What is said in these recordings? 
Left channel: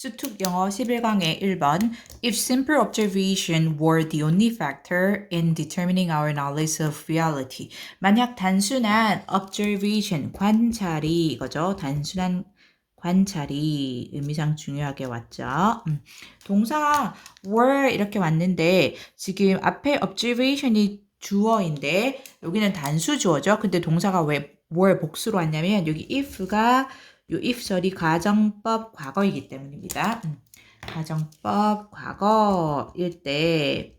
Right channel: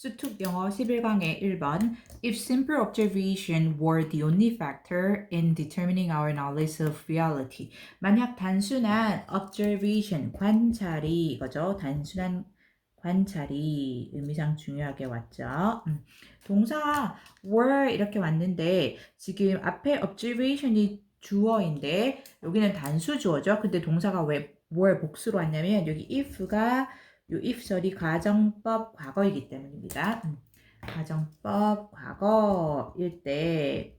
수특 영어 11강의 1번 If simple observation were the only factor in determining our knowledge of reality. 만약 단순한 observation, 관찰이 이거죠. 단순한 관찰이 의미상 중요하게 왔죠. 동사 were 이렇게 왔는데 지금 앞에 observation이 주어인데 여기는 단수 주어죠. 근데 동사가 왜 were 복수로 왔냐면 여기 if가 요 if절이 가정법 과거이기 때문입니다. 가정법 과거일 때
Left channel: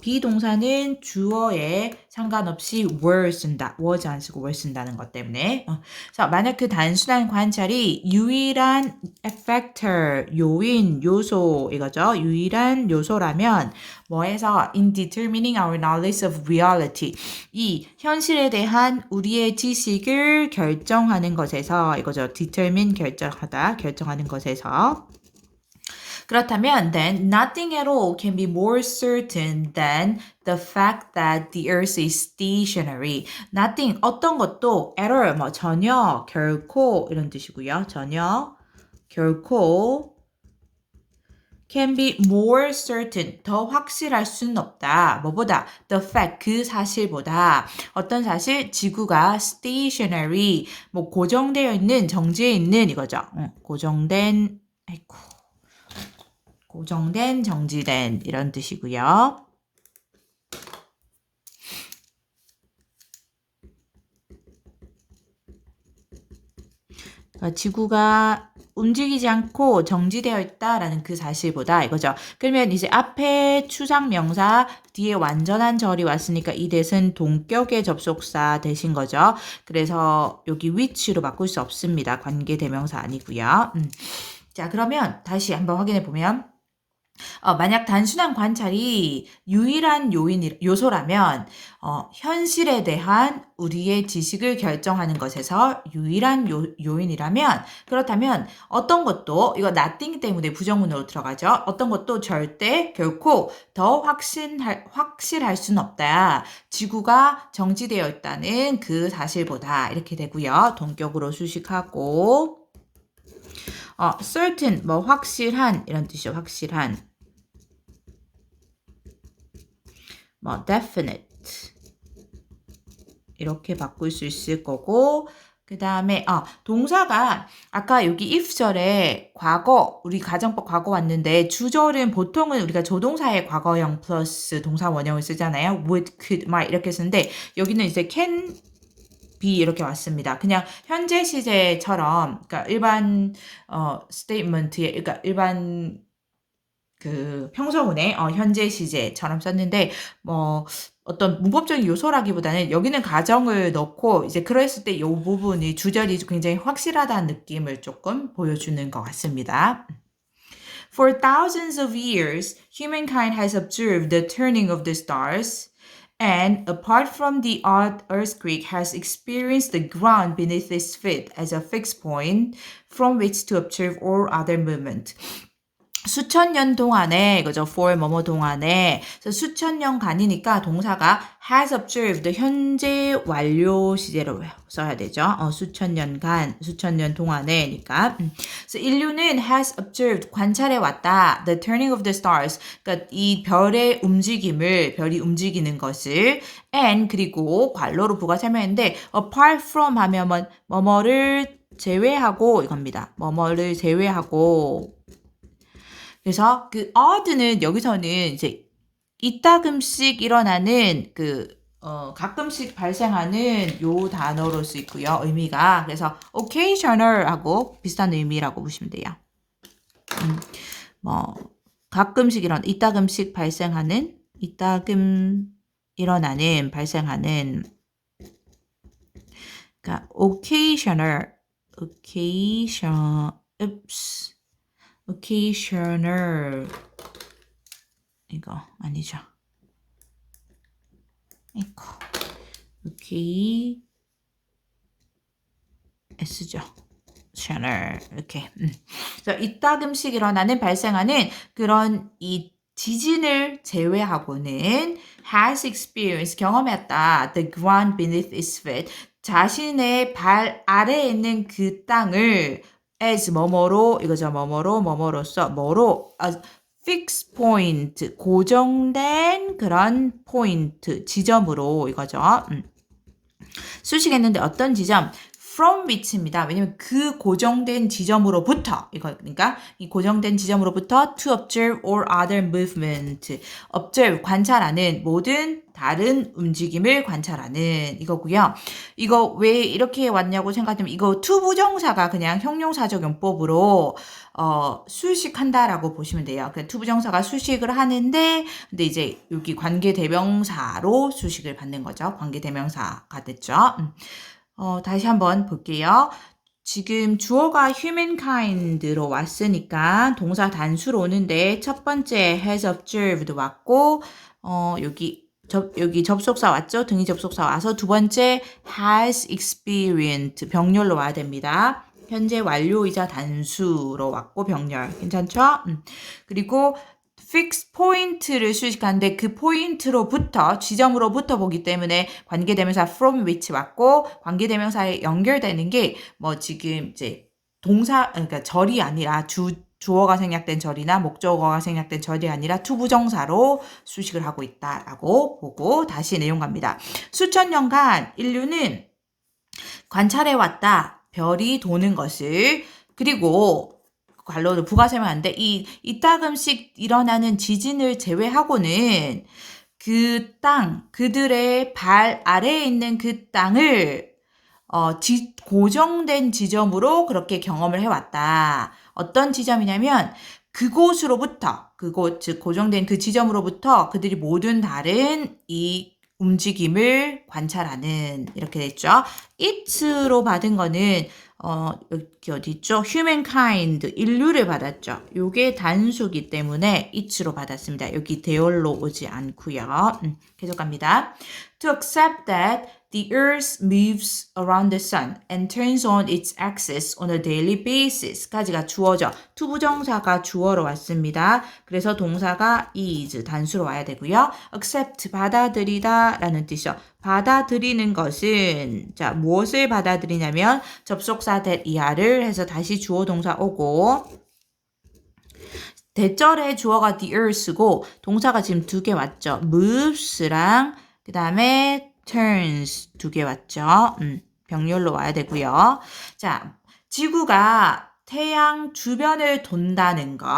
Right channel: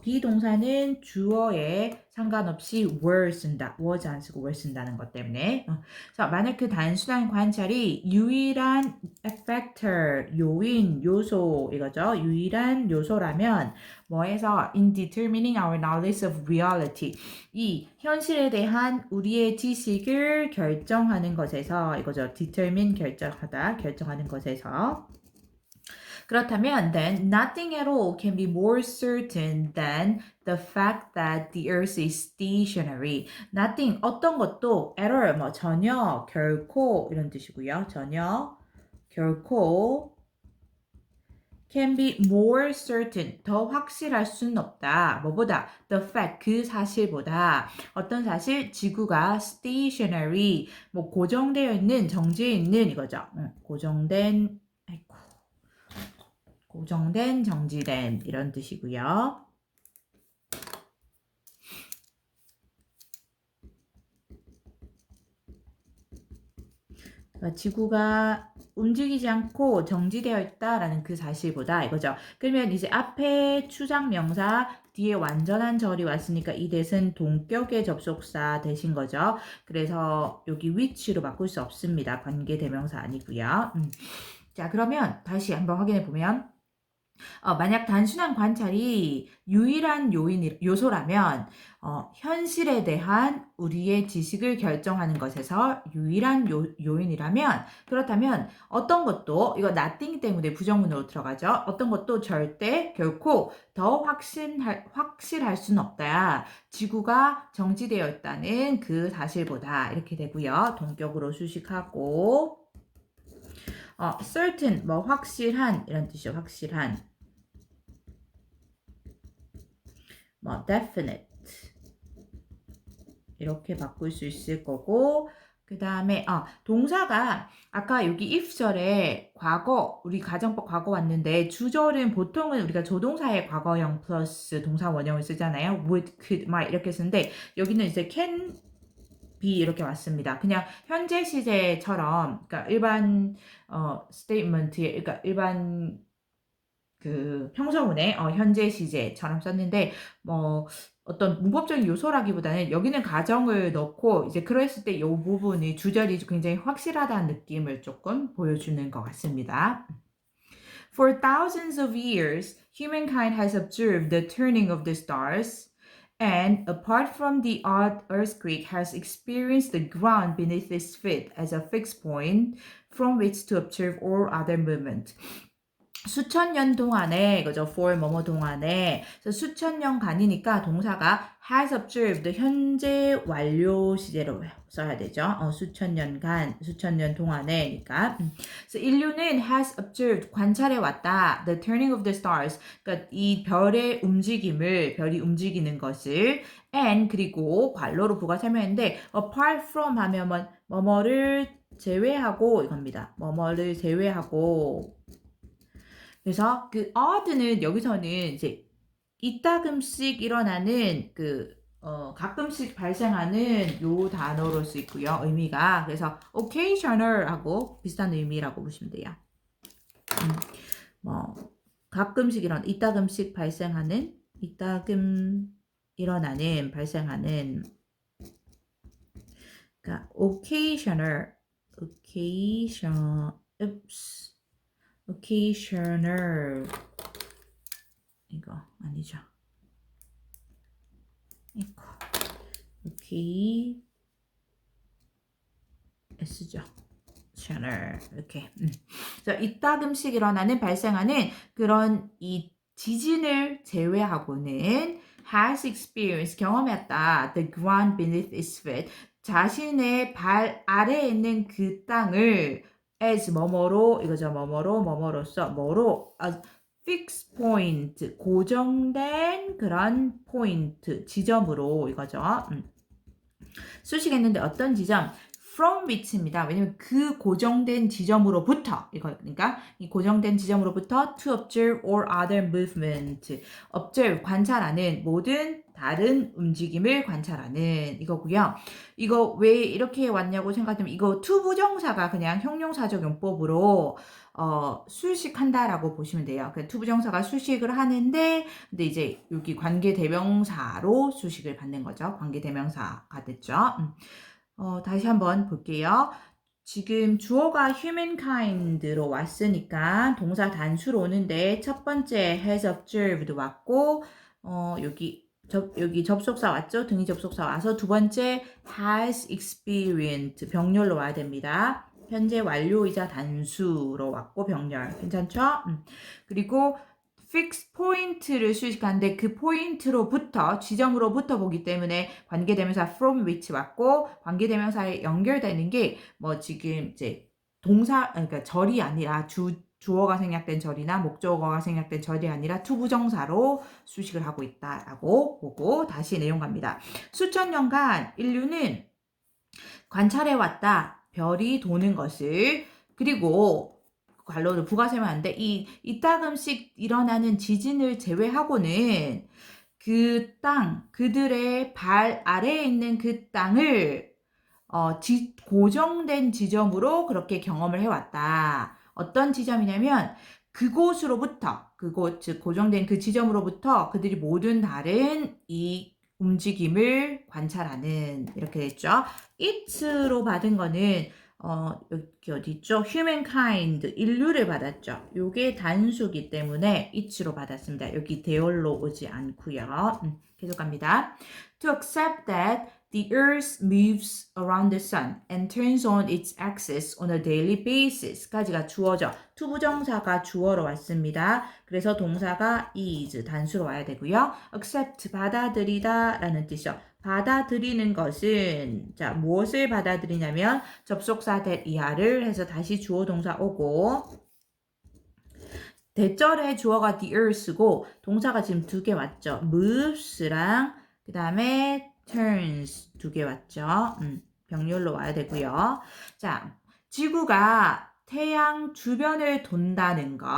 비동사는 주어에 상관없이 were 쓴다. was 안 쓰고 were 쓴다는 것 때문에. 자, 만약 그 단순한 관찰이 유일한 factor, 요인, 요소 이거죠. 유일한 요소라면 뭐해서 in determining our knowledge of reality 이 현실에 대한 우리의 지식을 결정하는 것에서 이거죠. determine 결정하다, 결정하는 것에서 그렇다면 then nothing at all can be more certain than the fact that the earth is stationary. nothing 어떤 것도 at all 뭐 전혀 결코 이런 뜻이고요. 전혀 결코 can be more certain 더 확실할 수는 없다. 뭐보다 the fact 그 사실보다 어떤 사실 지구가 stationary 뭐 고정되어 있는 정지해 있는 이거죠. 고정된 고정된, 정지된 이런 뜻이고요. 지구가 움직이지 않고 정지되어 있다라는 그 사실보다 이거죠. 그러면 이제 앞에 추상명사 뒤에 완전한 절이 왔으니까 이 대신 동격의 접속사 되신 거죠. 그래서 여기 which로 바꿀 수 없습니다. 관계대명사 아니고요. 자, 그러면 다시 한번 확인해 보면 만약 단순한 관찰이 유일한 요소라면 현실에 대한 우리의 지식을 결정하는 것에서 유일한 요인이라면 그렇다면 어떤 것도 이거 nothing 때문에 부정문으로 들어가죠. 어떤 것도 절대 결코 더 확실할 수는 없다. 지구가 정지되어 있다는 그 사실보다 이렇게 되고요. 동격으로 수식하고 certain 뭐 확실한 이런 뜻이죠. 확실한 뭐 definite 이렇게 바꿀 수 있을 거고 그 다음에 동사가 아까 여기 if절에 과거 우리 가정법 과거 왔는데 주절은 보통은 우리가 조동사의 과거형 플러스 동사 원형을 쓰잖아요. would, could, might 이렇게 쓰는데 여기는 이제 can be 이렇게 왔습니다. 그냥 현재 시제처럼 그러니까 일반 statement에 그러니까 일반 그 평서문에 현재 시제처럼 썼는데 뭐 어떤 문법적인 요소라기보다는 여기는 가정을 넣고 이제 그랬을 때 이 부분이 주절이 굉장히 확실하다는 느낌을 조금 보여주는 것 같습니다. For thousands of years, humankind has observed the turning of the stars. And apart from the odd earthquake, has experienced the ground beneath its feet as a fixed point from which to observe all other movement. 수천 년 동안에 이거죠. for 뭐뭐 동안에 그래서 수천 년간이니까 동사가 has observed 현재 완료 시제로 써야 되죠. 수천 년간, 수천 년 동안에니까. 그래서 인류는 has observed 관찰해 왔다. The turning of the stars. 그러니까 이 별의 움직임을 별이 움직이는 것을 and 그리고 관로로 부가 설명했는데 apart from 하면 뭐뭐를 제외하고 이겁니다. 뭐뭐를 제외하고 그래서 그 odd는 여기서는 이제 이따금씩 일어나는 가끔씩 발생하는 요 단어로 쓰이고요. 의미가 그래서 occasional하고 비슷한 의미라고 보시면 돼요. 뭐 가끔씩 이따금씩 발생하는 발생하는 그러니까 occasional 이거 아니죠. 오케이 S죠. channel 이렇게. 그래서 이따금씩 일어나는 발생하는 그런 이 지진을 제외하고는 has experienced 경험했다. The ground beneath its feet 자신의 발 아래에 있는 그 땅을 as 뭐뭐로 이거죠. 뭐뭐로서 뭐로 fixed point 고정된 그런 포인트 지점으로 이거죠. 수식했는데 어떤 지점? from which입니다. 왜냐면 그 고정된 지점으로부터 이거 그러니까 이 고정된 지점으로부터 to observe all other movement. observe 관찰하는 모든 다른 움직임을 관찰하는 이거고요. 이거 왜 이렇게 왔냐고 생각하면 이거 to 부정사가 그냥 형용사적 용법으로 수식한다라고 보시면 돼요. 그 to 부정사가 수식을 하는데 근데 이제 여기 관계 대명사로 수식을 받는 거죠. 관계 대명사가 됐죠. 다시 한번 볼게요. 지금 주어가 humankind로 왔으니까 동사 단수로 오는데 첫 번째 has observed 왔고 여기 접속사 왔죠? 등위 접속사 와서 두 번째 has experienced 병렬로 와야 됩니다. 현재 완료이자 단수로 왔고 병렬 괜찮죠? 그리고 fix 포인트를 수식하는데 그 포인트로부터 지점으로부터 보기 때문에 관계대명사 from which 왔고 관계대명사에 연결되는 게 뭐 지금 이제 동사 그러니까 절이 아니라 주어가 생략된 절이나 목적어가 생략된 절이 아니라 투부정사로 수식을 하고 있다라고 보고 다시 내용 갑니다. 수천 년간 인류는 관찰해 왔다. 별이 도는 것을 그리고 관로를 부가 설명하는데 이따금씩 일어나는 지진을 제외하고는 그 땅, 그들의 발 아래에 있는 그 땅을 고정된 지점으로 그렇게 경험을 해왔다. 어떤 지점이냐면 그곳으로부터 그곳 즉 고정된 그 지점으로부터 그들이 모든 다른 이 움직임을 관찰하는 이렇게 됐죠. it로 받은 거는 여기 어디 있죠? humankind 인류를 받았죠. 요게 단수기 때문에 it로 받았습니다. 여기 대열로 오지 않고요. 계속 갑니다. To accept that the earth moves around the sun and turns on its axis on a daily basis 까지가 주어죠. 투부정사가 주어로 왔습니다. 그래서 동사가 is 단수로 와야 되고요. accept 받아들이다 라는 뜻이죠. 받아들이는 것은 자 무엇을 받아들이냐면 접속사 that 이하를 해서 다시 주어 동사 오고 대절의 주어가 the earth고 동사가 지금 두 개 왔죠. moves랑 그 다음에 turns 두 개 왔죠. 병렬로 와야 되고요. 자, 지구가 태양 주변을 돈다는 것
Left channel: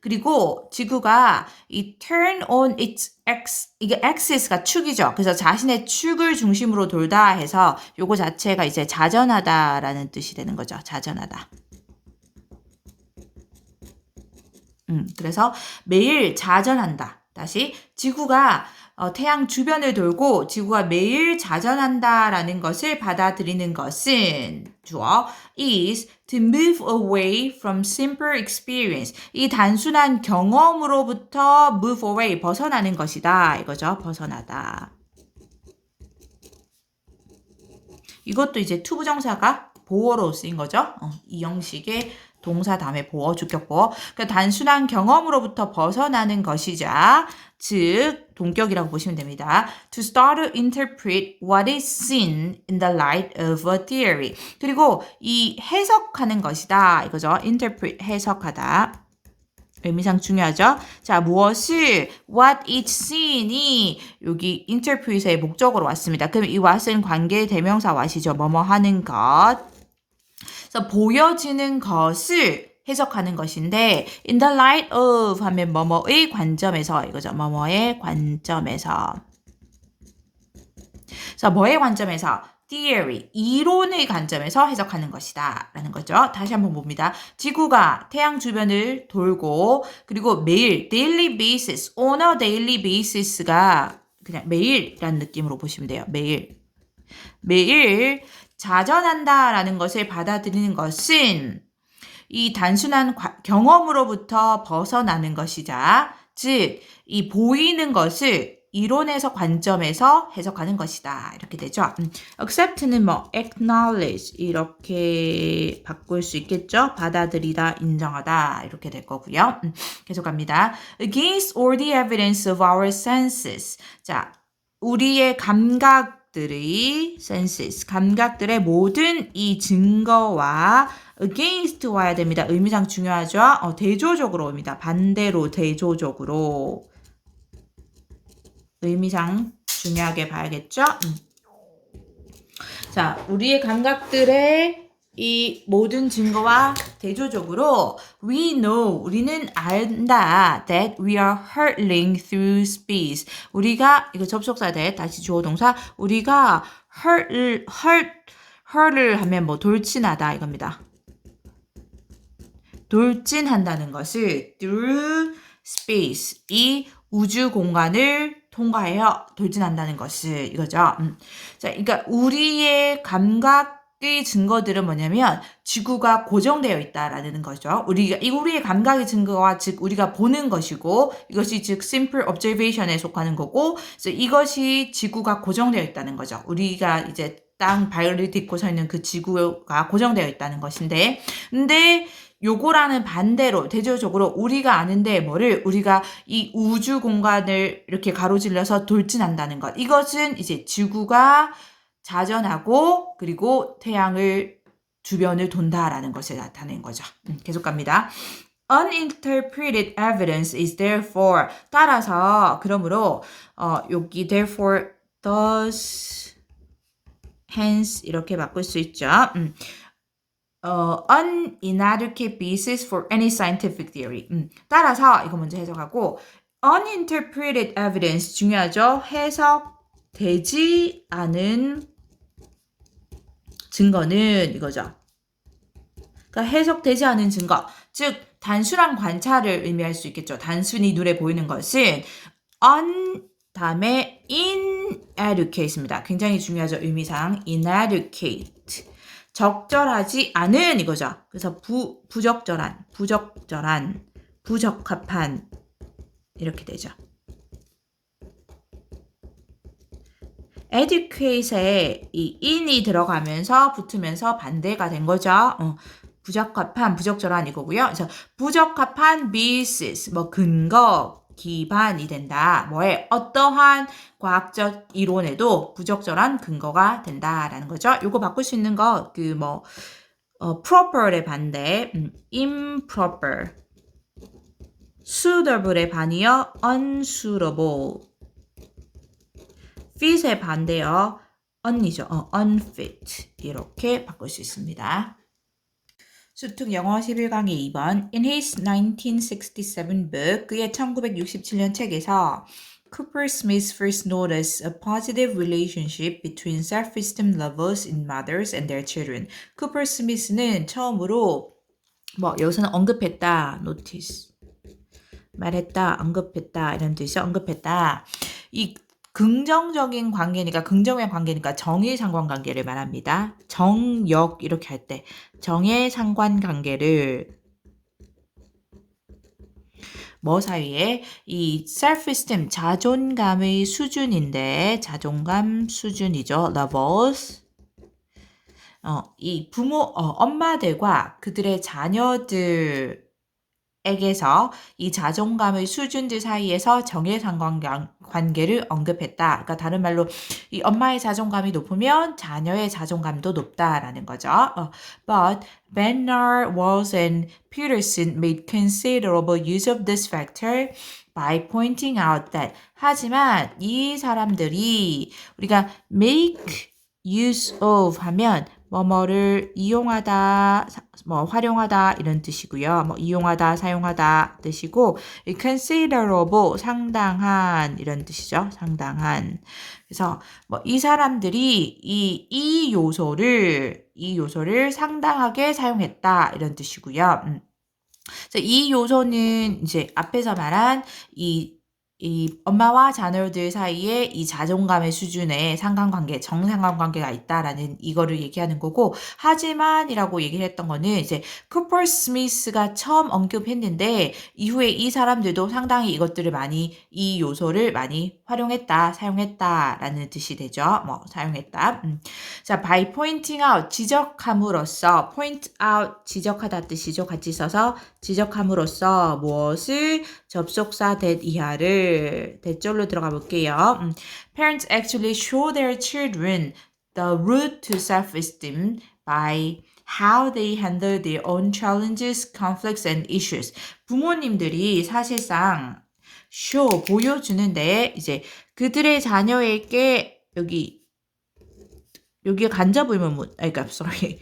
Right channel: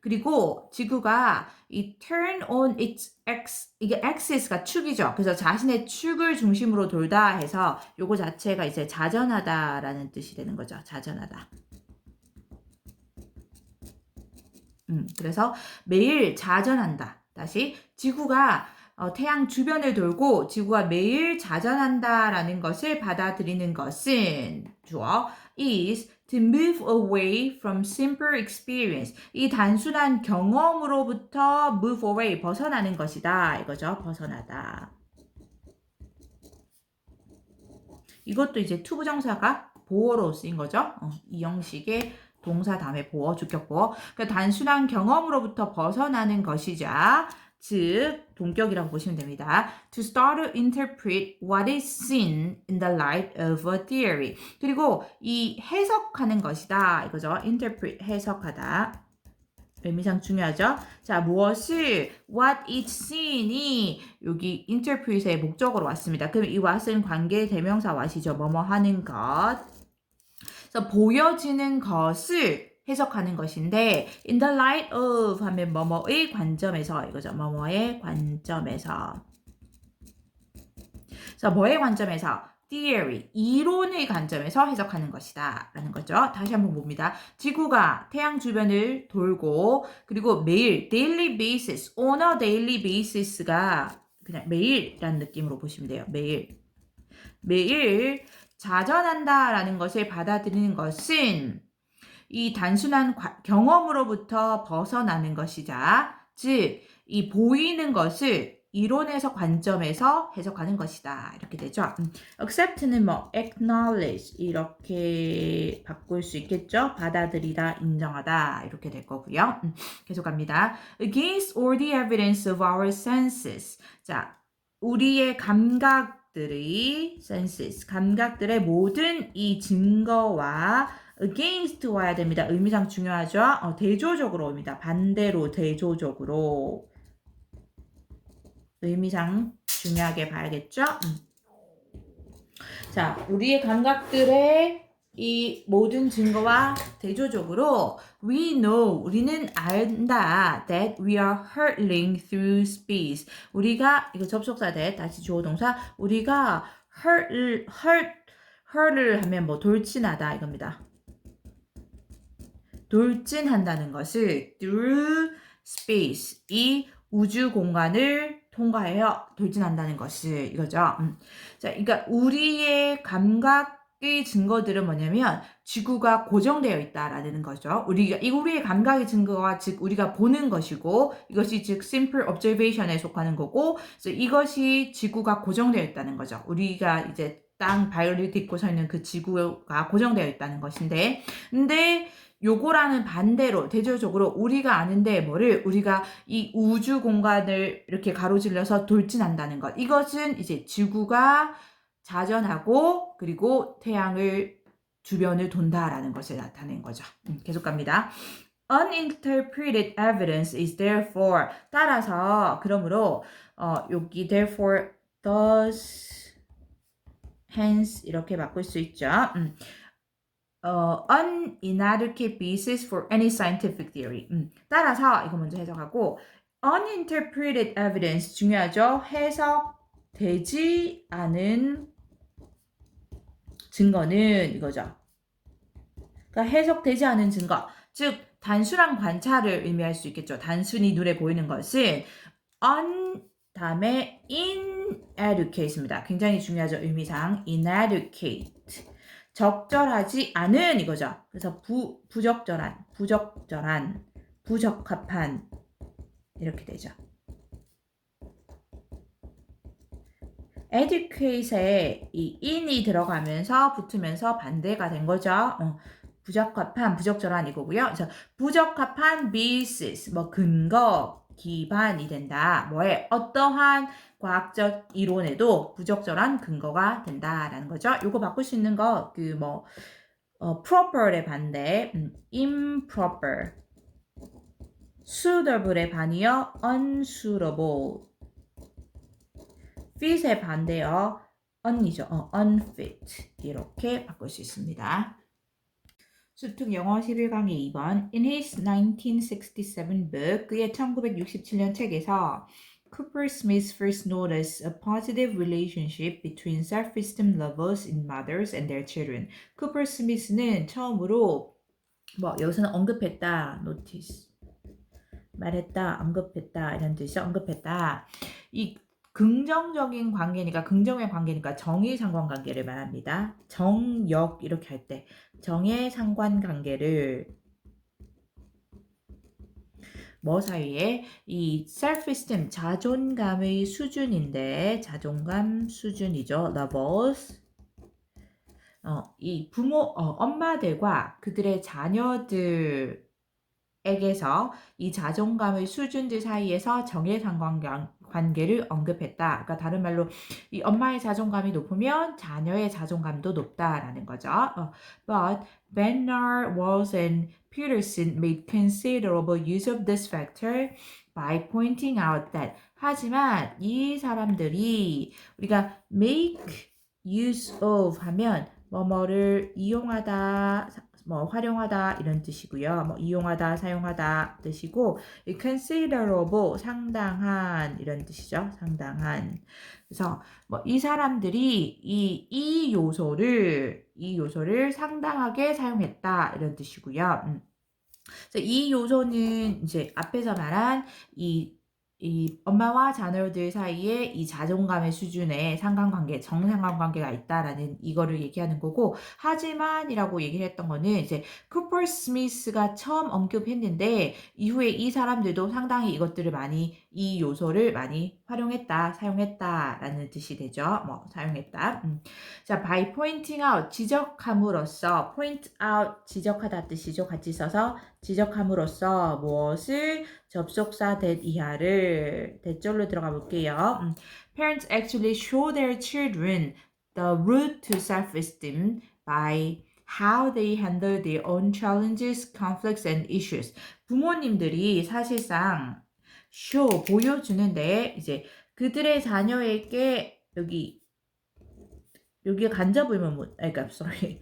그리고 지구가 이 turn on its 이게 axis가 축이죠. 그래서 자신의 축을 중심으로 돌다 해서 요거 자체가 이제 자전하다라는 뜻이 되는 거죠. 자전하다. 그래서 매일 자전한다. 다시 지구가 태양 주변을 돌고 지구가 매일 자전한다라는 것을 받아들이는 것은 주어 is to move away from simple experience. 이 단순한 경험으로부터 move away 벗어나는 것이다. 이거죠. 벗어나다. 이것도 이제 투부정사가 보어로 쓰인 거죠. 이 형식의 동사 다음에 보어, 주격보어. 그러니까 단순한 경험으로부터 벗어나는 것이자 즉 동격이라고 보시면 됩니다. To start to interpret what is seen in the light of a theory. 그리고 이 해석하는 것이다. 이거죠. interpret 해석하다. 의미상 중요하죠. 자, 무엇을 what is seen이 여기 interpret의 목적으로 왔습니다. 그럼 이 what은 관계 대명사 what이죠. 뭐뭐 하는 것. 그래서 보여지는 것을 해석하는 것인데 in the light of 하면 뭐뭐의 관점에서 이거죠. 뭐뭐의 관점에서. 그래서 뭐의 관점에서? theory, 이론의 관점에서 해석하는 것이다 라는 거죠. 다시 한번 봅니다. 지구가 태양 주변을 돌고 그리고 매일 daily basis, on a daily basis가 그냥 매일이라는 느낌으로 보시면 돼요. 매일 자전한다라는 것을 받아들이는 것은 이 단순한 경험으로부터 벗어나는 것이자 즉 이 보이는 것을 이론에서 관점에서 해석하는 것이다. 이렇게 되죠. accept는 뭐 acknowledge 이렇게 바꿀 수 있겠죠. 받아들이다, 인정하다 이렇게 될 거고요. 계속 갑니다. Against all the evidence of our senses. 자, 우리의 감각들의 senses, 감각들의 모든 이 증거와 against 와야 됩니다. 의미상 중요하죠? 대조적으로 옵니다. 반대로 대조적으로. 의미상 중요하게 봐야겠죠? 자, 우리의 감각들의 이 모든 증거와 대조적으로 we know, 우리는 안다 that we are hurtling through space. 우리가, 이거 접속사 돼, 다시 주어 동사, 우리가 hurt을 하면 뭐 돌진하다 이겁니다. 돌진한다는 것을 through space, 이 우주 공간을 통과하여 돌진한다는 것을 이거죠. 자, 그러니까 우리의 감각의 증거들은 뭐냐면 지구가 고정되어 있다라는 거죠. 우리의 감각의 증거와 즉 우리가 보는 것이고 이것이 즉 simple observation에 속하는 거고 그래서 이것이 지구가 고정되어 있다는 거죠. 우리가 이제 땅 발을 딛고 서 있는 그 지구가 고정되어 있다는 것인데 근데 요거라는 반대로 대조적으로 우리가 아는데 우리가 이 우주 공간을 이렇게 가로질러서 돌진한다는 것. 이것은 이제 지구가 자전하고 그리고 태양을 주변을 돈다라는 것을 나타낸 거죠. 계속 갑니다. Uninterpreted evidence is therefore 따라서 그러므로 여기 therefore thus hence 이렇게 바꿀 수 있죠. Inadequate basis for any scientific theory. 따라서 이거 먼저 해석하고 uninterpreted evidence 중요하죠. 해석되지 않은 증거는 이거죠. 그러니까 해석되지 않은 증거, 즉 단순한 관찰을 의미할 수 있겠죠. 단순히 눈에 보이는 것은 다음에 inadequate입니다. 굉장히 중요하죠. 의미상 inadequate. 적절하지 않은 이거죠. 그래서 부적절한, 부적합한 이렇게 되죠. adequate에 이 in이 들어가면서 붙으면서 반대가 된 거죠. 부적합한, 부적절한 이거고요. 그래서 부적합한 basis, 근거, 기반이 된다. 뭐에 어떠한 과학적 이론에도 부적절한 근거가 된다라는 거죠. 요거 바꿀 수 있는 거 proper의 반대 improper, suitable의 반이요 unsuitable, fit의 반대요 un이죠. unfit 이렇게 바꿀 수 있습니다. 수특 영어 11강의 2번 In his 1967 book, 그의 1967년 책에서 Cooper Smith first noticed a positive relationship between self-esteem levels in mothers and their children. Cooper Smith는 처음으로 여기서는 언급했다, notice, 말했다, 언급했다 이런 뜻이죠. 언급했다. 이 긍정적인 관계니까 긍정의 관계니까 정의 상관관계를 말합니다. 정역 이렇게 할 때 정의 상관관계를 뭐 사이에 이 self-esteem 자존감의 수준인데 자존감 수준이죠. levels. 이 부모 엄마들과 그들의 자녀들 에게서 이 자존감의 수준들 사이에서 정해상관관계를 언급했다. 그러니까 다른 말로 이 엄마의 자존감이 높으면 자녀의 자존감도 높다라는 거죠. But Bernard Walls and Peterson made considerable use of this factor by pointing out that 하지만 이 사람들이 우리가 make use of 하면 뭐뭐를 이용하다, 활용하다 이런 뜻이고요. 이용하다, 사용하다 뜻이고 considerable 상당한 이런 뜻이죠. 상당한. 그래서 이 사람들이 이 요소를 상당하게 사용했다 이런 뜻이고요. 그래서 이 요소는 이제 앞에서 말한 이 엄마와 자녀들 사이에 이 자존감의 수준에 상관관계, 정상관관계가 있다라는 이거를 얘기하는 거고, 하지만이라고 얘기를 했던 거는 이제 쿠퍼 스미스가 처음 언급했는데 이후에 이 사람들도 상당히 이것들을 이 요소를 많이 활용했다, 사용했다라는 뜻이 되죠. 사용했다. 자, by pointing out 지적함으로써, point out 지적하다 뜻이죠. 같이 써서 지적함으로써 무엇을 접속사 that 이하를 대절로 들어가 볼게요. Parents actually show their children the route to self-esteem by how they handle their own challenges, conflicts, and issues. 부모님들이 사실상 보여주는데 이제 그들의 자녀에게 여기에 간접 의문문, 그러니까 sorry.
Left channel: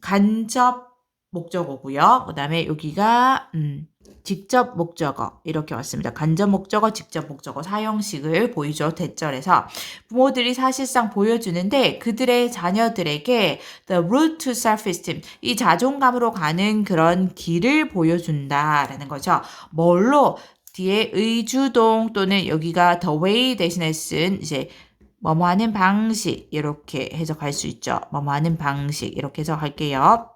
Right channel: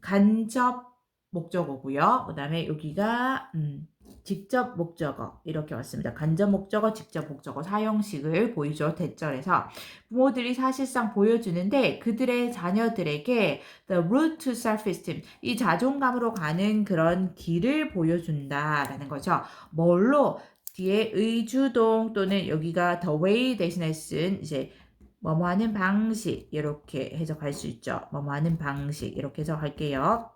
간접 목적어고요. 그다음에 여기가 직접 목적어 이렇게 왔습니다. 간접 목적어, 직접 목적어 사용식을 보이죠. 대절에서 부모들이 사실상 보여주는데 그들의 자녀들에게 the road to self-esteem 이 자존감으로 가는 그런 길을 보여준다라는 거죠. 뭘로 뒤에 의주동 또는 여기가 the way 대신에 쓴 이제 뭐뭐 하는 방식 이렇게 해석할 수 있죠. 뭐뭐 하는 방식 이렇게 해석할게요.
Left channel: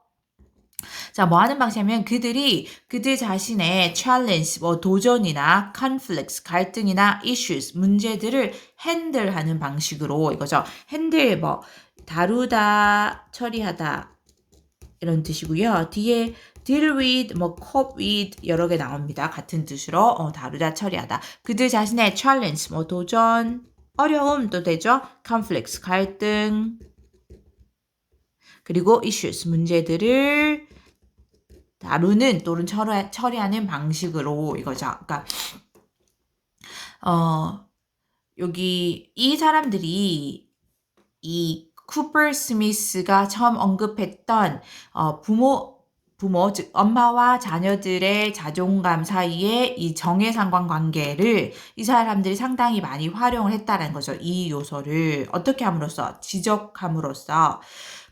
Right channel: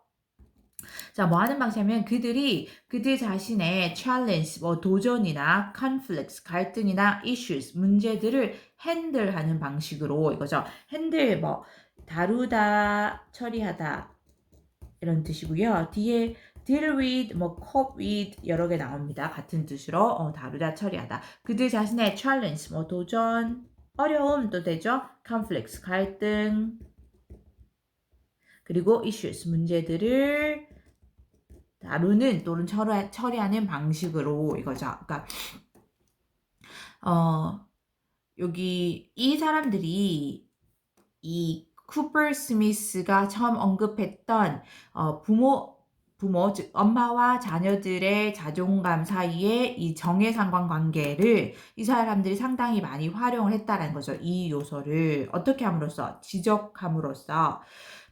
자, 뭐 하는 방식이냐면 그들 자신의 challenge, 뭐 도전이나 conflicts, 갈등이나 issues, 문제들을 핸들하는 방식으로 이거죠. 핸들 뭐 다루다, 처리하다 이런 뜻이고요. 뒤에 deal with, 뭐 cope with 여러 개 나옵니다. 같은 뜻으로 다루다, 처리하다. 그들 자신의 challenge, 뭐 도전, 어려움도 되죠. conflicts, 갈등, 그리고 issues, 문제들을 다루는 또는 처리하는 방식으로 이거죠. 그러니까 여기 이 사람들이 이 쿠퍼 스미스가 처음 언급했던 부모 즉 엄마와 자녀들의 자존감 사이에 이 정해상관 관계를 이 사람들이 상당히 많이 활용을 했다는 거죠. 이 요소를 어떻게 함으로써 지적함으로써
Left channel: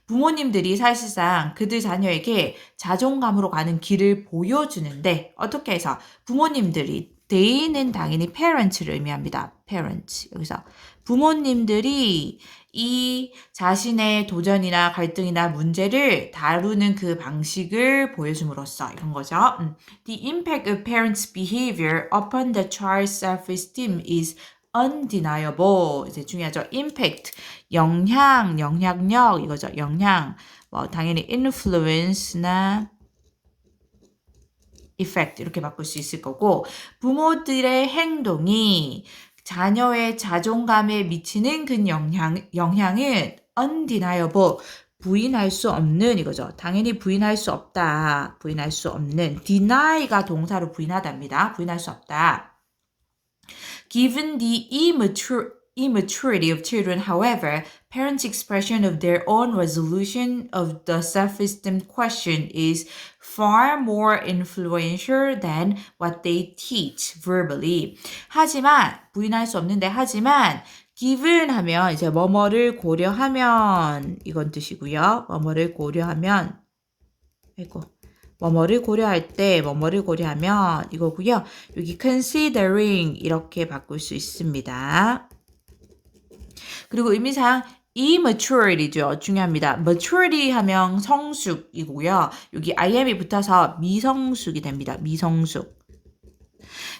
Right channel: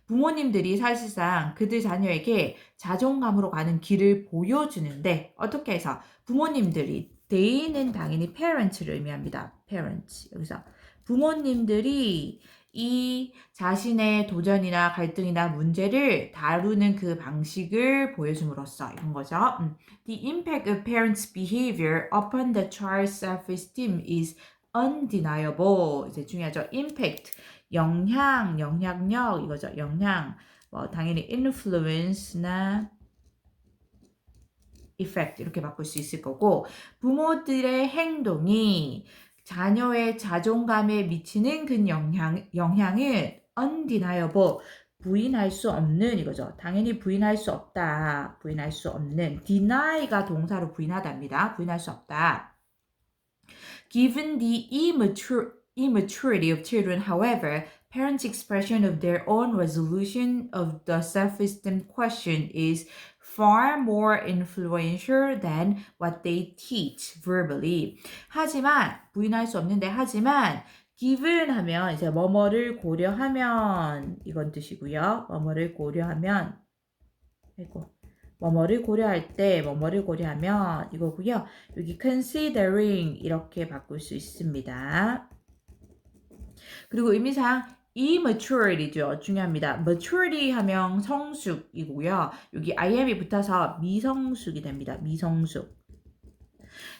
부모님들이 사실상 그들 자녀에게 자존감으로 가는 길을 보여주는데 어떻게 해서 부모님들이 they는 당연히 parents를 의미합니다. parents 여기서 부모님들이 이 자신의 도전이나 갈등이나 문제를 다루는 그 방식을 보여줌으로써 이런 거죠. The impact of parents' behavior upon the child's self-esteem is undeniable. 이제 중요하죠. impact, 영향력 이거죠. 영향, 뭐 당연히 influence나 effect 이렇게 바꿀 수 있을 거고 부모들의 행동이 자녀의 자존감에 미치는 그 영향은 undeniable, 부인할 수 없는 이거죠. 당연히 부인할 수 없다. 부인할 수 없는. deny가 동사로 부인하답니다. 부인할 수 없다. Given the immaturity of children, however, parents' expression of their own resolution of the self-esteem question is far more influential than what they teach verbally. 하지만 부인할 수 없는데 하지만 given 하면 이제 뭐뭐를 고려하면 이건 뜻이고요. 뭐뭐를 고려하면 뭐뭐를 고려할 때 뭐뭐를 고려하면 이거고요. 여기 considering 이렇게 바꿀 수 있습니다. 그리고 의미상 immature이죠. 중요합니다. maturity 하면 성숙이고요. 여기 im이 붙어서 미성숙이 됩니다. 미성숙.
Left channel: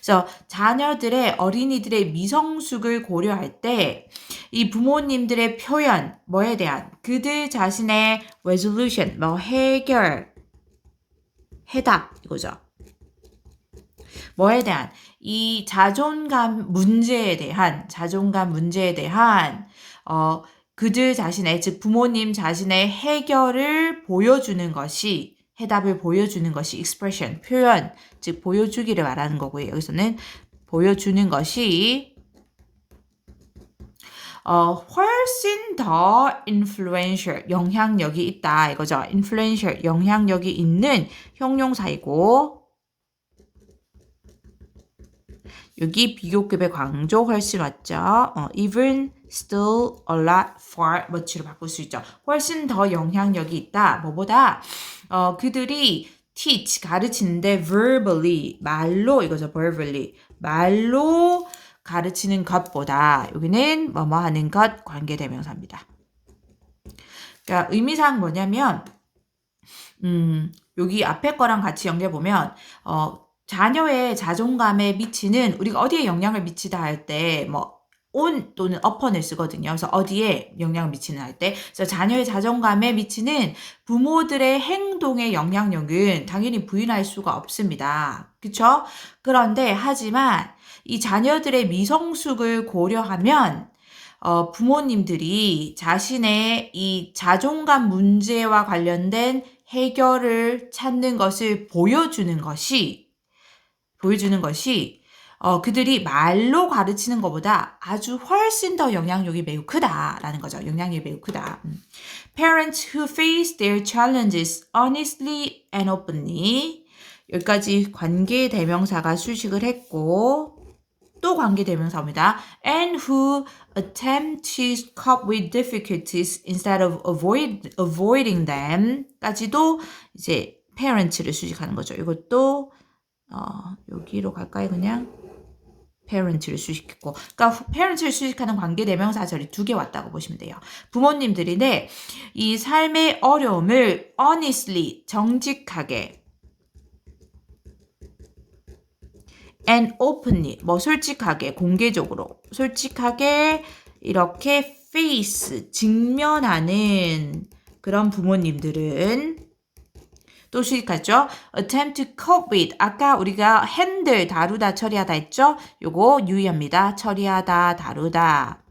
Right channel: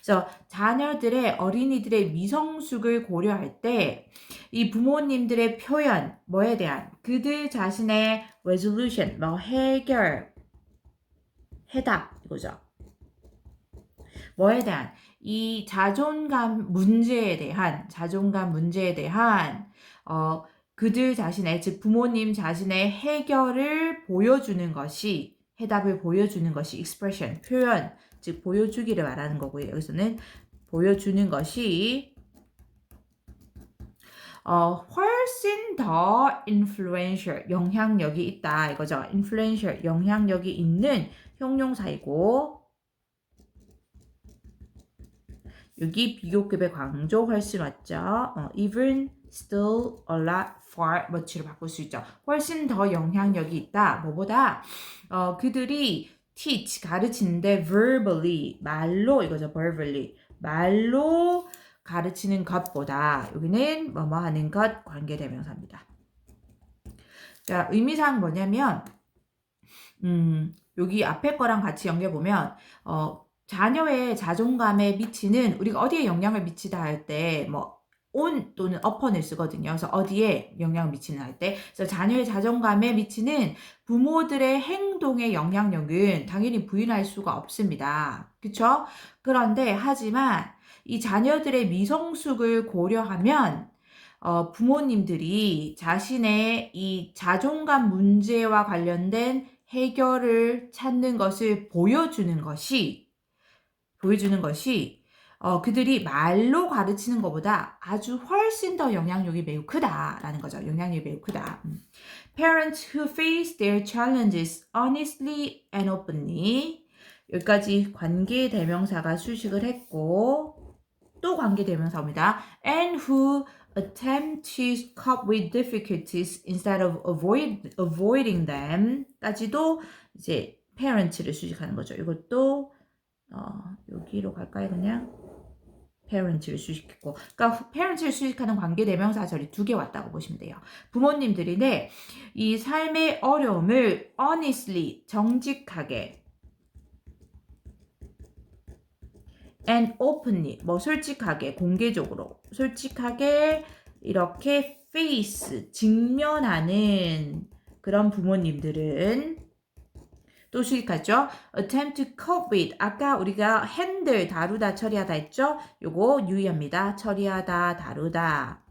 그래서 자녀들의 어린이들의 미성숙을 고려할 때 이 부모님들의 표현 뭐에 대한 그들 자신의 resolution 뭐 해답 이거죠. 뭐에 대한 이 자존감 문제에 대한 그들 자신의 즉 부모님 자신의 해결을 보여주는 것이 해답을 보여주는 것이 expression 표현 즉 보여주기를 말하는 거고요. 여기서는 보여주는 것이 훨씬 더 influential 영향력이 있다 이거죠. influential 영향력이 있는 형용사이고 여기 비교급의 강조 훨씬 맞죠. even, still, a lot, far, much로 바꿀 수 있죠. 훨씬 더 영향력이 있다. 뭐보다 그들이 teach 가르치는데 verbally 말로 이거죠. verbally 말로 가르치는 것보다 여기는 뭐뭐 하는 것 관계대명사입니다. 그러니까 의미상 뭐냐면 여기 앞에 거랑 같이 연결해보면 자녀의 자존감에 미치는 우리가 어디에 영향을 미치다 할 때 뭐 on 또는 upon을 쓰거든요. 그래서 어디에 영향을 미치는 할 때 그래서 자녀의 자존감에 미치는 부모들의 행동의 영향력은 당연히 부인할 수가 없습니다. 그렇죠? 그런데 하지만 이 자녀들의 미성숙을 고려하면 부모님들이 자신의 이 자존감 문제와 관련된 해결을 찾는 것을 보여주는 것이 그들이 말로 가르치는 것보다 아주 훨씬 더 영향력이 매우 크다라는 거죠. 영향력이 매우 크다. Parents who face their challenges honestly and openly. 여기까지 관계대명사가 수식을 했고 또 관계대명사입니다. And who attempt to cope with difficulties instead of avoiding them 까지도 이제 parents를 수식하는 거죠. 이것도 여기로 갈까요? 그냥 parent를 수식했고, 그러니까 parent를 수식하는 관계대명사절이 2개 왔다고 보시면 돼요. 부모님들인데 이 삶의 어려움을 honestly, 정직하게 and openly, 솔직하게, 공개적으로, 솔직하게 이렇게 face, 직면하는 그런 부모님들은 또 수식하죠. attempt to cope with. 아까 우리가 handle, 다루다, 처리하다 했죠? 요거 유의합니다. 처리하다, 다루다.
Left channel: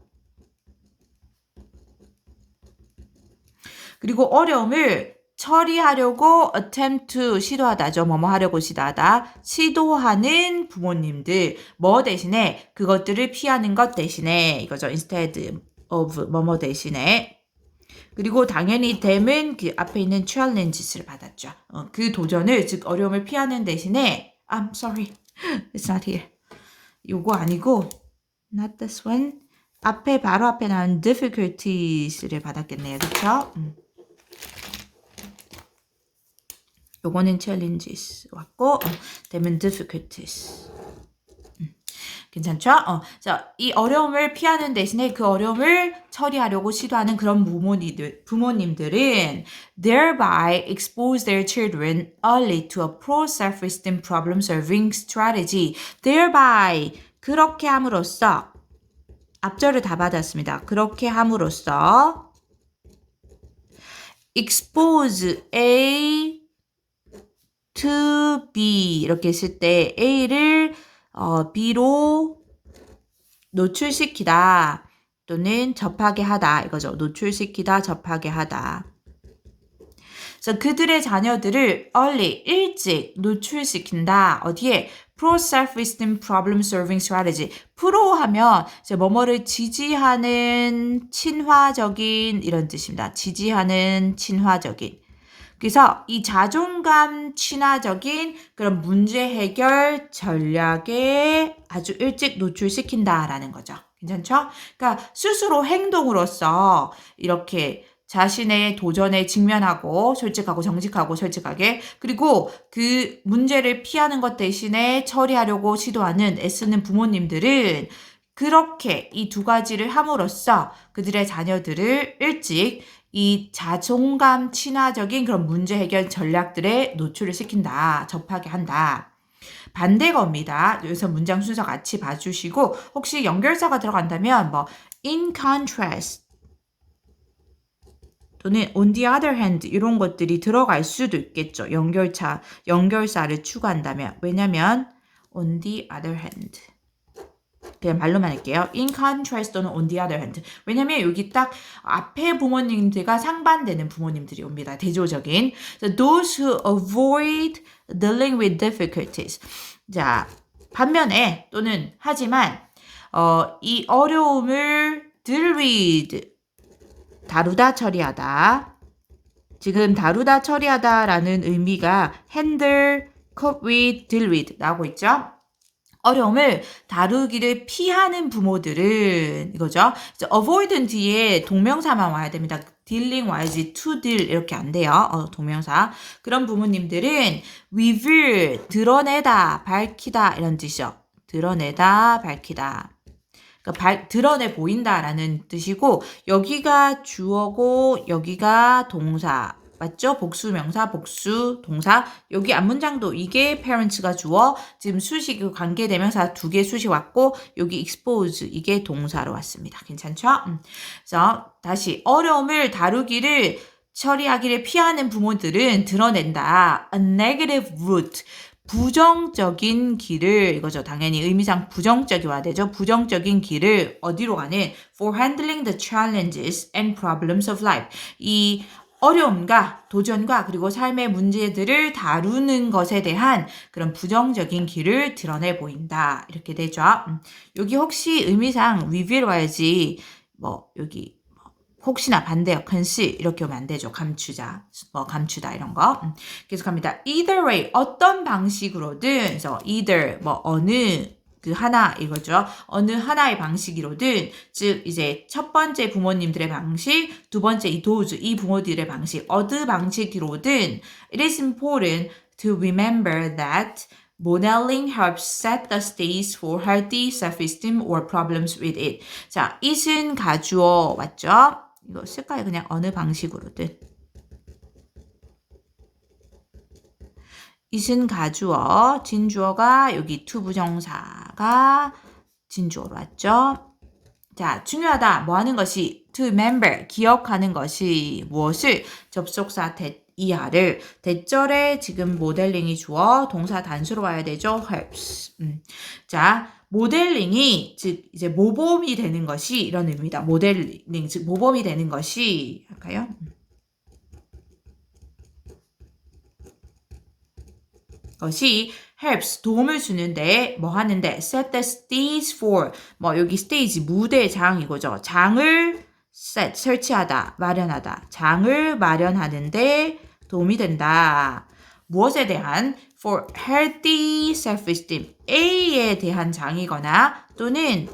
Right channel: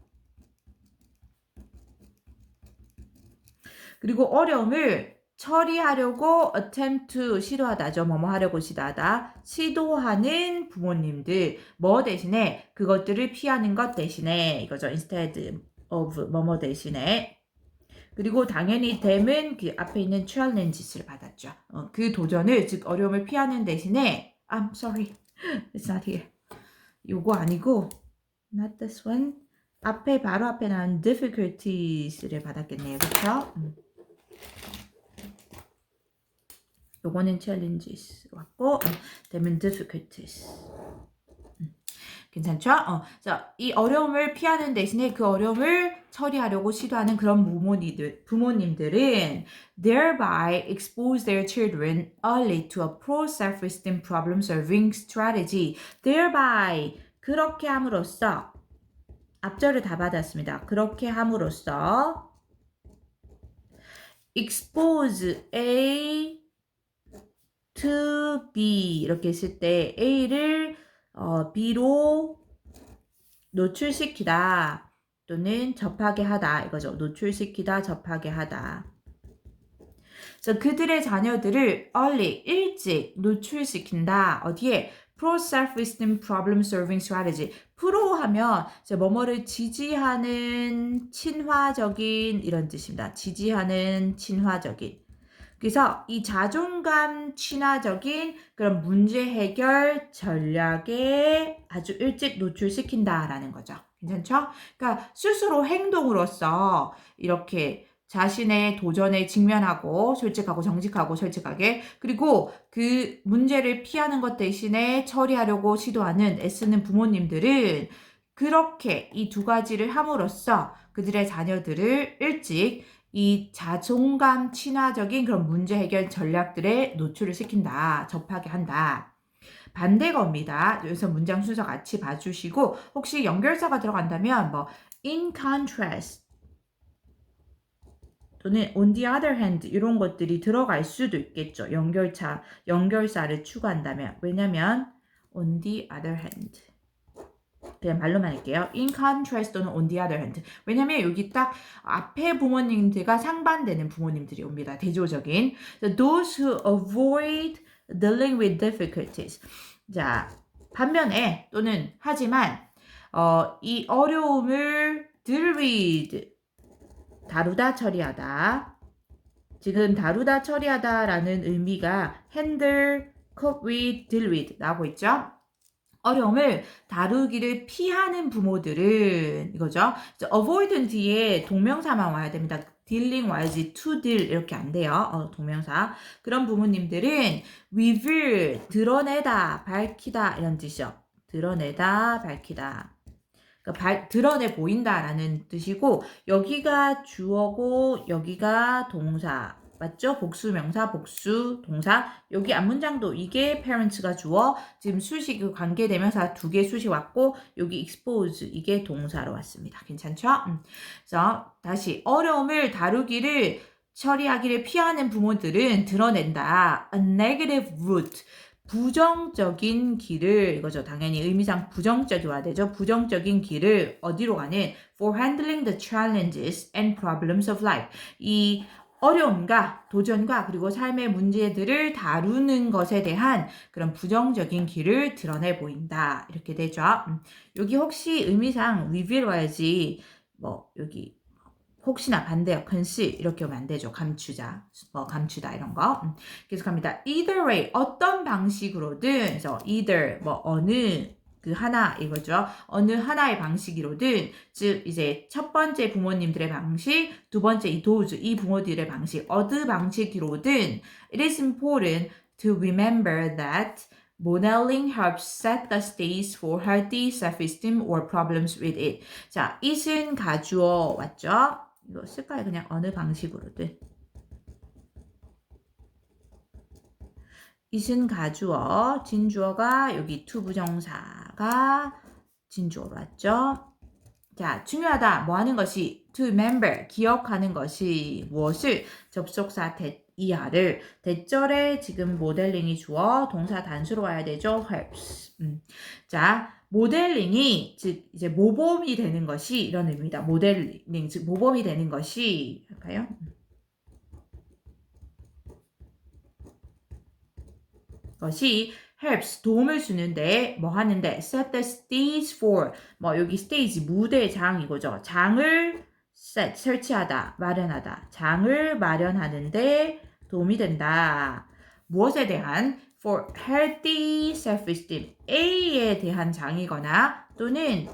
그리고 어려움을 처리하려고 attempt to 시도하다죠. 뭐뭐 하려고 시도하다. 시도하는 부모님들. 뭐 대신에 그것들을 피하는 것 대신에 이거죠. instead of 뭐뭐 대신에. 그리고 당연히 them은 그 앞에 있는 challenges를 받았죠. 그 도전을, 즉 어려움을 피하는 대신에 I'm sorry, it's not here. 요거 아니고 not this one. 바로 앞에 나온 difficulties를 받았겠네요. 그렇죠? 요거는 challenges 왔고 them은 difficulties. 괜찮죠? 자, 이 어려움을 피하는 대신에 그 어려움을 처리하려고 시도하는 그런 부모님들은 thereby expose their children early to a poor self-esteem problem-solving strategy. thereby, 그렇게 함으로써 앞절을 다 받았습니다. 그렇게 함으로써 expose A to B 이렇게 했을 때 A를 B로 노출시키다 또는 접하게 하다 이거죠. 노출시키다, 접하게 하다. 그래서 그들의 자녀들을 early, 일찍 노출시킨다. 어디에? Pro Self-Esteem Problem Solving Strategy. 프로 하면 이제 뭐뭐를 지지하는 친화적인 이런 뜻입니다. 지지하는 친화적인. 그래서 이 자존감 친화적인 그런 문제 해결 전략에 아주 일찍 노출시킨다라는 거죠. 괜찮죠? 그러니까 스스로 행동으로써 이렇게 자신의 도전에 직면하고 솔직하고 정직하고 솔직하게 그리고 그 문제를 피하는 것 대신에 처리하려고 시도하는 애쓰는 부모님들은 그렇게 이 2가지를 함으로써 그들의 자녀들을 일찍 이 자존감 친화적인 그런 문제 해결 전략들에 노출을 시킨다. 접하게 한다. 반대어입니다. 여기서 문장 순서 같이 봐주시고 혹시 연결사가 들어간다면 in contrast 또는 on the other hand 이런 것들이 들어갈 수도 있겠죠. 연결사를 추가한다면. 왜냐면 on the other hand 그냥 말로만 할게요. In contrast 또는 on the other hand. 왜냐면 여기 딱 앞에 부모님들과 상반되는 부모님들이 옵니다. 대조적인. So those who avoid dealing with difficulties. 자, 반면에 또는 하지만 이 어려움을 deal with 다루다 처리하다. 지금 다루다 처리하다라는 의미가 handle, cope with, deal with 나오고 있죠. 어려움을 다루기를 피하는 부모들은 이거죠. avoid는 뒤에 동명사만 와야 됩니다. dealing 와야지 to deal 이렇게 안 돼요. 동명사. 그런 부모님들은 reveal 드러내다, 밝히다 이런 뜻이죠. 드러내다, 밝히다. 그러니까 드러내 보인다라는 뜻이고 여기가 주어고 여기가 동사. 맞죠? 복수 명사, 복수 동사. 여기 앞문장도 이게 parents가 주어, 지금 수식 관계대명사 2개 수식 왔고 여기 expose 이게 동사로 왔습니다. 괜찮죠? 그래서 다시 어려움을 다루기를 처리하기를 피하는 부모들은 드러낸다. A negative route. 부정적인 길을 이거죠. 당연히 의미상 부정적이 와야 되죠. 부정적인 길을 어디로 가는 for handling the challenges and problems of life. 이 어려움과 도전과 그리고 삶의 문제들을 다루는 것에 대한 그런 부정적인 길을 드러내 보인다. 이렇게 되죠. 여기 혹시 의미상 위비로 와야지 뭐 여기 혹시나 반대역 근시 이렇게 오면 안 되죠. 감추자, 감추다 이런 거. 계속합니다. Either way, 어떤 방식으로든, 그래서 either 뭐 어느 그 하나 이거죠. 어느 하나의 방식이로든, 즉 이제 첫 번째 부모님들의 방식, 두 번째 이 도즈 이 부모들의 방식, 어느 방식으로든, it is important to remember that modeling helps set the stage for healthy self-esteem or problems with it. 자, it은 가주어 맞죠? 이거 쓸까요? 그냥 어느 방식으로든. it은 가주어, 진주어가 여기 투부정사가 진주어로 왔죠? 자, 중요하다. 뭐 하는 것이 to remember, 기억하는 것이 무엇을 접속사 이하를 대절에 지금 모델링이 주어 동사 단수로 와야 되죠. helps. 자, 모델링이 즉 이제 모범이 되는 것이 이런 의미입니다. 모델링 즉 모범이 되는 것이 할까요? 것이 helps 도움을 주는데 뭐 하는데 set the stage for 뭐 여기 stage 무대장 이거죠. 장을 set 설치하다 마련하다 장을 마련하는데 도움이 된다. 무엇에 대한 for healthy self-esteem A에 대한 장이거나 또는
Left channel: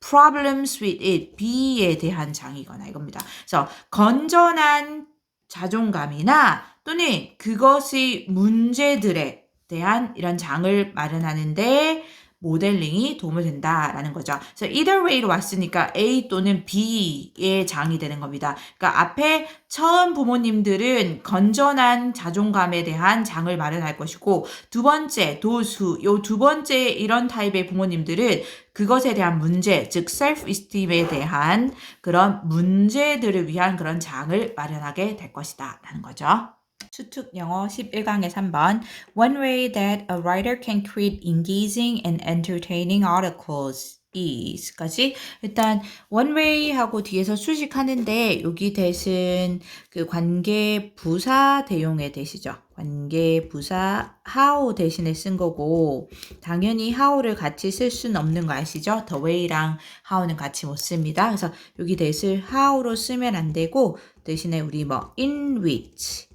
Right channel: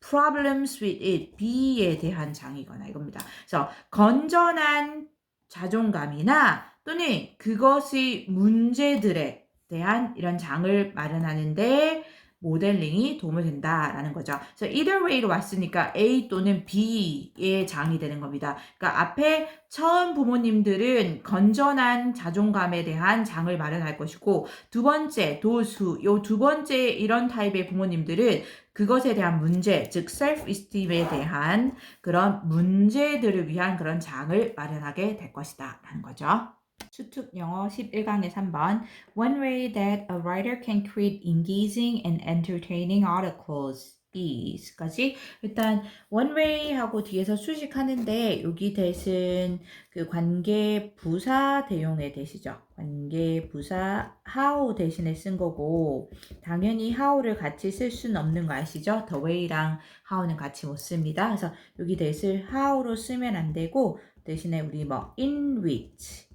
problems with it B에 대한 장이거나 이겁니다. 그래서 건전한 자존감이나 또는 그것의 문제들에 대한 이런 장을 마련하는데 모델링이 도움을 된다라는 거죠. 그래서 either way로 왔으니까 A 또는 B의 장이 되는 겁니다. 그러니까 앞에 처음 부모님들은 건전한 자존감에 대한 장을 마련할 것이고 두 번째 도수 요 두 번째 이런 타입의 부모님들은 그것에 대한 문제, 즉 self-esteem에 대한 그런 문제들을 위한 그런 장을 마련하게 될 것이다 라는 거죠. 수특 영어 11강의 3번 One way that a writer can create engaging and entertaining articles is까지 일단 one way 하고 뒤에서 수식하는데 여기 대신 그 관계 부사 대용의 대시죠. 관계 부사 how 대신에 쓴 거고 당연히 how를 같이 쓸 수는 없는 거 아시죠? the way랑 how는 같이 못 씁니다. 그래서 여기 대신 how로 쓰면 안 되고 대신에 우리 뭐 in which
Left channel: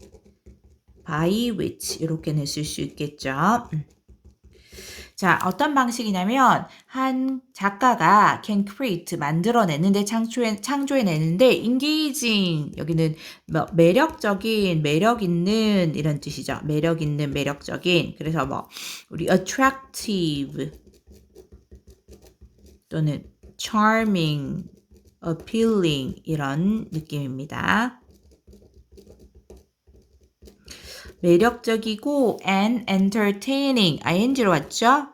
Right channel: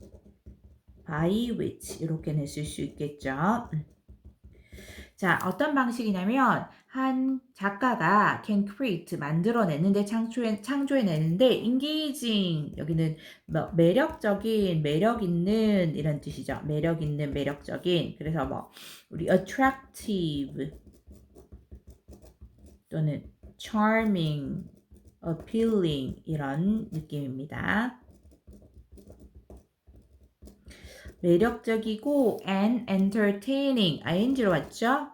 by which 이렇게는 쓸 수 있겠죠. 자, 어떤 방식이냐면 한 작가가 can create 만들어내는데 창조해내는데 engaging 여기는 뭐 매력적인 매력 있는 이런 뜻이죠. 매력 있는 매력적인 그래서 뭐 우리 attractive 또는 charming, appealing 이런 느낌입니다. 매력적이고 and entertaining ing로 왔죠?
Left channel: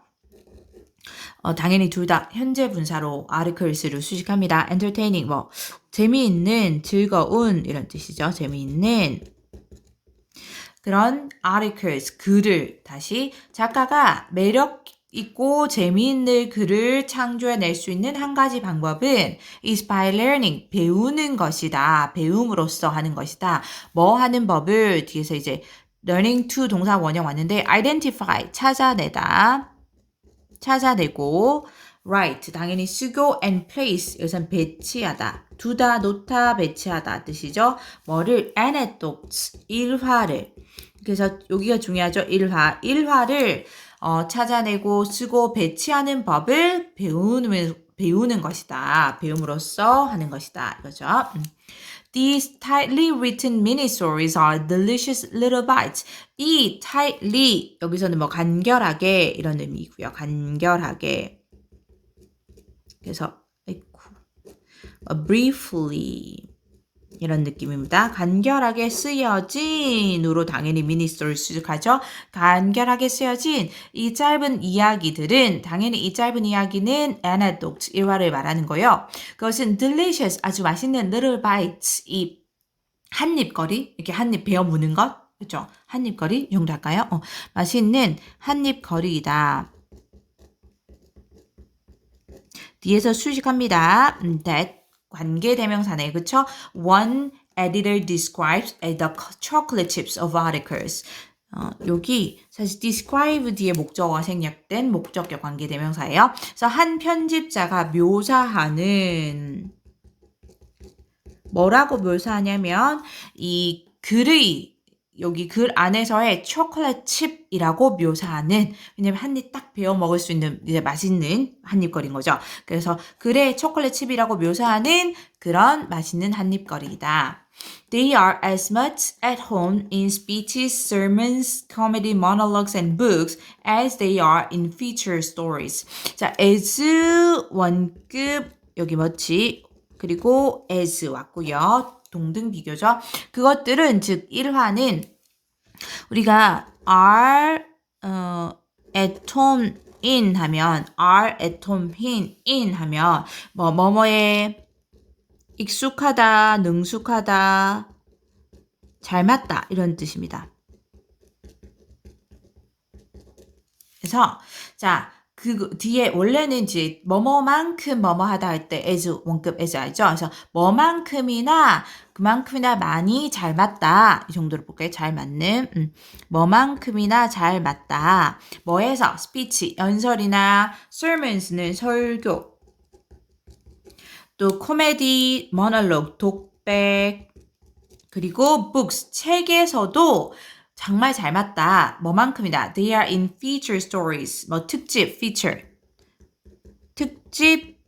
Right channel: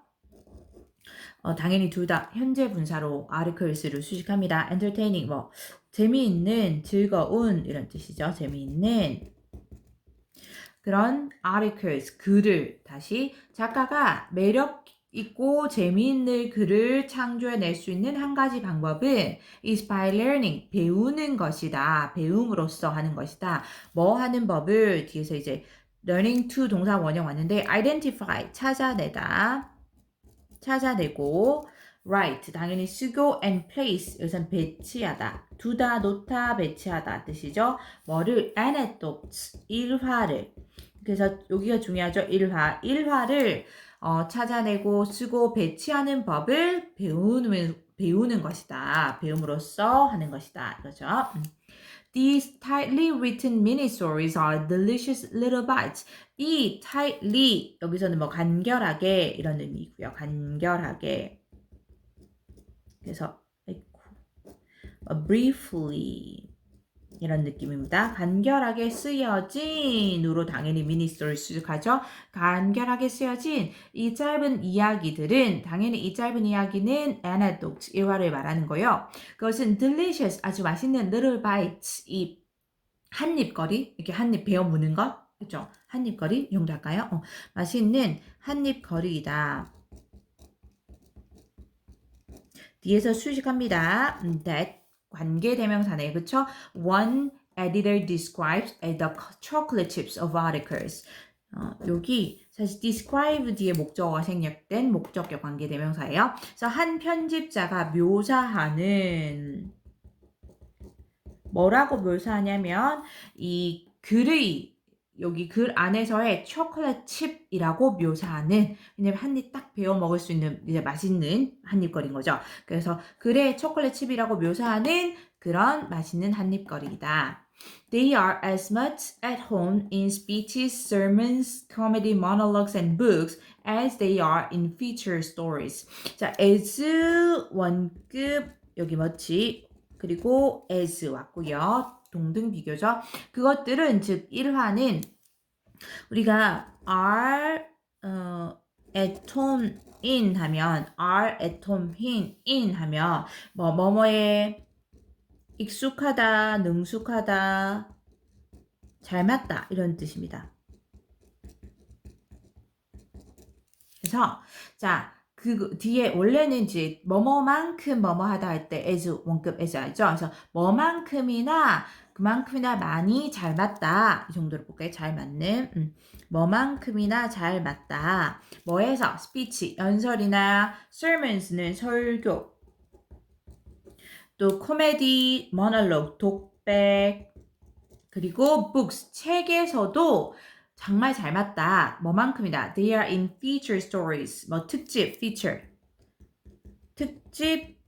당연히 둘 다 현재 분사로 articles를 수식합니다. entertaining 뭐 재미있는, 즐거운 이런 뜻이죠. 재미있는 그런 articles 글을 다시 작가가 매력 있고 재미있는 글을 창조해낼 수 있는 한 가지 방법은 is by learning 배우는 것이다. 배움으로써 하는 것이다. 뭐 하는 법을 뒤에서 이제 learning to 동사 원형 왔는데 identify 찾아내다 찾아내고 write 당연히 쓰고 and place 여기선 배치하다 두다 놓다 배치하다 뜻이죠. 뭐를 anecdotes 일화를 그래서 여기가 중요하죠. 일화를 찾아내고 쓰고 배치하는 법을 배우는 것이다. 배움으로써 하는 것이다. 이거죠. These tightly written mini stories are delicious little bites. 이 tightly 여기서는 뭐 간결하게 이런 의미고요. 간결하게. 그래서 briefly 이런 느낌입니다. 간결하게 쓰여진으로 당연히 미니스토리를 수식하죠. 간결하게 쓰여진 이 짧은 이야기들은 당연히 이 짧은 이야기는 anecdote 일화를 말하는 거예요. 그것은 delicious 아주 맛있는 little bites 이 한입거리 이렇게 한입 베어 무는 것 그죠? 한입거리 이 정도 할까요? 맛있는 한입거리이다. 뒤에서 수식합니다. That 관계대명사네, 그쵸? One editor describes the chocolate chips of articles. 여기 사실 describe 뒤에 목적어가 생략된 목적격 관계대명사예요. 그래서 한 편집자가 묘사하는 뭐라고 묘사하냐면 이 글의 여기 글 안에서의 초콜릿 칩이라고 묘사하는, 왜냐면 한 입 딱 베어 먹을 수 있는 이제 맛있는 한입거리인 거죠. 그래서 글의 초콜릿 칩이라고 묘사하는 그런 맛있는 한입거리이다. They are as much at home in speeches, sermons, comedy monologues, and books as they are in feature stories. 자, as 원급 여기 뭐지? 그리고 as 왔고요. 동등 비교죠. 그것들은 즉 1화는 우리가 are at home in 하면 are at home in 하면 뭐뭐에 익숙하다, 능숙하다, 잘 맞다 이런 뜻입니다. 그래서 자, 그 뒤에 원래는 이제 뭐뭐만큼 뭐뭐하다 할 때 as 원급 as 알죠? 그래서 뭐만큼이나 그만큼이나 많이 잘 맞다 이 정도로 볼까요? 잘 맞는 뭐만큼이나 잘 맞다. 뭐에서 speech 연설이나 sermons는 설교, 또 코미디 monologue 독백, 그리고 books 책에서도 정말 잘 맞다. 뭐만큼이다. They are in feature stories. 뭐 특집 feature. 특집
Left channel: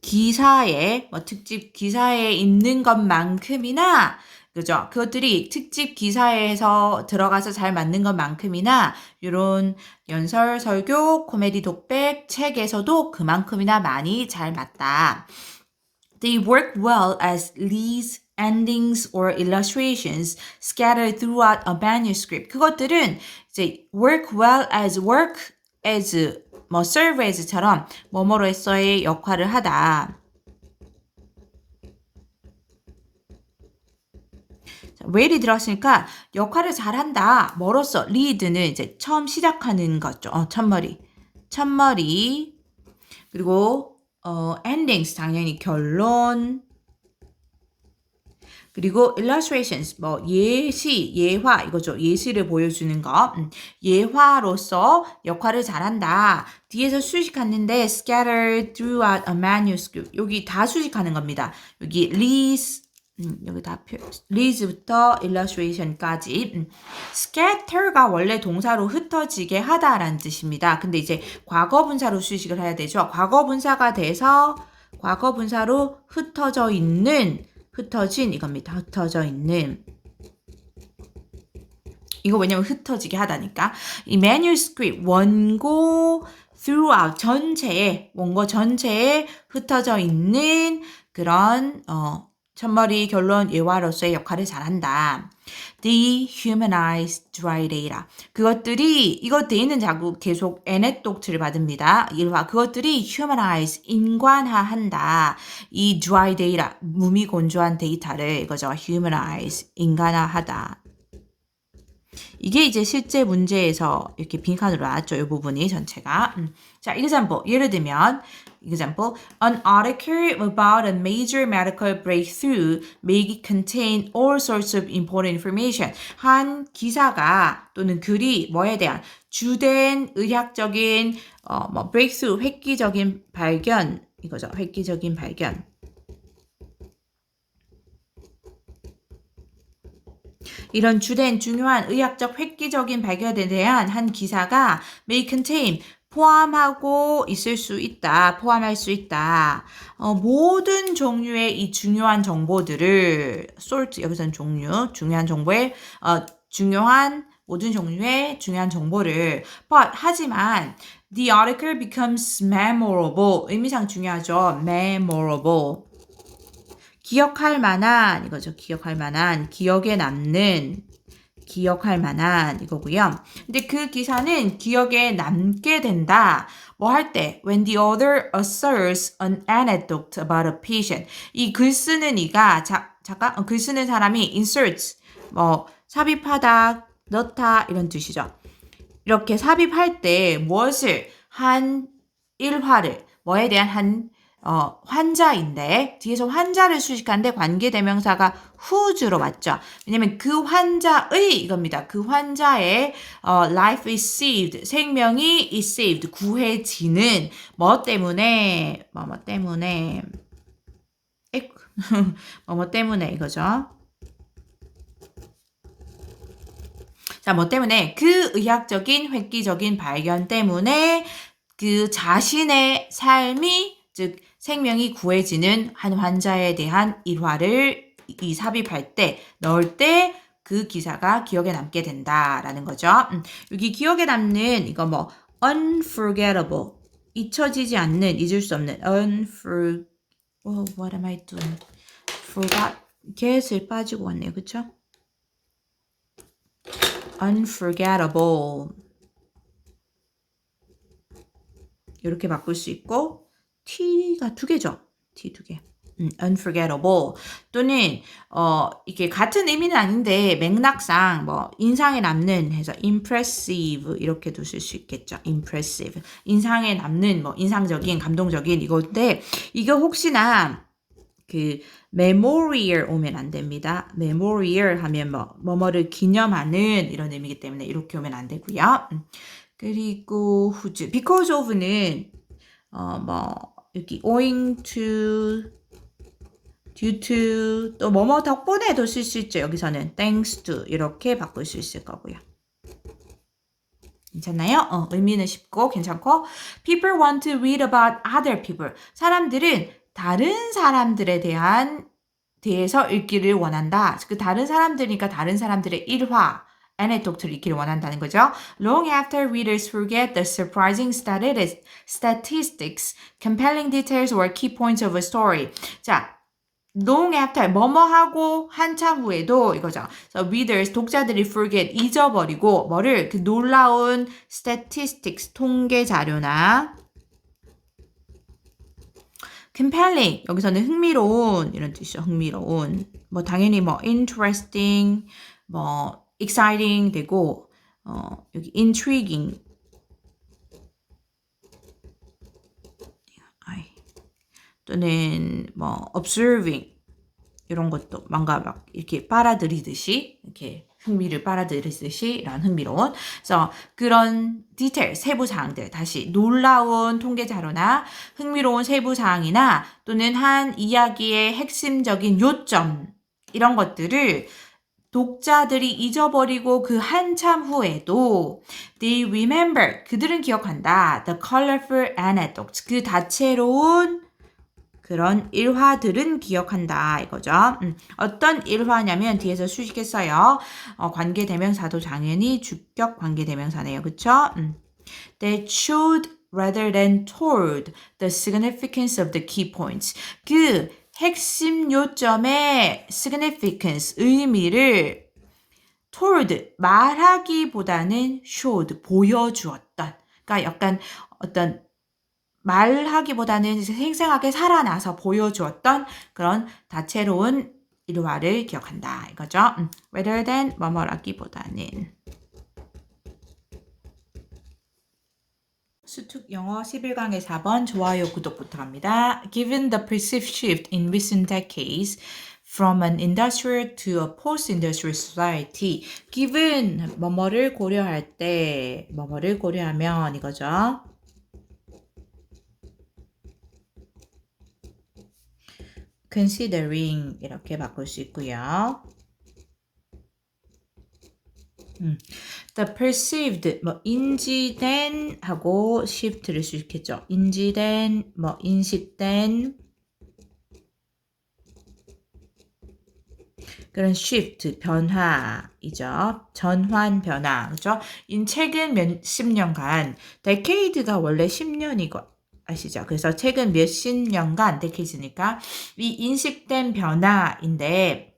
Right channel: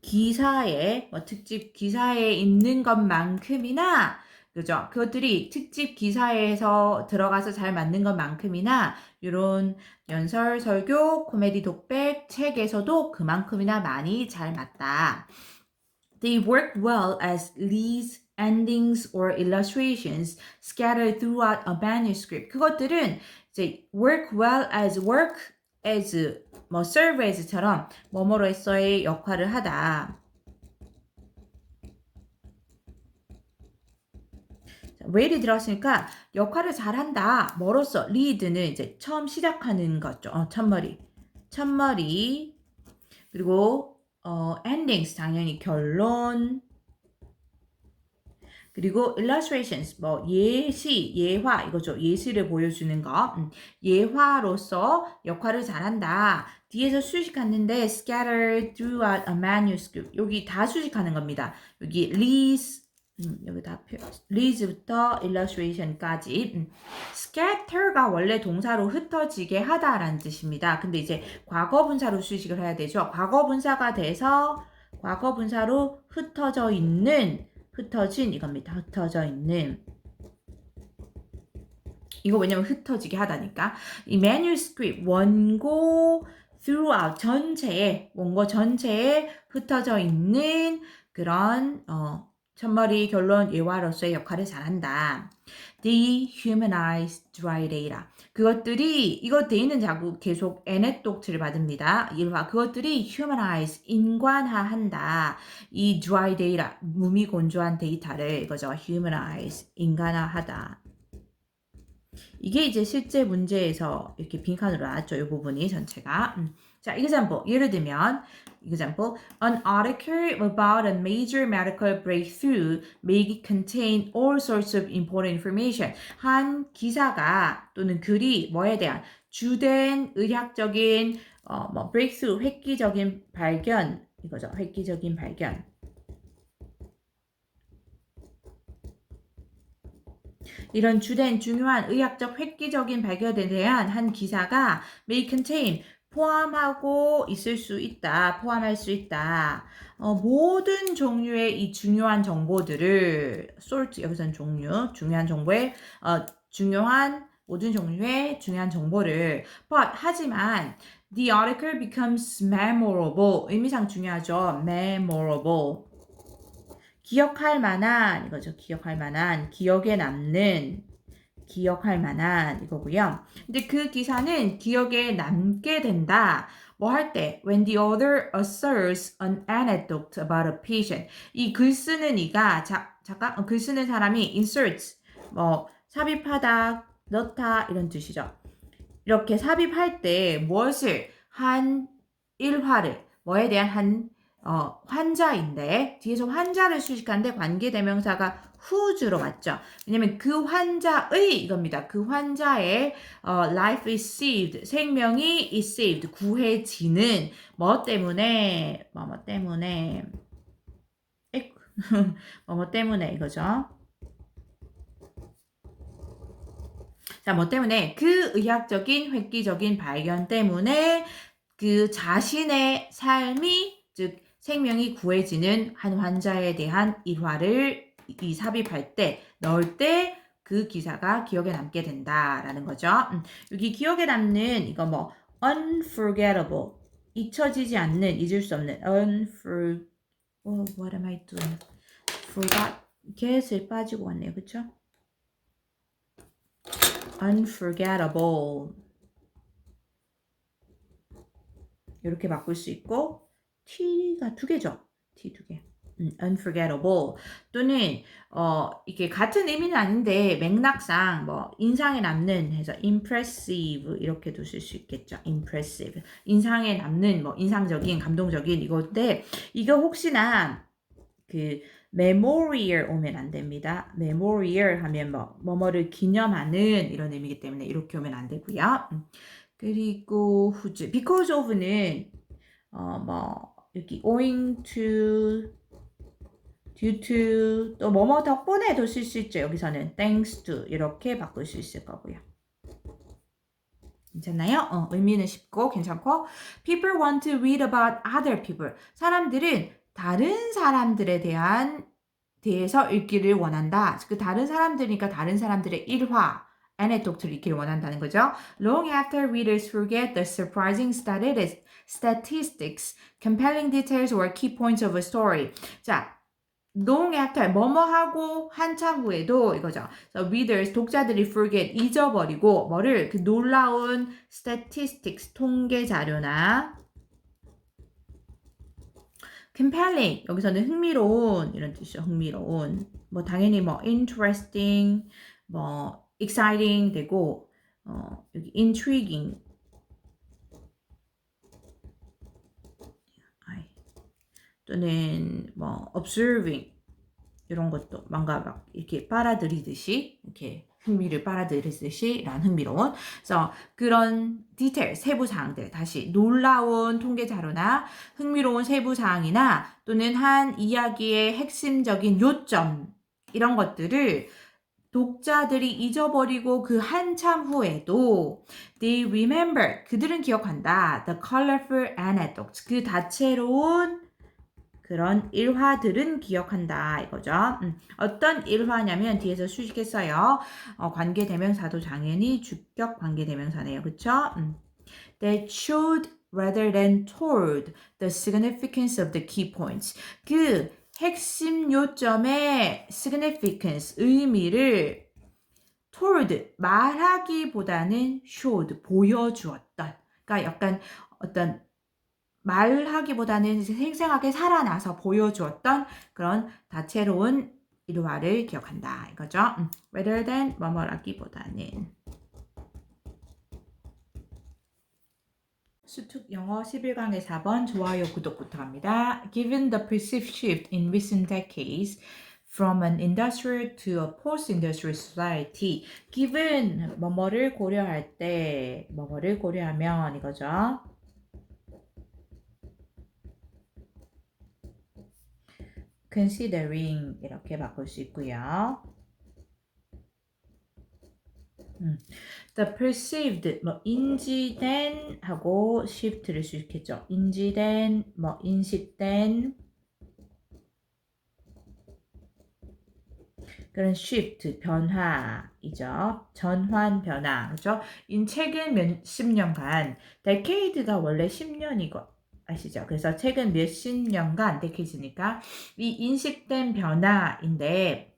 기사에 특집 기사에 있는 것만큼이나 그죠? 그것들이 특집 기사에서 들어가서 잘 맞는 것만큼이나 이런 연설, 설교, 코미디, 독백, 책에서도 그만큼이나 많이 잘 맞다. They work well as leads, endings, or illustrations scattered throughout a manuscript. 그것들은 이제 work well as serve as처럼 뭐뭐로서의 역할을 하다. well이 들어갔으니까 역할을 잘한다. 뭐로써? lead는 이제 처음 시작하는 거죠. 첫머리. 그리고 endings 당연히 결론. 그리고 illustrations 예시, 예화 이거죠. 예시를 보여주는 거. 예화로서 역할을 잘한다. 뒤에서 수식하는데 scattered throughout a manuscript. 여기 다 수식하는 겁니다. 여기 leads 여기 다 leads부터 illustration까지. scatter가 원래 동사로 흩어지게 하다라는 뜻입니다. 근데 이제 과거분사로 수식을 해야 되죠. 과거분사가 돼서 과거분사로 흩어진 이겁니다. 흩어져 있는. 이거 왜냐면 흩어지게 하다니까. 이 manuscript 원고 throughout 원고 전체에 흩어져 있는 그런 첫머리 결론 예화로서의 역할을 잘한다. Dehumanize dry data. 그것들이 이거 데이는 자꾸 계속 anecdote를 받습니다. 일화 그것들이 humanize 인간화한다. 이 dry data 무미건조한 데이터를 이거죠. humanize 인간화하다. 이게 이제 실제 문제에서 이렇게 빈칸으로 나왔죠. 이 부분이 전체가. 자, example. 예를 들면 example. An article about a major medical breakthrough may contain all sorts of important information. 한 기사가 또는 글이 뭐에 대한 주된 의학적인 breakthrough 획기적인 발견 이거죠. 획기적인 발견. 이런 주된 중요한 의학적 획기적인 발견에 대한 한 기사가 may contain 포함할 수 있다. 모든 종류의 이 중요한 정보들을 sort 여기서는 중요한 정보의 모든 종류의 중요한 정보를 하지만 the article becomes memorable 의미상 중요하죠. memorable 기억할 만한 이거죠. 기억에 남는 기억할 만한 이거고요. 근데 그 기사는 기억에 남게 된다. 뭐 할 때? When the author asserts an anecdote about a patient. 이 글 쓰는 이가 글 쓰는 사람이 inserts 삽입하다, 넣다 이런 뜻이죠. 이렇게 삽입할 때 무엇을 한 일화를 뭐에 대한 한 환자인데 뒤에서 환자를 수식하는데 관계대명사가 whose로 맞죠. 왜냐면 그 환자의 이겁니다. 그 환자의 life is saved 생명이 is saved 구해지는 뭐 때문에 뭐 때문에 뭐 때문에 이거죠. 자, 뭐 때문에 그 의학적인 획기적인 발견 때문에 그 자신의 삶이 즉 생명이 구해지는 한 환자에 대한 일화를 이 삽입할 때 넣을 때 그 기사가 기억에 남게 된다라는 거죠. 여기 기억에 남는 이거 뭐 unforgettable 잊혀지지 않는 잊을 수 없는 what am I doing? forgot get을 빠지고 왔네요. 그쵸? unforgettable 이렇게 바꿀 수 있고 T가 두 개죠. T 두 개. unforgettable 또는 이게 같은 의미는 아닌데 맥락상 뭐 인상에 남는 해서 impressive 이렇게도 쓸 수 있겠죠. impressive 인상에 남는 뭐 인상적인 감동적인 이건데 이거 혹시나 그 memorial 오면 안 됩니다. memorial 하면 뭐뭐를 기념하는 이런 의미이기 때문에 이렇게 오면 안 되고요. 그리고 whose because of는 뭐 여기 owing to due to 또 뭐뭐 덕분에도 쓸 수 있죠. 여기서는 thanks to 이렇게 바꿀 수 있을 거고요. 괜찮나요? 의미는 쉽고 괜찮고 people want to read about other people 사람들은 다른 사람들에 대해서 읽기를 원한다. 그 다른 사람들이니까 다른 사람들의 일화 anecdote를 읽기를 원한다는 거죠. Long after readers forget the surprising statistics, compelling details or key points of a story. 자, long after 뭐뭐하고 한참 후에도 이거죠. So readers 독자들이 forget 잊어버리고 뭐를 그 놀라운 statistics 통계 자료나 compelling 여기서는 흥미로운 이런 뜻이죠. 흥미로운 뭐 당연히 뭐 interesting 뭐 exciting 되고 여기 intriguing 또는 뭐 observing 이런 것도 뭔가 막 이렇게 빨아들이듯이 이렇게 흥미를 빨아들이듯이 이런 흥미로운 그래서 그런 디테일 세부 사항들 다시 놀라운 통계 자료나 흥미로운 세부 사항이나 또는 한 이야기의 핵심적인 요점 이런 것들을 독자들이 잊어버리고 그 한참 후에도 they remember 그들은 기억한다 the colorful anecdotes 그 다채로운 그런 일화들은 기억한다 이거죠. 어떤 일화냐면 뒤에서 수식했어요. 관계대명사도 당연히 주격 관계대명사네요. 그쵸? That showed rather than told the significance of the key points. 그 핵심 요점의 significance, 의미를 told, 말하기보다는 showed, 보여주었던. 그러니까 약간 어떤 말하기보다는 생생하게 살아나서 보여주었던 그런 다채로운 일화를 기억한다. 이거죠. rather than 뭐뭐라기보다는. 수특 영어 11강의 4번 좋아요 구독 부탁합니다. Given the perceived shift in recent decades from an industrial to a post-industrial society, given 뭐뭐를 고려할 때 뭐뭐를 고려하면 이거죠. considering 이렇게 바꿀 수 있고요. The perceived 뭐 인지된 하고 shift를 쓸 수 있겠죠. 인지된 뭐 인식된 그런 shift 변화이죠. 전환 변화 그렇죠? 최근 몇십 년간 decade가 원래 10년이고 아시죠? 그래서 최근 몇십 년간 decades니까 이 인식된 변화인데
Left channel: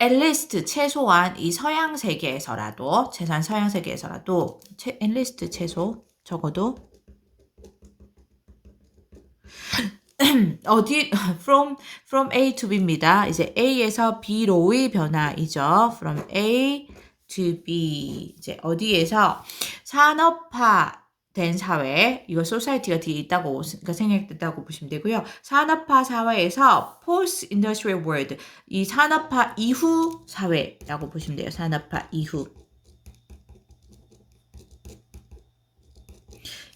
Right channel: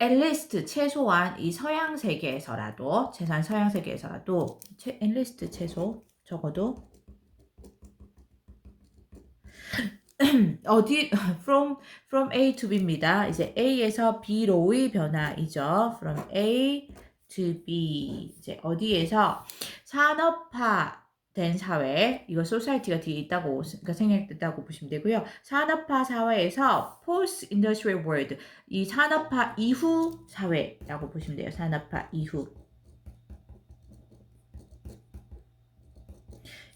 at least 최소한 이 서양 세계에서라도 최소한 서양 세계에서라도 at least 최소 적어도 어디 from A to B입니다. 이제 A에서 B로의 변화이죠. from A to B. 이제 어디에서 산업화된 사회, 이거 society가 뒤에 있다고 그러니까 생략됐다고 보시면 되고요. 산업화 사회에서 post industrial world, 이 산업화 이후 사회라고 보시면 돼요. 산업화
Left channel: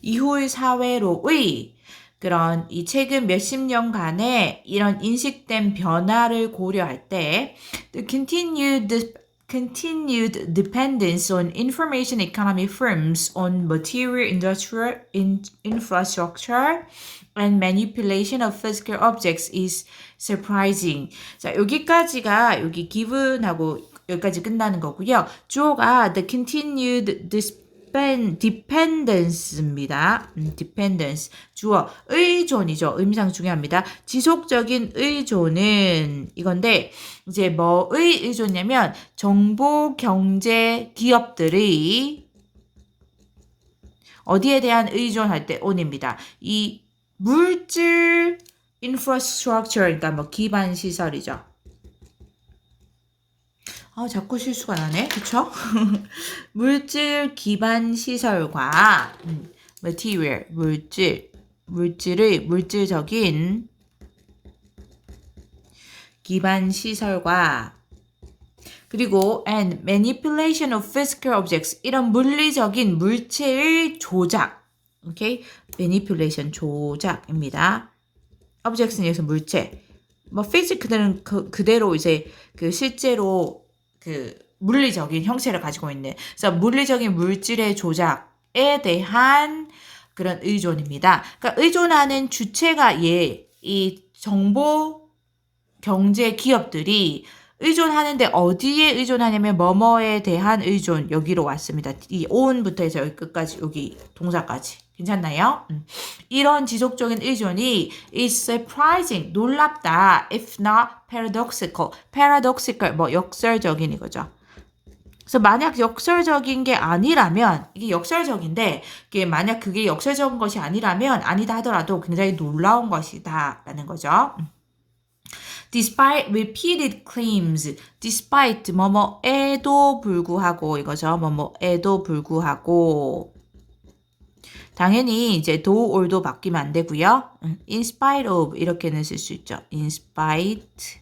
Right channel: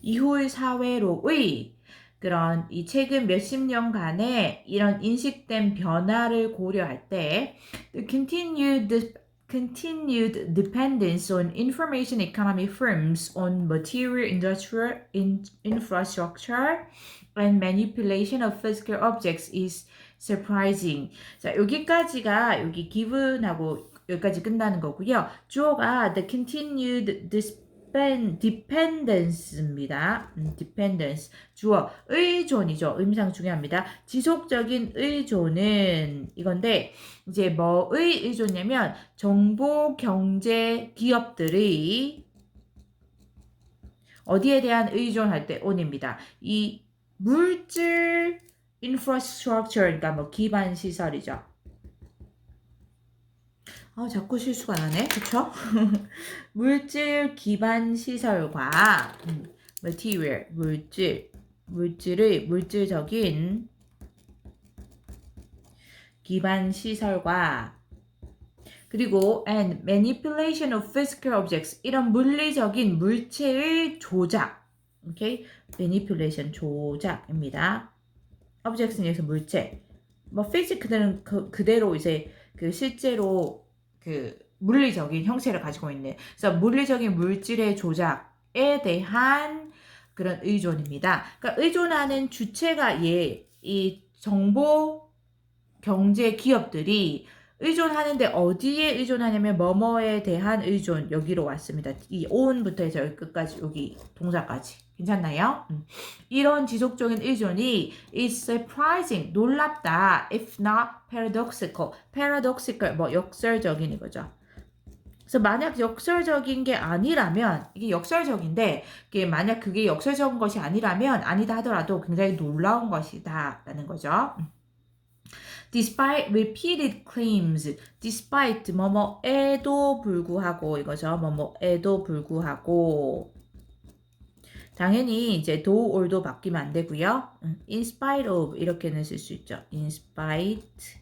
이후의 사회로의 그런 이 최근 몇십 년간의 이런 인식된 변화를 고려할 때 the continued dependence on information economy firms on material industrial infrastructure and manipulation of physical objects is surprising. 자, 여기까지가 여기 given하고 여기까지 끝나는 거고요. 주어가 the continued dependence입니다. dependence. 주어, 의존이죠. 의미상 중요합니다. 지속적인 의존은 이건데, 이제 뭐의 의존이냐면, 정보, 경제, 기업들의 어디에 대한 의존할 때 on입니다. 이 물질, infrastructure, 그러니까 뭐 기반 시설이죠. 자꾸 실수가 나네. 그쵸? 물질 기반 시설과 material, 물질적인 기반 시설과 그리고 and manipulation of physical objects, 이런 물리적인 물체의 조작. 오케이? manipulation, 조작입니다. objects는 여기서 물체. 뭐 physical은 그대로 이제 그 실제로 그 물리적인 형체를 가지고 있는, 그래서 물리적인 물질의 조작에 대한 그런 의존입니다. 그러니까 의존하는 주체가 이 정보 경제 기업들이 의존하는데 어디에 의존하냐면 뭐뭐에 대한 의존, 여기로 왔습니다. 이 on부터 해서 여기 끝까지, 여기 동사까지. 괜찮나요? 이런 지속적인 의존이 is surprising, 놀랍다, if not paradoxical, 뭐 역설적인 이거죠. 그래서 만약 역설적인 게 아니라면, 이게 역설적인데, 이게 만약 그게 역설적인 것이 아니라면, 아니다 하더라도 굉장히 놀라운 것이다 라는 거죠. Despite repeated claims, despite 뭐뭐에도 불구하고 이거죠. 뭐뭐에도 불구하고, 당연히 이제 do or도 바뀌면 안 되고요. in spite of 이렇게는 쓸 수 있죠. in spite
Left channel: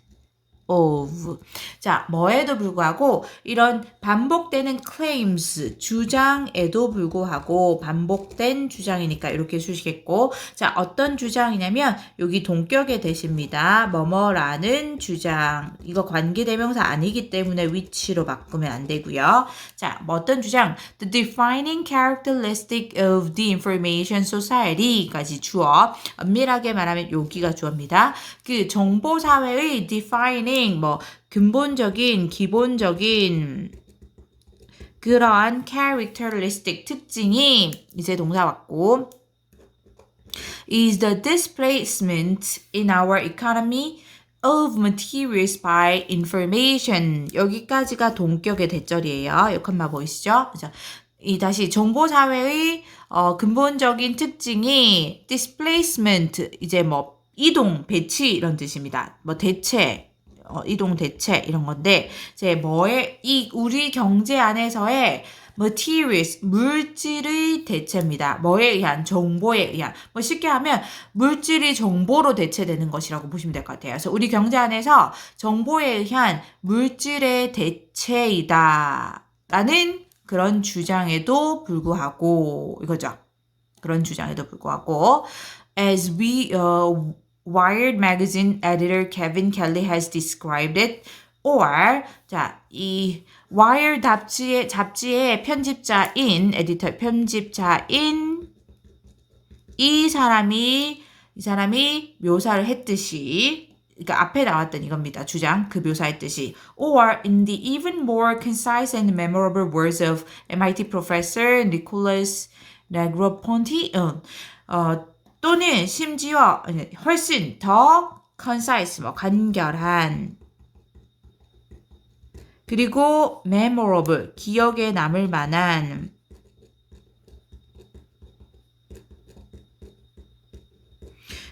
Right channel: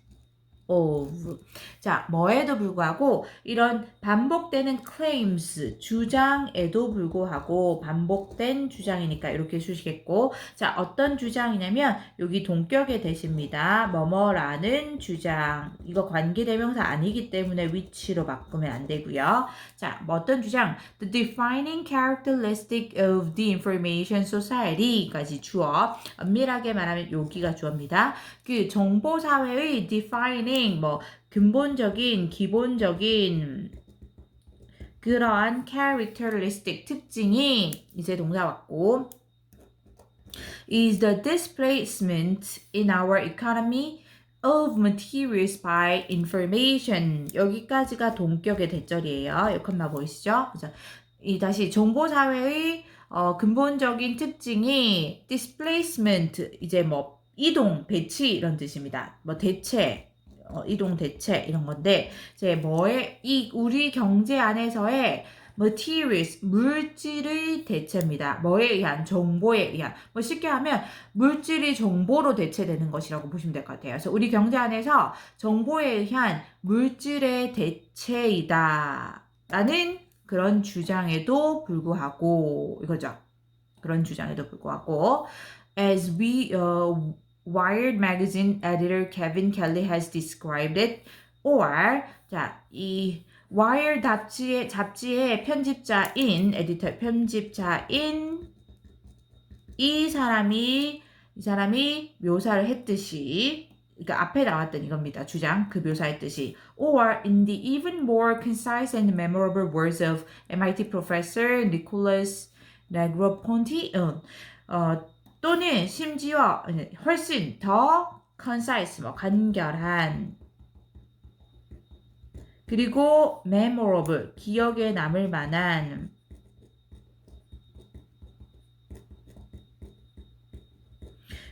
of. 자, 뭐에도 불구하고 이런 반복되는 claims, 주장에도 불구하고 반복된 주장이니까 이렇게 쓰시겠고, 자, 어떤 주장이냐면 여기 동격의 대시입니다. 뭐뭐라는 주장. 이거 관계대명사 아니기 때문에 which로 바꾸면 안 되고요. 자, 뭐 어떤 주장? The defining characteristic of the information society까지 주어. 엄밀하게 말하면 여기가 주어입니다. 그 정보사회의 defining, 뭐 근본적인, 기본적인 그러한 characteristic, 특징이 이제 동사 왔고, is the displacement in our economy of materials by information. 여기까지가 동격의 대절이에요. 여기만 보이시죠? 다시 정보사회의 근본적인 특징이 displacement, 이제 뭐 이동, 배치 이런 뜻입니다. 뭐 대체, 이동 대체 이런 건데, 이제 우리 경제 안에서의 materials, 물질의 대체입니다. 뭐에 의한? 정보에 의한. 뭐 쉽게 하면 물질이 정보로 대체되는 것이라고 보시면 될 것 같아요. 그래서 우리 경제 안에서 정보에 의한 물질의 대체이다 라는 그런 주장에도 불구하고 이거죠. 그런 주장에도 불구하고 as Wired magazine editor Kevin Kelly has described it, or 이 Wired 잡지의 편집자인 에디터 편집자인 이 사람이 묘사를 했듯이, 그러니까 앞에 나왔던 이겁니다. 주장, 그 묘사했듯이. Or in the even more concise and memorable words of MIT professor Nicholas Negroponte, 또는 심지어 훨씬 더 concise, 뭐 간결한, 그리고 memorable, 기억에 남을 만한,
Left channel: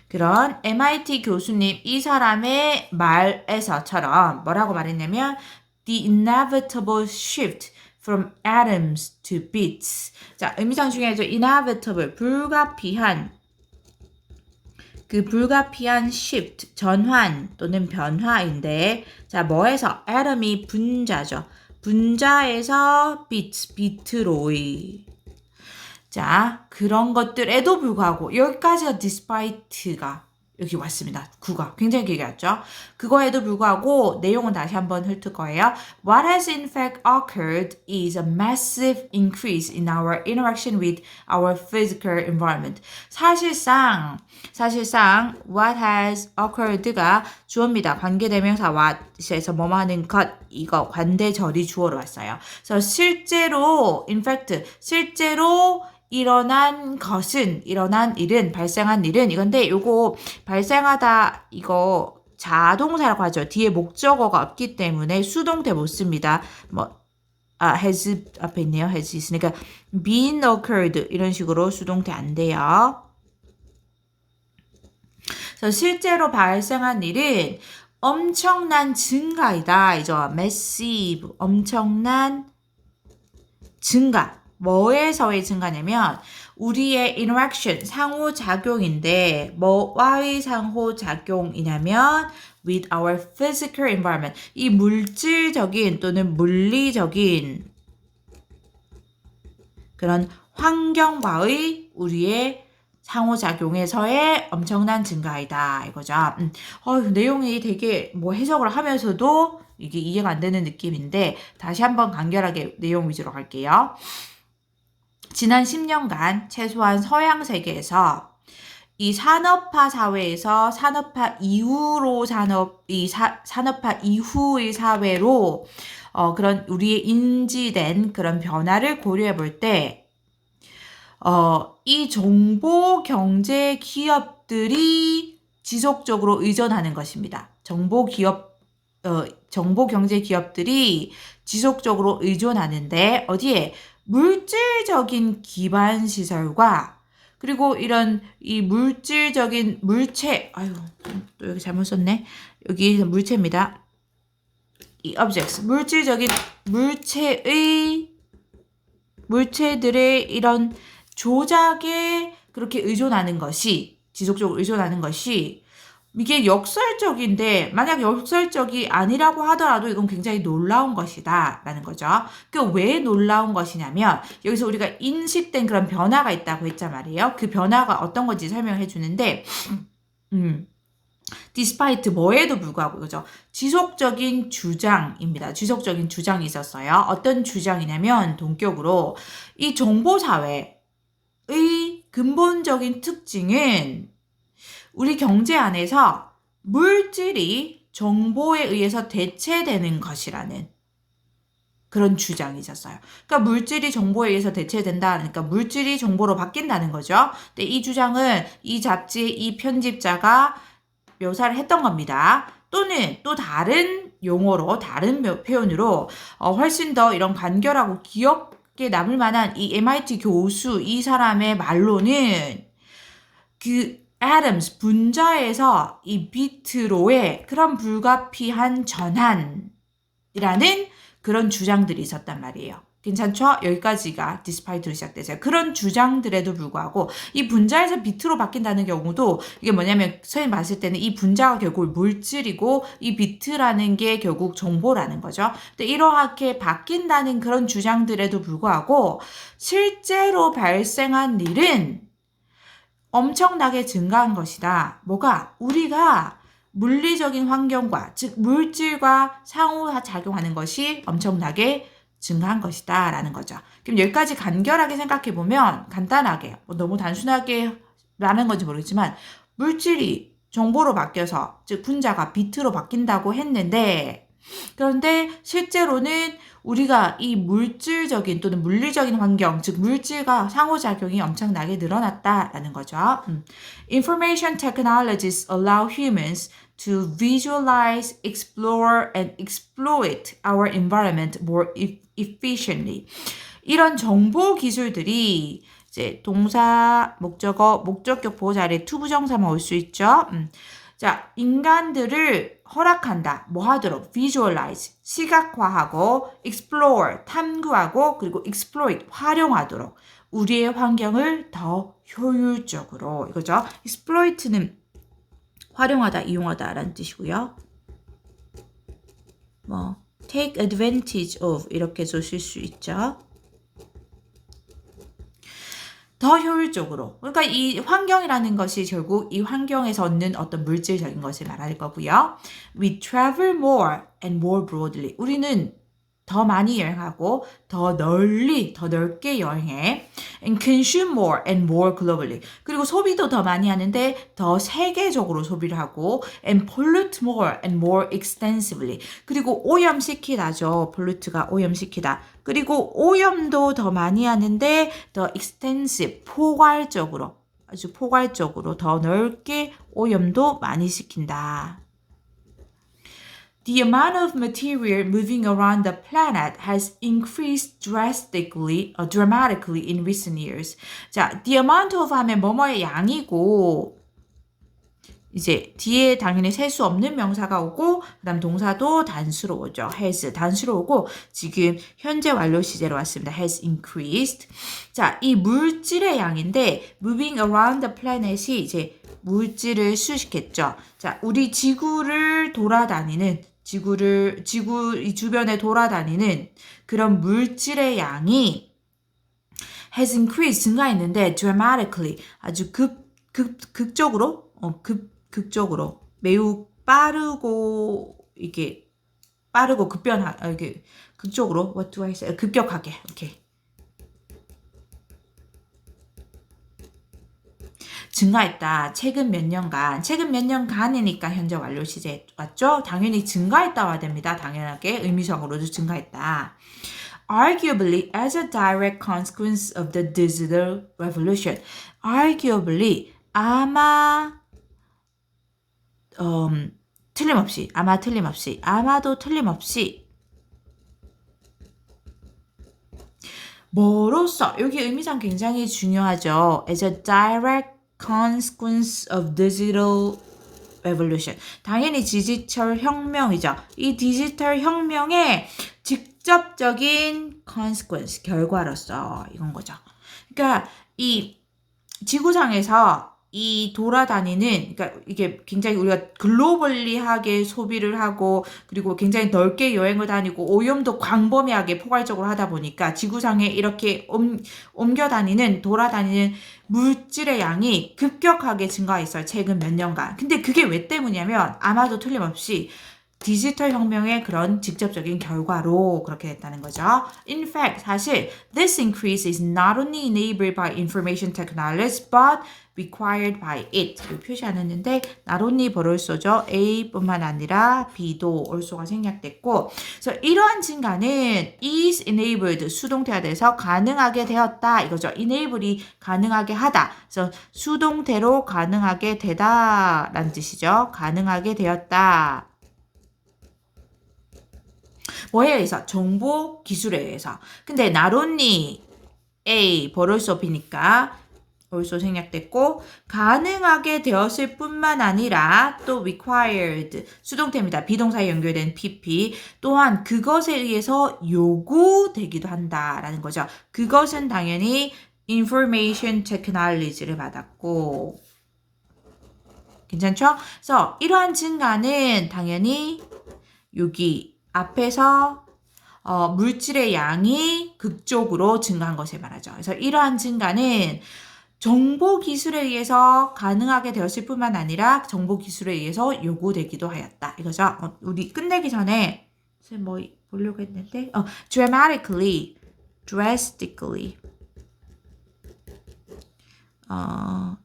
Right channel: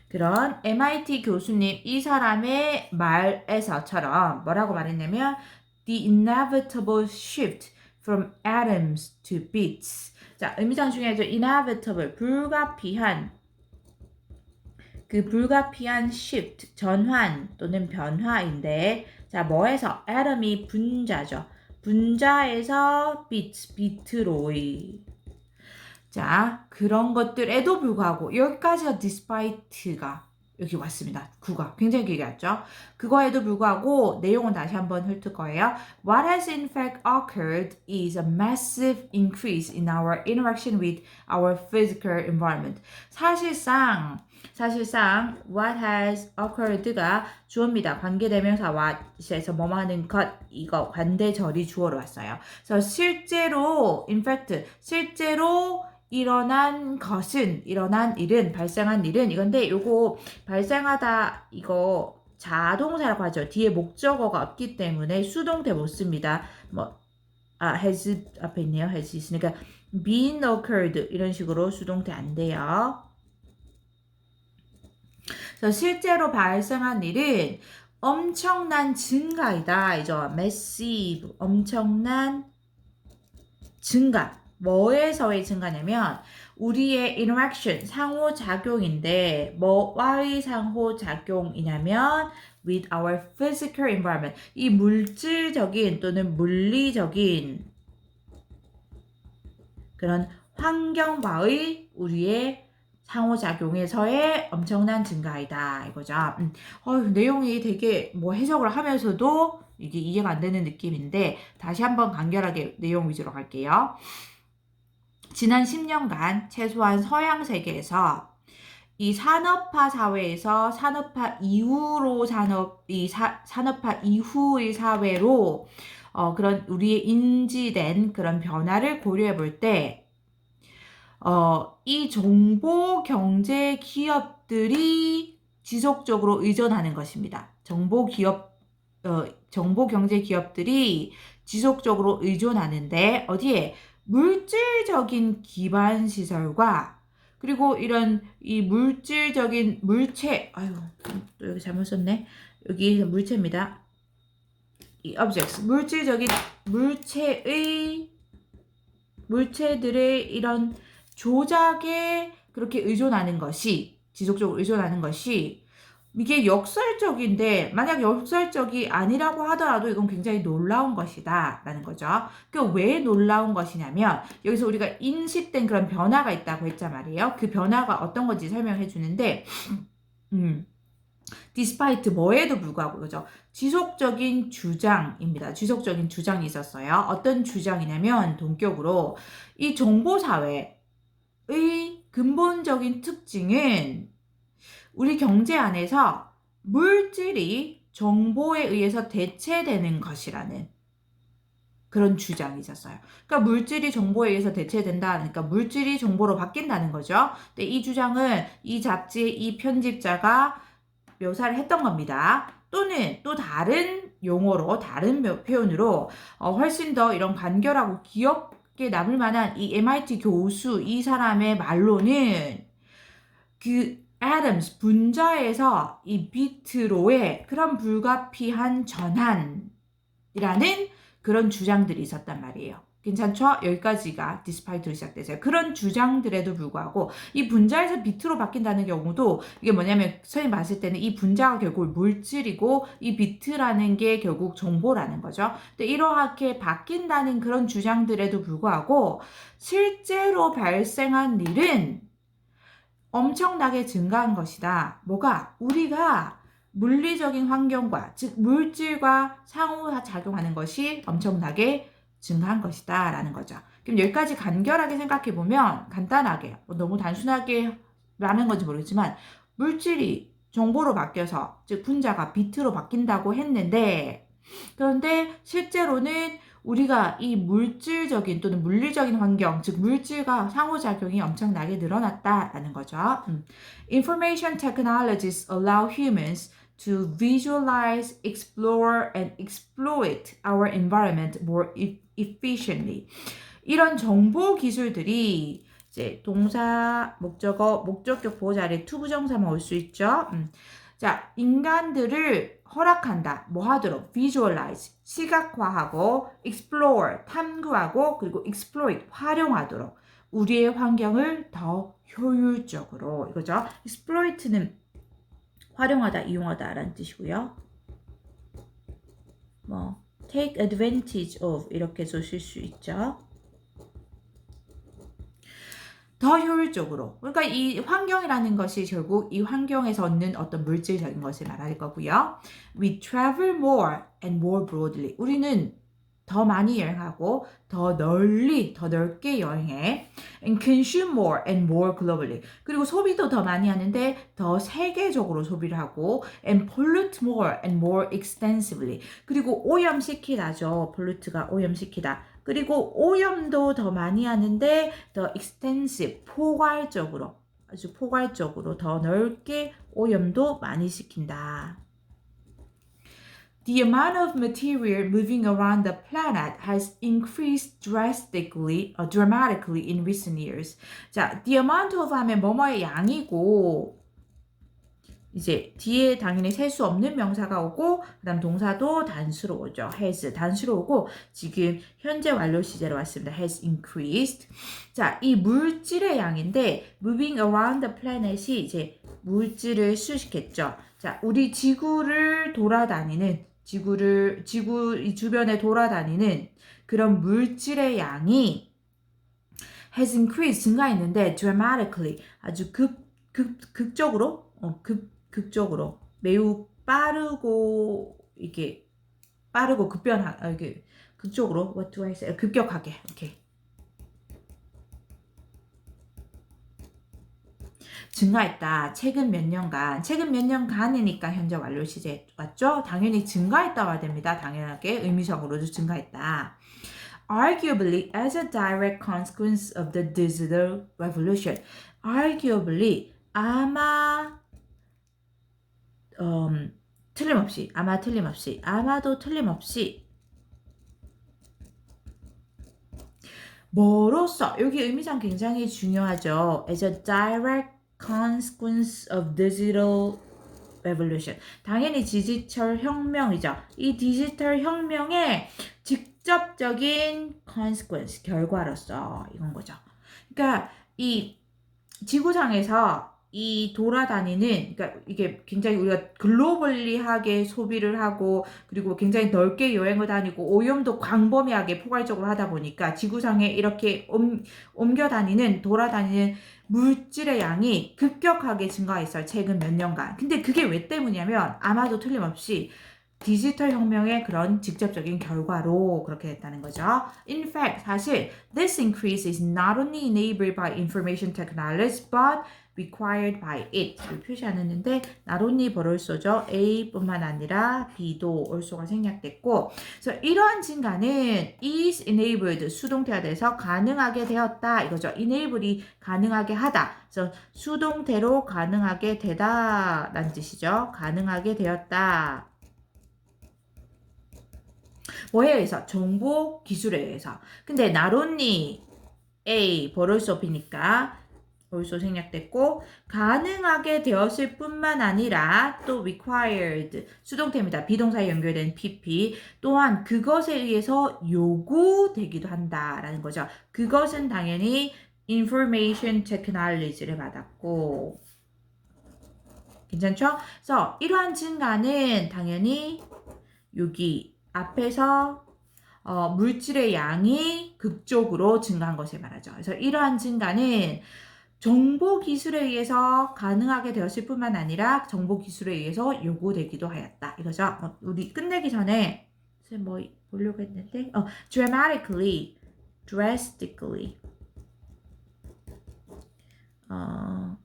그런 MIT 교수님 이 사람의 말에서처럼 뭐라고 말했냐면 The inevitable shift from atoms to bits. 자, 의미상 중에서 inevitable, 불가피한 그 불가피한 shift, 전환 또는 변화인데 자, 뭐에서? atom이 분자죠. 분자에서 bits, 비트로이. 자, 그런 것들에도 불구하고 여기까지가 despite가 여기 왔습니다. 구가 굉장히 길게 왔죠. 그거에도 불구하고 내용은 다시 한번 훑을 거예요. What has in fact occurred is a massive increase in our interaction with our physical environment. 사실상 what has occurred가 주어입니다. 관계대명사 what에서 뭐뭐 하는 것 이거 관대절이 주어로 왔어요. 그래서 실제로 in fact 실제로 일어난 일은, 발생한 일은 이건데 요거 발생하다 이거 자동사라고 하죠. 뒤에 목적어가 없기 때문에 수동태 못 씁니다. has 앞에 있네요. has 있으니까 been occurred 이런 식으로 수동태 안 돼요. 그래서 실제로 발생한 일은 엄청난 증가이다. 이죠. massive 엄청난 증가. 뭐에서의 증가냐면 우리의 interaction, 상호작용인데 뭐와의 상호작용이냐면 with our physical environment. 이 물질적인 또는 물리적인 그런 환경과의 우리의 상호작용에서의 엄청난 증가이다. 이거죠. 내용이 되게 해석을 하면서도 이게 이해가 안 되는 느낌인데 다시 한번 간결하게 내용 위주로 갈게요. 지난 10년간 최소한 서양 세계에서 이 산업화 사회에서 산업화 이후의 사회로 그런 우리의 인지된 그런 변화를 고려해 볼 때 이 정보 경제 기업들이 지속적으로 의존하는 것입니다. 정보 경제 기업들이 지속적으로 의존하는데 어디에? 물질적인 기반 시설과 그리고 이런 이 물질적인 또 여기 잘못 썼네. 여기 물체입니다. 이 objects, 물질적인 물체들의 이런 조작에 그렇게 의존하는 것이 지속적으로 의존하는 것이 이게 역설적인데 만약 역설적이 아니라고 하더라도 이건 굉장히 놀라운 것이다 라는 거죠. 그러니까 왜 놀라운 것이냐면 여기서 우리가 인식된 그런 변화가 있다고 했단 말이에요. 그 변화가 어떤 건지 설명해 주는데 despite 뭐에도 불구하고 그죠? 지속적인 주장입니다. 지속적인 주장이 있었어요. 어떤 주장이냐면 동격으로 이 정보사회의 근본적인 특징은 우리 경제 안에서 물질이 정보에 의해서 대체되는 것이라는 그런 주장이 있었어요. 그러니까 물질이 정보에 의해서 대체된다. 그러니까 물질이 정보로 바뀐다는 거죠. 근데 이 주장은 이 잡지의 이 편집자가 묘사를 했던 겁니다. 또는 또 다른 용어로 다른 표현으로 훨씬 더 이런 간결하고 기억에 남을 만한 이 MIT 교수 이 사람의 말로는 그 atoms 분자에서 이 비트로의 그런 불가피한 전환이라는 그런 주장들이 있었단 말이에요. 괜찮죠? 여기까지가 despite로 시작되세요. 그런 주장들에도 불구하고 이 분자에서 비트로 바뀐다는 경우도 이게 뭐냐면 선생님 봤을 때는 이 분자가 결국 물질이고 이 비트라는 게 결국 정보라는 거죠. 근데 이렇게 바뀐다는 그런 주장들에도 불구하고 실제로 발생한 일은 엄청나게 증가한 것이다. 뭐가? 우리가 물리적인 환경과 즉 물질과 상호작용하는 것이 엄청나게 증가한 것이다 라는 거죠. 그럼 여기까지 간결하게 생각해 보면 간단하게 너무 단순하게 라는 건지 모르겠지만 물질이 정보로 바뀌어서 즉 분자가 비트로 바뀐다고 했는데 그런데 실제로는 우리가 이 물질적인 또는 물리적인 환경, 즉 물질과 상호작용이 엄청나게 늘어났다라는 거죠. Information technologies allow humans to visualize, explore, and exploit our environment more efficiently. 이런 정보 기술들이 이제 동사, 목적어, 목적격 보호 자리에 투부정사만 올 수 있죠. 자, 인간들을 허락한다. 뭐 하도록? visualize, 시각화하고 explore, 탐구하고 그리고 exploit, 활용하도록. 우리의 환경을 더 효율적으로. 이거죠. exploit는 활용하다, 이용하다라는 뜻이고요. 뭐 take advantage of 이렇게 쓰실 수 있죠. 더 효율적으로. 그러니까 이 환경이라는 것이 결국 이 환경에서 얻는 어떤 물질적인 것을 말할 거고요. We travel more and more broadly. 우리는 더 많이 여행하고 더 널리, 더 넓게 여행해. And consume more and more globally. 그리고 소비도 더 많이 하는데 더 세계적으로 소비를 하고 and pollute more and more extensively. 그리고 오염시키다죠. pollute가 오염시키다. 그리고 오염도 더 많이 하는데 더 extensive, 포괄적으로, 아주 포괄적으로 더 넓게 오염도 많이 시킨다. The amount of material moving around the planet has increased dramatically in recent years. 자, the amount of 하면 뭐뭐의 양이고 이제 뒤에 당연히 셀 수 없는 명사가 오고 그다음 동사도 단수로 오죠. has 단수로 오고 지금 현재 완료 시제로 왔습니다. has increased. 자, 이 물질의 양인데 moving around the planet이 이제 물질을 수식했죠. 자, 우리 지구를 돌아다니는 지구 이 주변에 돌아다니는 그런 물질의 양이 has increased 증가했는데 dramatically 아주 극적으로 극적으로 매우 빠르고 이게 빠르고 이게 극적으로 what do I say 급격하게 오케이 증가했다. 최근 몇 년간이니까 현재 완료 시제 맞죠? 당연히 증가했다 와야 됩니다. 당연하게 의미상으로도 증가했다. Arguably as a direct consequence of the digital revolution. Arguably 아마도 틀림없이 뭐로써 여기 의미상 굉장히 중요하죠. As a direct consequence of digital revolution. 당연히 디지털 혁명이죠. 이 디지털 혁명의 직접적인 consequence, 결과로서 이건 거죠. 그러니까 이 지구상에서 이 돌아다니는 그러니까 이게 굉장히 우리가 글로벌리하게 소비를 하고 그리고 굉장히 넓게 여행을 다니고 오염도 광범위하게 포괄적으로 하다 보니까 지구상에 이렇게 옮겨 다니는 돌아다니는 물질의 양이 급격하게 증가했어요. 최근 몇 년간. 근데 그게 왜 때문이냐면 아마도 틀림없이 디지털 혁명의 그런 직접적인 결과로 그렇게 됐다는 거죠. In fact, 사실 this increase is not only enabled by information technologies but required by it. 표시 안 했는데 not only 벌을쏘죠. A뿐만 아니라 B도 olso가 생략됐고 그래서 이러한 증가는 is enabled 수동태가 돼서 가능하게 되었다 이거죠. enable이 가능하게 하다. 그래서 수동태로 가능하게 되다 라는 뜻이죠. 가능하게 되었다. 뭐에 의해서? 정보 기술에 의해서. 근데 not only A 벌을수 없으니까 also 생략됐고 가능하게 되었을 뿐만 아니라 또 required 수동태입니다. 비동사에 연결된 PP 또한 그것에 의해서 요구되기도 한다라는 거죠. 그것은 당연히 information technology를 받았고 괜찮죠? 그래서 이러한 증가는 당연히 여기 앞에서 물질의 양이 극적으로 증가한 것을 말하죠. 그래서 이러한 증가는 정보 기술에 의해서 가능하게 되었을 뿐만 아니라 정보 기술에 의해서 요구되기도 하였다. 이거죠. 우리 끝내기 전에 뭐 보려고 했는데 drastically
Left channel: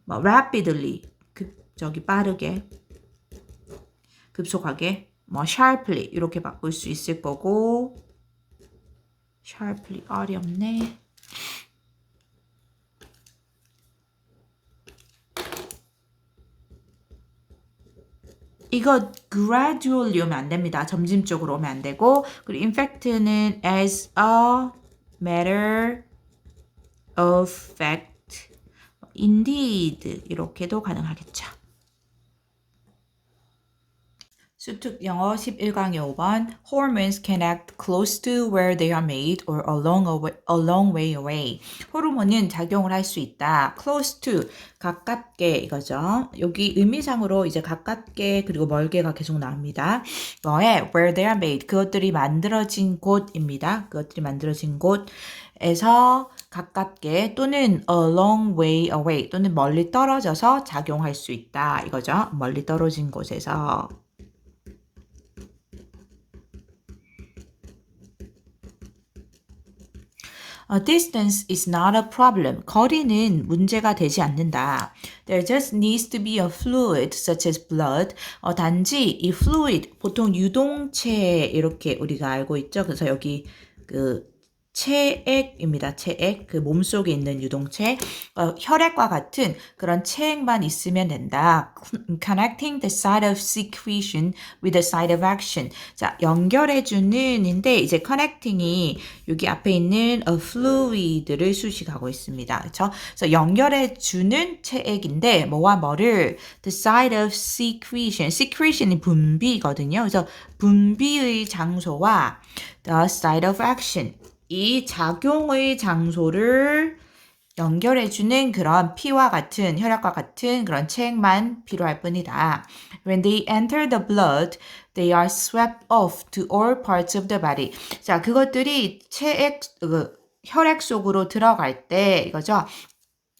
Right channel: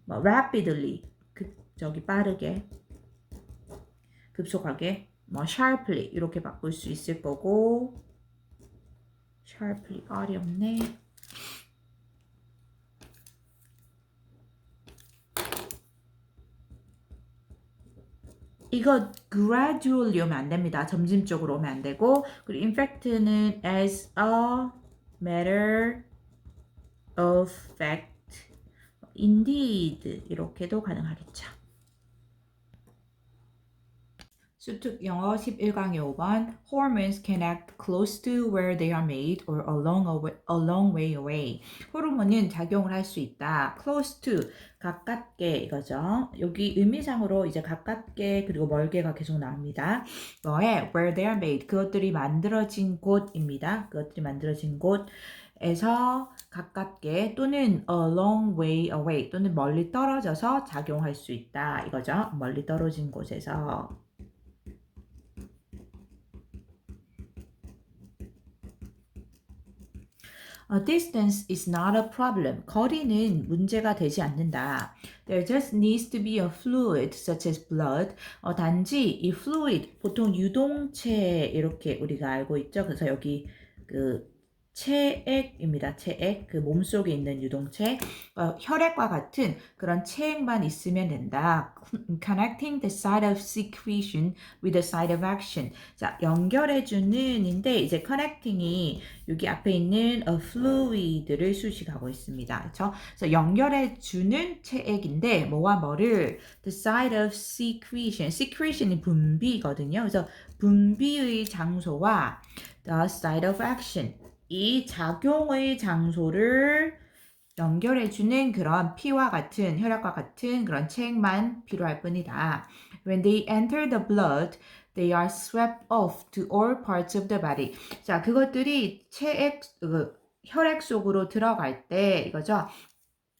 rapidly 빠르게 급속하게 sharply 이렇게 바꿀 수 있을 거고 sharply 어렵네. 이거 gradually 오면 안 됩니다. 점진적으로 오면 안 되고 그리고 in fact는 as a matter of fact indeed 이렇게도 가능하겠죠. 수특 영어 11강의 5번 Hormones can act close to where they are made or a long way away. 호르몬은 작용을 할 수 있다. close to, 가깝게 이거죠. 여기 의미상으로 이제 가깝게 그리고 멀게가 계속 나옵니다. 이거에 where they are made, 그것들이 만들어진 곳입니다. 그것들이 만들어진 곳에서 가깝게 또는 a long way away 또는 멀리 떨어져서 작용할 수 있다. 이거죠. 멀리 떨어진 곳에서. Distance is not a problem. 거리는 문제가 되지 않는다. There just needs to be a fluid such as blood. 단지 이 fluid, 보통 유동체 이렇게 우리가 알고 있죠. 그래서 여기 그 체액입니다. 체액, 그 몸속에 있는 유동체, 혈액과 같은 그런 체액만 있으면 된다. Connecting the site of secretion with the site of action. 자, 연결해주는인데 이제 connecting이 여기 앞에 있는 a fluid를 수식하고 있습니다. 그렇죠? 그래서 연결해주는 체액인데 뭐와 뭐를 the site of secretion, secretion이 분비거든요. 그래서 분비의 장소와 the site of action, 이 작용의 장소를 연결해주는 그런 피와 같은 혈액과 같은 그런 체액만 필요할 뿐이다. When they enter the blood, they are swept off to all parts of the body. 자, 그것들이 혈액 속으로 들어갈 때 이거죠.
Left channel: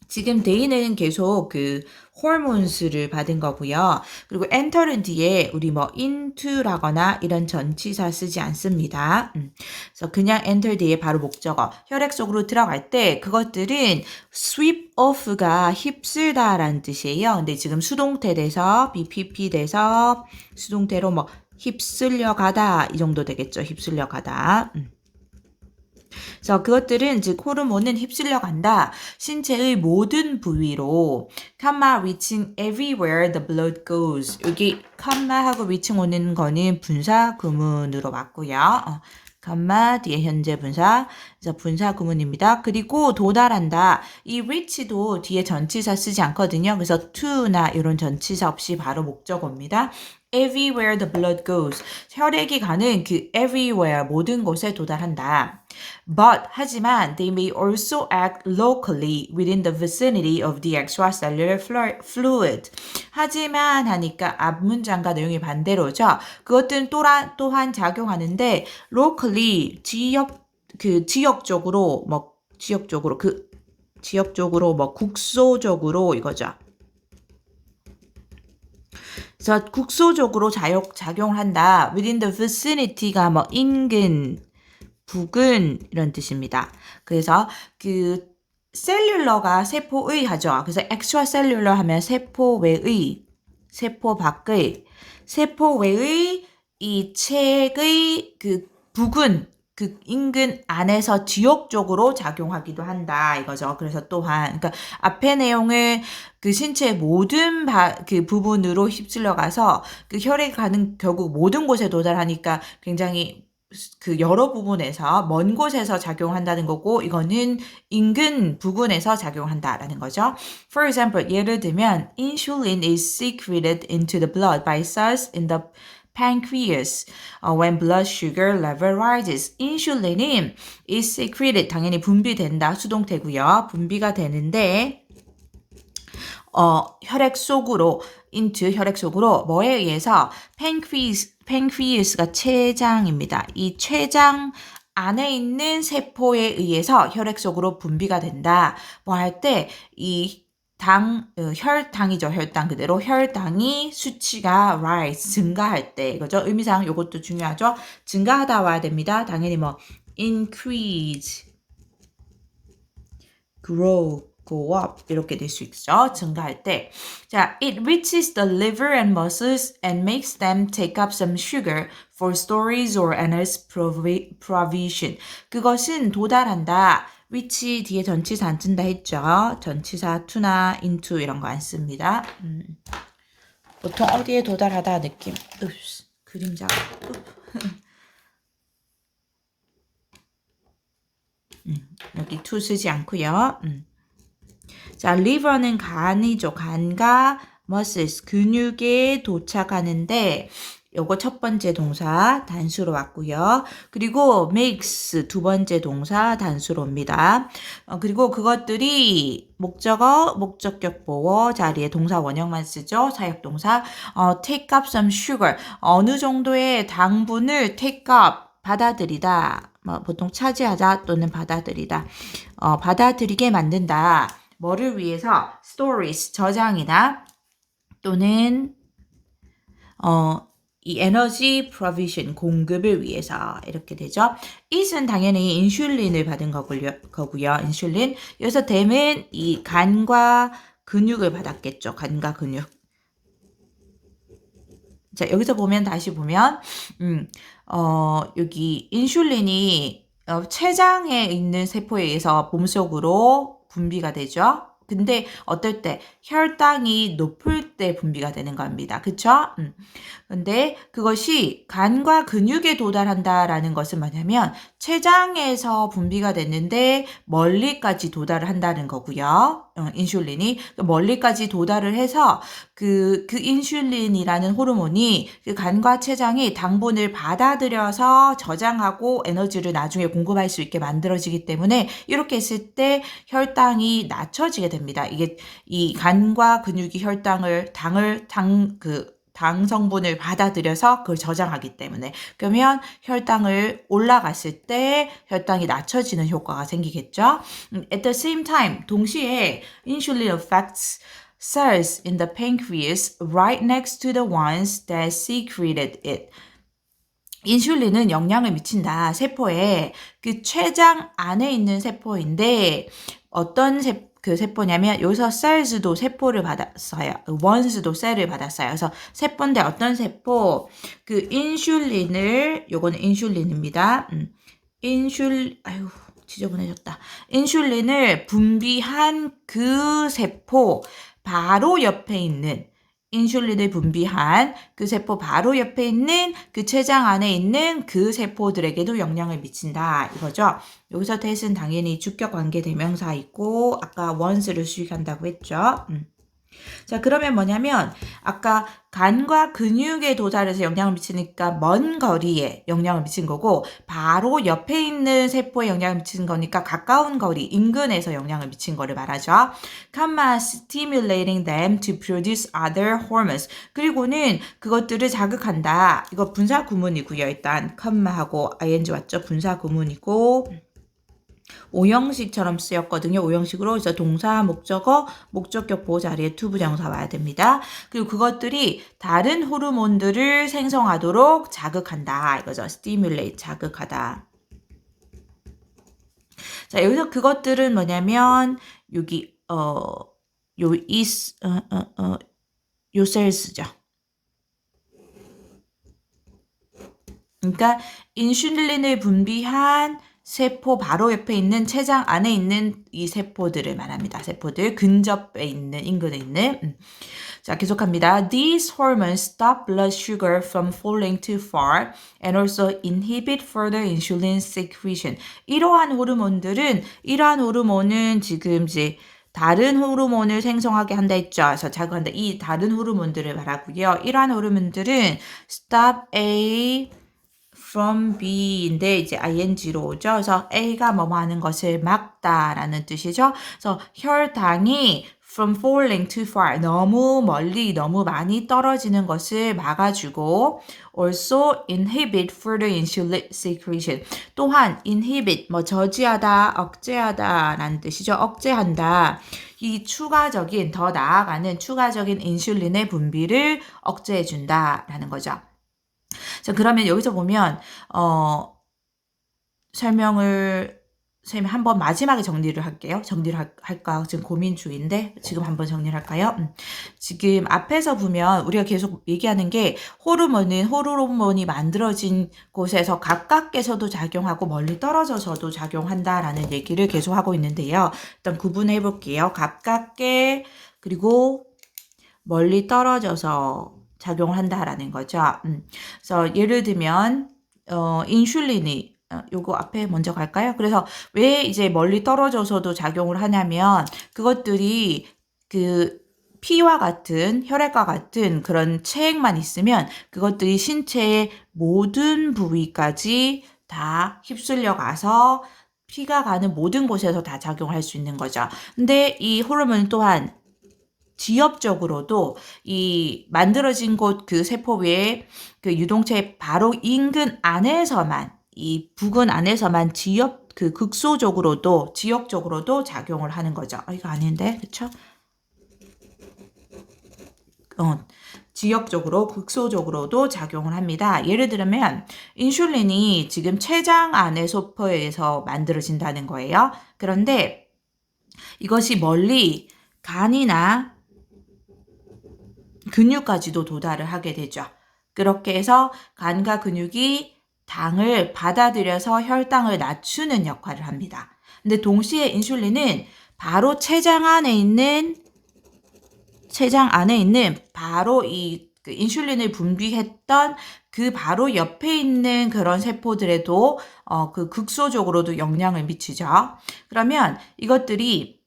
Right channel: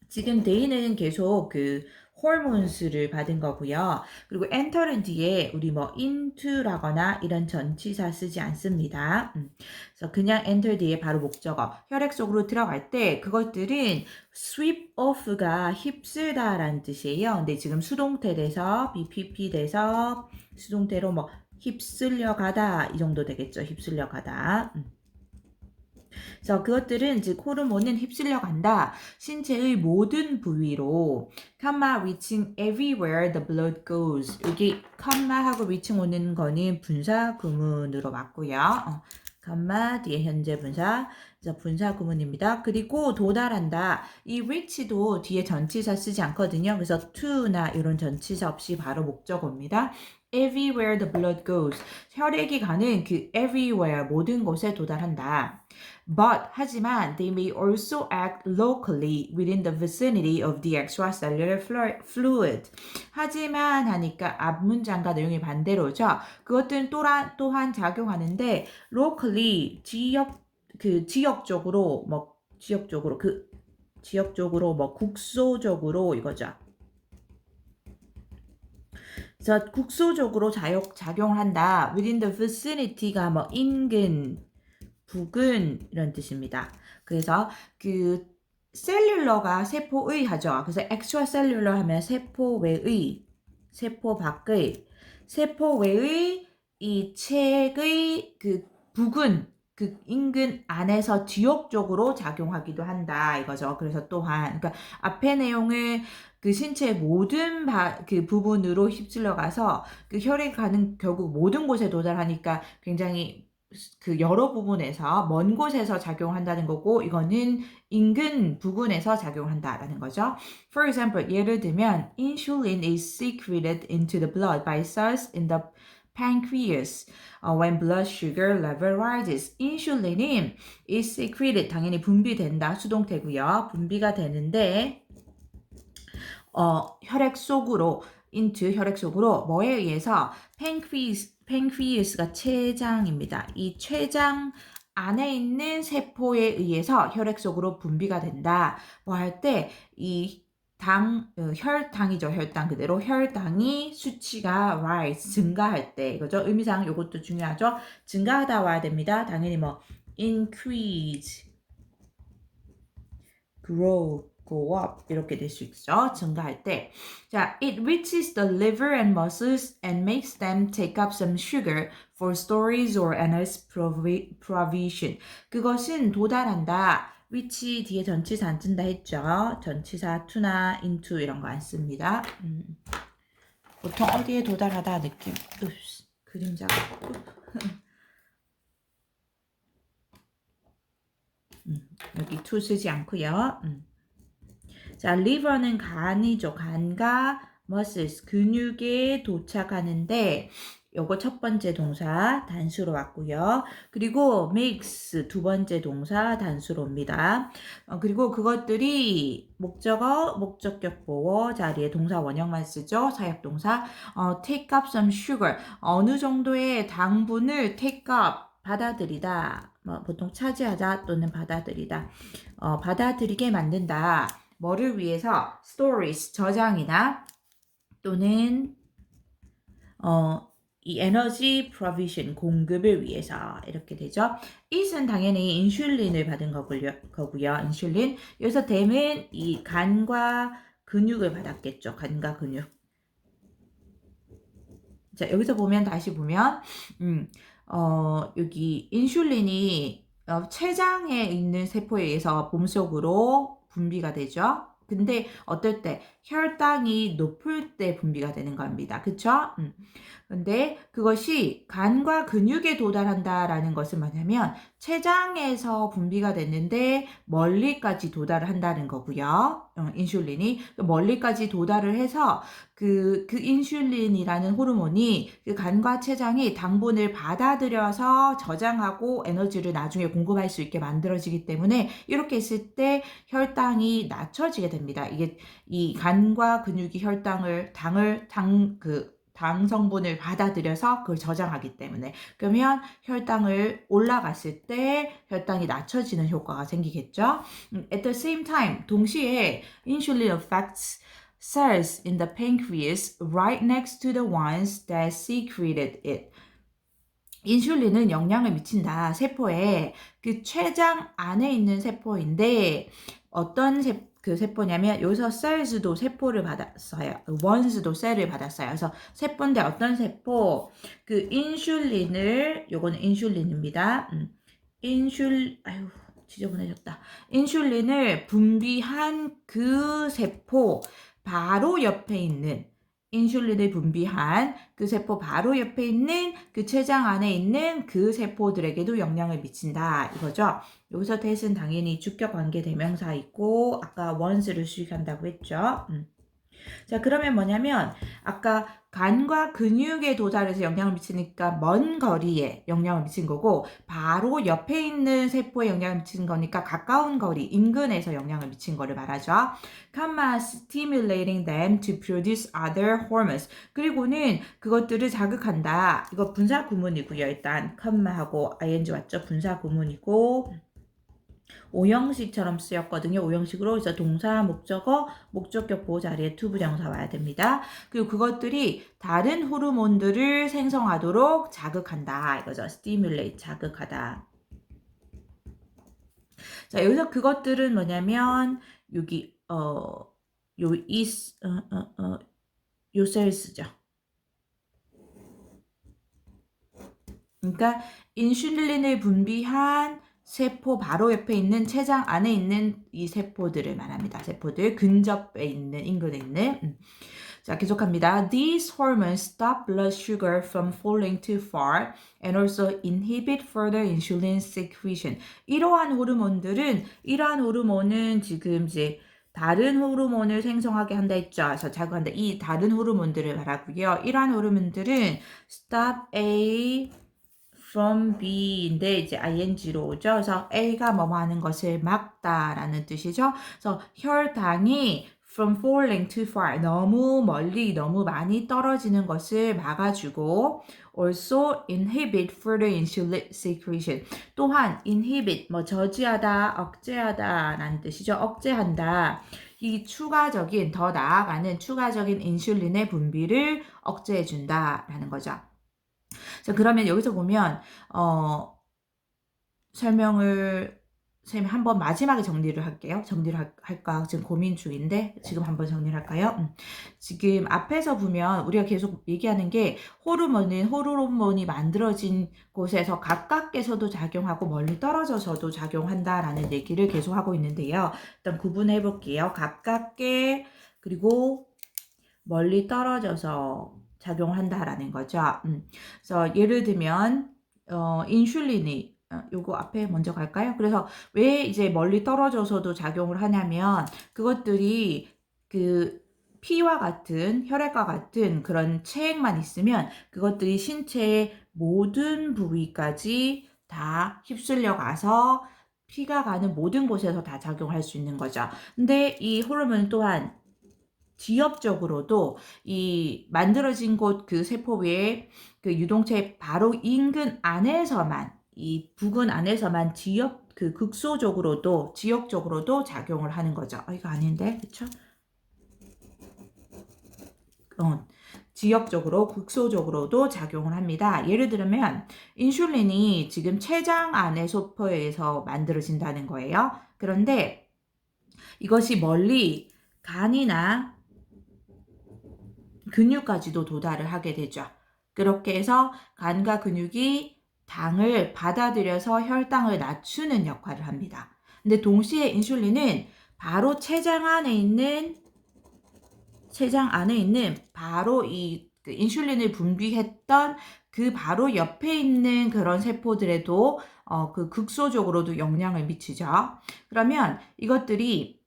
지금 they는 계속 그 hormones를 받은 거고요. 그리고 enter는 뒤에 우리 뭐 into라거나 이런 전치사 쓰지 않습니다. 그래서 그냥 enter 뒤에 바로 목적어. 혈액 속으로 들어갈 때 그것들은 sweep off가 휩쓸다라는 뜻이에요. 근데 지금 수동태 돼서 BPP 돼서 수동태로 뭐 휩쓸려 가다 이 정도 되겠죠. 휩쓸려 가다. 그래서 그것들은 즉 호르몬은 휩쓸려 간다. 신체의 모든 부위로 comma reaching everywhere the blood goes. 여기 comma하고 reaching 오는 거는 분사 구문으로 맞고요. comma 뒤에 현재 분사, 그래서 분사 구문입니다. 그리고 도달한다. 이 reach도 뒤에 전치사 쓰지 않거든요. 그래서 to나 이런 전치사 없이 바로 목적어입니다. Everywhere the blood goes. 혈액이 가는 그 everywhere 모든 곳에 도달한다. But 하지만 they may also act locally within the vicinity of the extracellular fluid. 하지만 하니까 앞 문장과 내용이 반대로죠. 그것들은 또한 작용하는데 locally 지역적으로 뭐 국소적으로 이거죠. 그래서 국소적으로 작용을 한다. Within the vicinity가 뭐 인근, 부근 이런 뜻입니다. 그래서 그 셀룰러가 세포의 하죠. 그래서 extracellular 하면 세포 외의, 세포 밖의, 세포 외의 이 체의 그 부근, 그 인근 안에서 지역적으로 작용하기도 한다 이거죠. 그래서 또한 그러니까 앞의 내용을 그 신체의 모든 그 부분으로 휩쓸려 가서 그 혈액이 가는 결국 모든 곳에 도달하니까 굉장히 그 여러 부분에서 먼 곳에서 작용한다는 거고 이거는 인근 부근에서 작용한다라는 거죠. For example, 예를 들면 insulin is secreted into the blood by cells in the pancreas when blood sugar level rises. 인슐린은 is secreted, 당연히 분비된다, 수동태고요. 분비가 되는데 혈액 속으로 into 혈액 속으로 뭐에 의해서 pancreas가 췌장입니다. 이 췌장 안에 있는 세포에 의해서 혈액 속으로 분비가 된다. 뭐 할 때 이 혈당이죠. 혈당 그대로 혈당이 수치가 rise 증가할 때 이거죠. 의미상 이것도 중요하죠. 증가하다 와야 됩니다. 당연히 뭐 increase, grow, go up 이렇게 될 수 있죠. 증가할 때. 자, it reaches the liver and muscles and makes them take up some sugar for storage or energy provision. 그것은 도달한다. reach 뒤에 전치사 안 쓴다 했죠. 전치사 to나 into 이런 거 안 씁니다. 보통 어디에 도달하다 느낌. 그림자. 여기 to 쓰지 않고요. 자, liver는 간이죠. 간과 muscles, 근육에 도착하는데 요거 첫 번째 동사 단수로 왔고요. 그리고 makes 두 번째 동사 단수로 옵니다. 그리고 그것들이 목적어, 목적격 보어 자리에 동사 원형만 쓰죠. 사역동사. take up some sugar. 어느 정도의 당분을 take up, 받아들이다. 보통 차지하다 또는 받아들이다. 받아들이게 만든다. 뭐를 위해서? stories, 저장이나 또는 이 에너지 프로비전 공급을 위해서 이렇게 되죠. it은 당연히 인슐린을 받은 거고요. 인슐린. 여기서 댐은 이 간과 근육을 받았겠죠. 간과 근육. 자, 여기서 보면 다시 보면 여기 인슐린이 췌장에 있는 세포에 의해서 몸속으로 분비가 되죠. 근데 어떨 때 혈당이 높을 때 분비가 되는 겁니다. 그쵸? 근데 그것이 간과 근육에 도달한다라는 것은 뭐냐면 췌장에서 분비가 됐는데 멀리까지 도달을 한다는 거고요. 인슐린이 멀리까지 도달을 해서 그 인슐린이라는 호르몬이 그 간과 췌장이 당분을 받아들여서 저장하고 에너지를 나중에 공급할 수 있게 만들어지기 때문에 이렇게 했을 때 혈당이 낮춰지게 됩니다. 이게 이 간과 근육이 당 성분을 받아들여서 그걸 저장하기 때문에. 그러면 혈당을 올라갔을 때 혈당이 낮춰지는 효과가 생기겠죠. At the same time, 동시에 insulin affects cells in the pancreas right next to the ones that secreted it. 인슐린은 영향을 미친다. 세포에 그 췌장 안에 있는 세포인데 어떤 그 세포냐면 여기서 cells도 세포를 받았어요. ones도 셀을 받았어요. 그래서 세포인데 어떤 세포? 그 인슐린을 요거는 인슐린입니다. 아유 지저분해졌다. 인슐린을 분비한 그 세포 바로 옆에 있는 인슐린을 분비한 그 세포 바로 옆에 있는 그 췌장 안에 있는 그 세포들에게도 영향을 미친다 이거죠. 여기서 that은 당연히 주격 관계 대명사 있고 아까 once를 수식한다고 했죠. 자, 그러면 뭐냐면 아까 간과 근육에 도달해서 영향을 미치니까 먼 거리에 영향을 미친 거고 바로 옆에 있는 세포에 영향을 미치는 거니까 가까운 거리, 인근에서 영향을 미친 거를 말하죠. comma stimulating them to produce other hormones. 그리고는 그것들을 자극한다. 이거 분사 구문이고요. 일단 comma하고 ing 왔죠. 분사 구문이고 오형식처럼 쓰였거든요. 오형식으로 그래서 동사, 목적어, 목적격 보호 자리에 to 부정사 와야 됩니다. 그리고 그것들이 다른 호르몬들을 생성하도록 자극한다. 이거죠. stimulate, 자극하다. 자, 여기서 그것들은 뭐냐면 여기 요 cells죠. 그러니까 인슐린을 분비한 세포 바로 옆에 있는 췌장 안에 있는 이 세포들을 말합니다. 세포들 근접에 있는 인근에 있는 자 계속합니다. These hormones stop blood sugar from falling too far and also inhibit further insulin secretion. 이러한 호르몬은 지금 이제 다른 호르몬을 생성하게 한다 했죠. 그래서 자극한다. 이 다른 호르몬들을 말하고요. 이러한 호르몬들은 stop A from B인데 이제 ing로 오죠. 그래서 A가 뭐뭐 하는 것을 막다라는 뜻이죠. 그래서 혈당이 from falling too far 너무 멀리 너무 많이 떨어지는 것을 막아주고 also inhibit further insulin secretion 또한 inhibit 뭐 저지하다 억제하다라는 뜻이죠. 억제한다. 이 추가적인 더 나아가는 추가적인 인슐린의 분비를 억제해준다라는 거죠. 자, 그러면 여기서 보면 설명을 한번 마지막에 정리를 할게요. 정리를 할까 지금 고민 중인데 지금 한번 정리를 할까요? 지금 앞에서 보면 우리가 계속 얘기하는 게 호르몬이 만들어진 곳에서 가깝게서도 작용하고 멀리 떨어져서도 작용한다라는 얘기를 계속 하고 있는데요. 일단 구분해 볼게요. 가깝게 그리고 멀리 떨어져서 작용을 한다라는 거죠. 그래서 예를 들면 인슐린이 요거 앞에 먼저 갈까요? 그래서 왜 이제 멀리 떨어져서도 작용을 하냐면 그것들이 그 피와 같은 혈액과 같은 그런 체액만 있으면 그것들이 신체의 모든 부위까지 다 휩쓸려 가서 피가 가는 모든 곳에서 다 작용할 수 있는 거죠. 근데 이 호르몬 또한 지엽적으로도 이 만들어진 곳 그 세포 외에 그 유동체 바로 인근 안에서만 이 부근 안에서만 그 극소적으로도 지역적으로도 작용을 하는 거죠. 이거 아닌데, 그쵸? 지역적으로 극소적으로도 작용을 합니다. 예를 들면 인슐린이 지금 췌장 안의 세포에서 만들어진다는 거예요. 그런데 이것이 멀리 간이나 근육까지도 도달을 하게 되죠. 그렇게 해서 간과 근육이 당을 받아들여서 혈당을 낮추는 역할을 합니다. 근데 동시에 인슐린은 바로 췌장 안에 있는 바로 그 인슐린을 분비했던 그 바로 옆에 있는 그런 세포들에도 그 극소적으로도 영향을 미치죠. 그러면 이것들이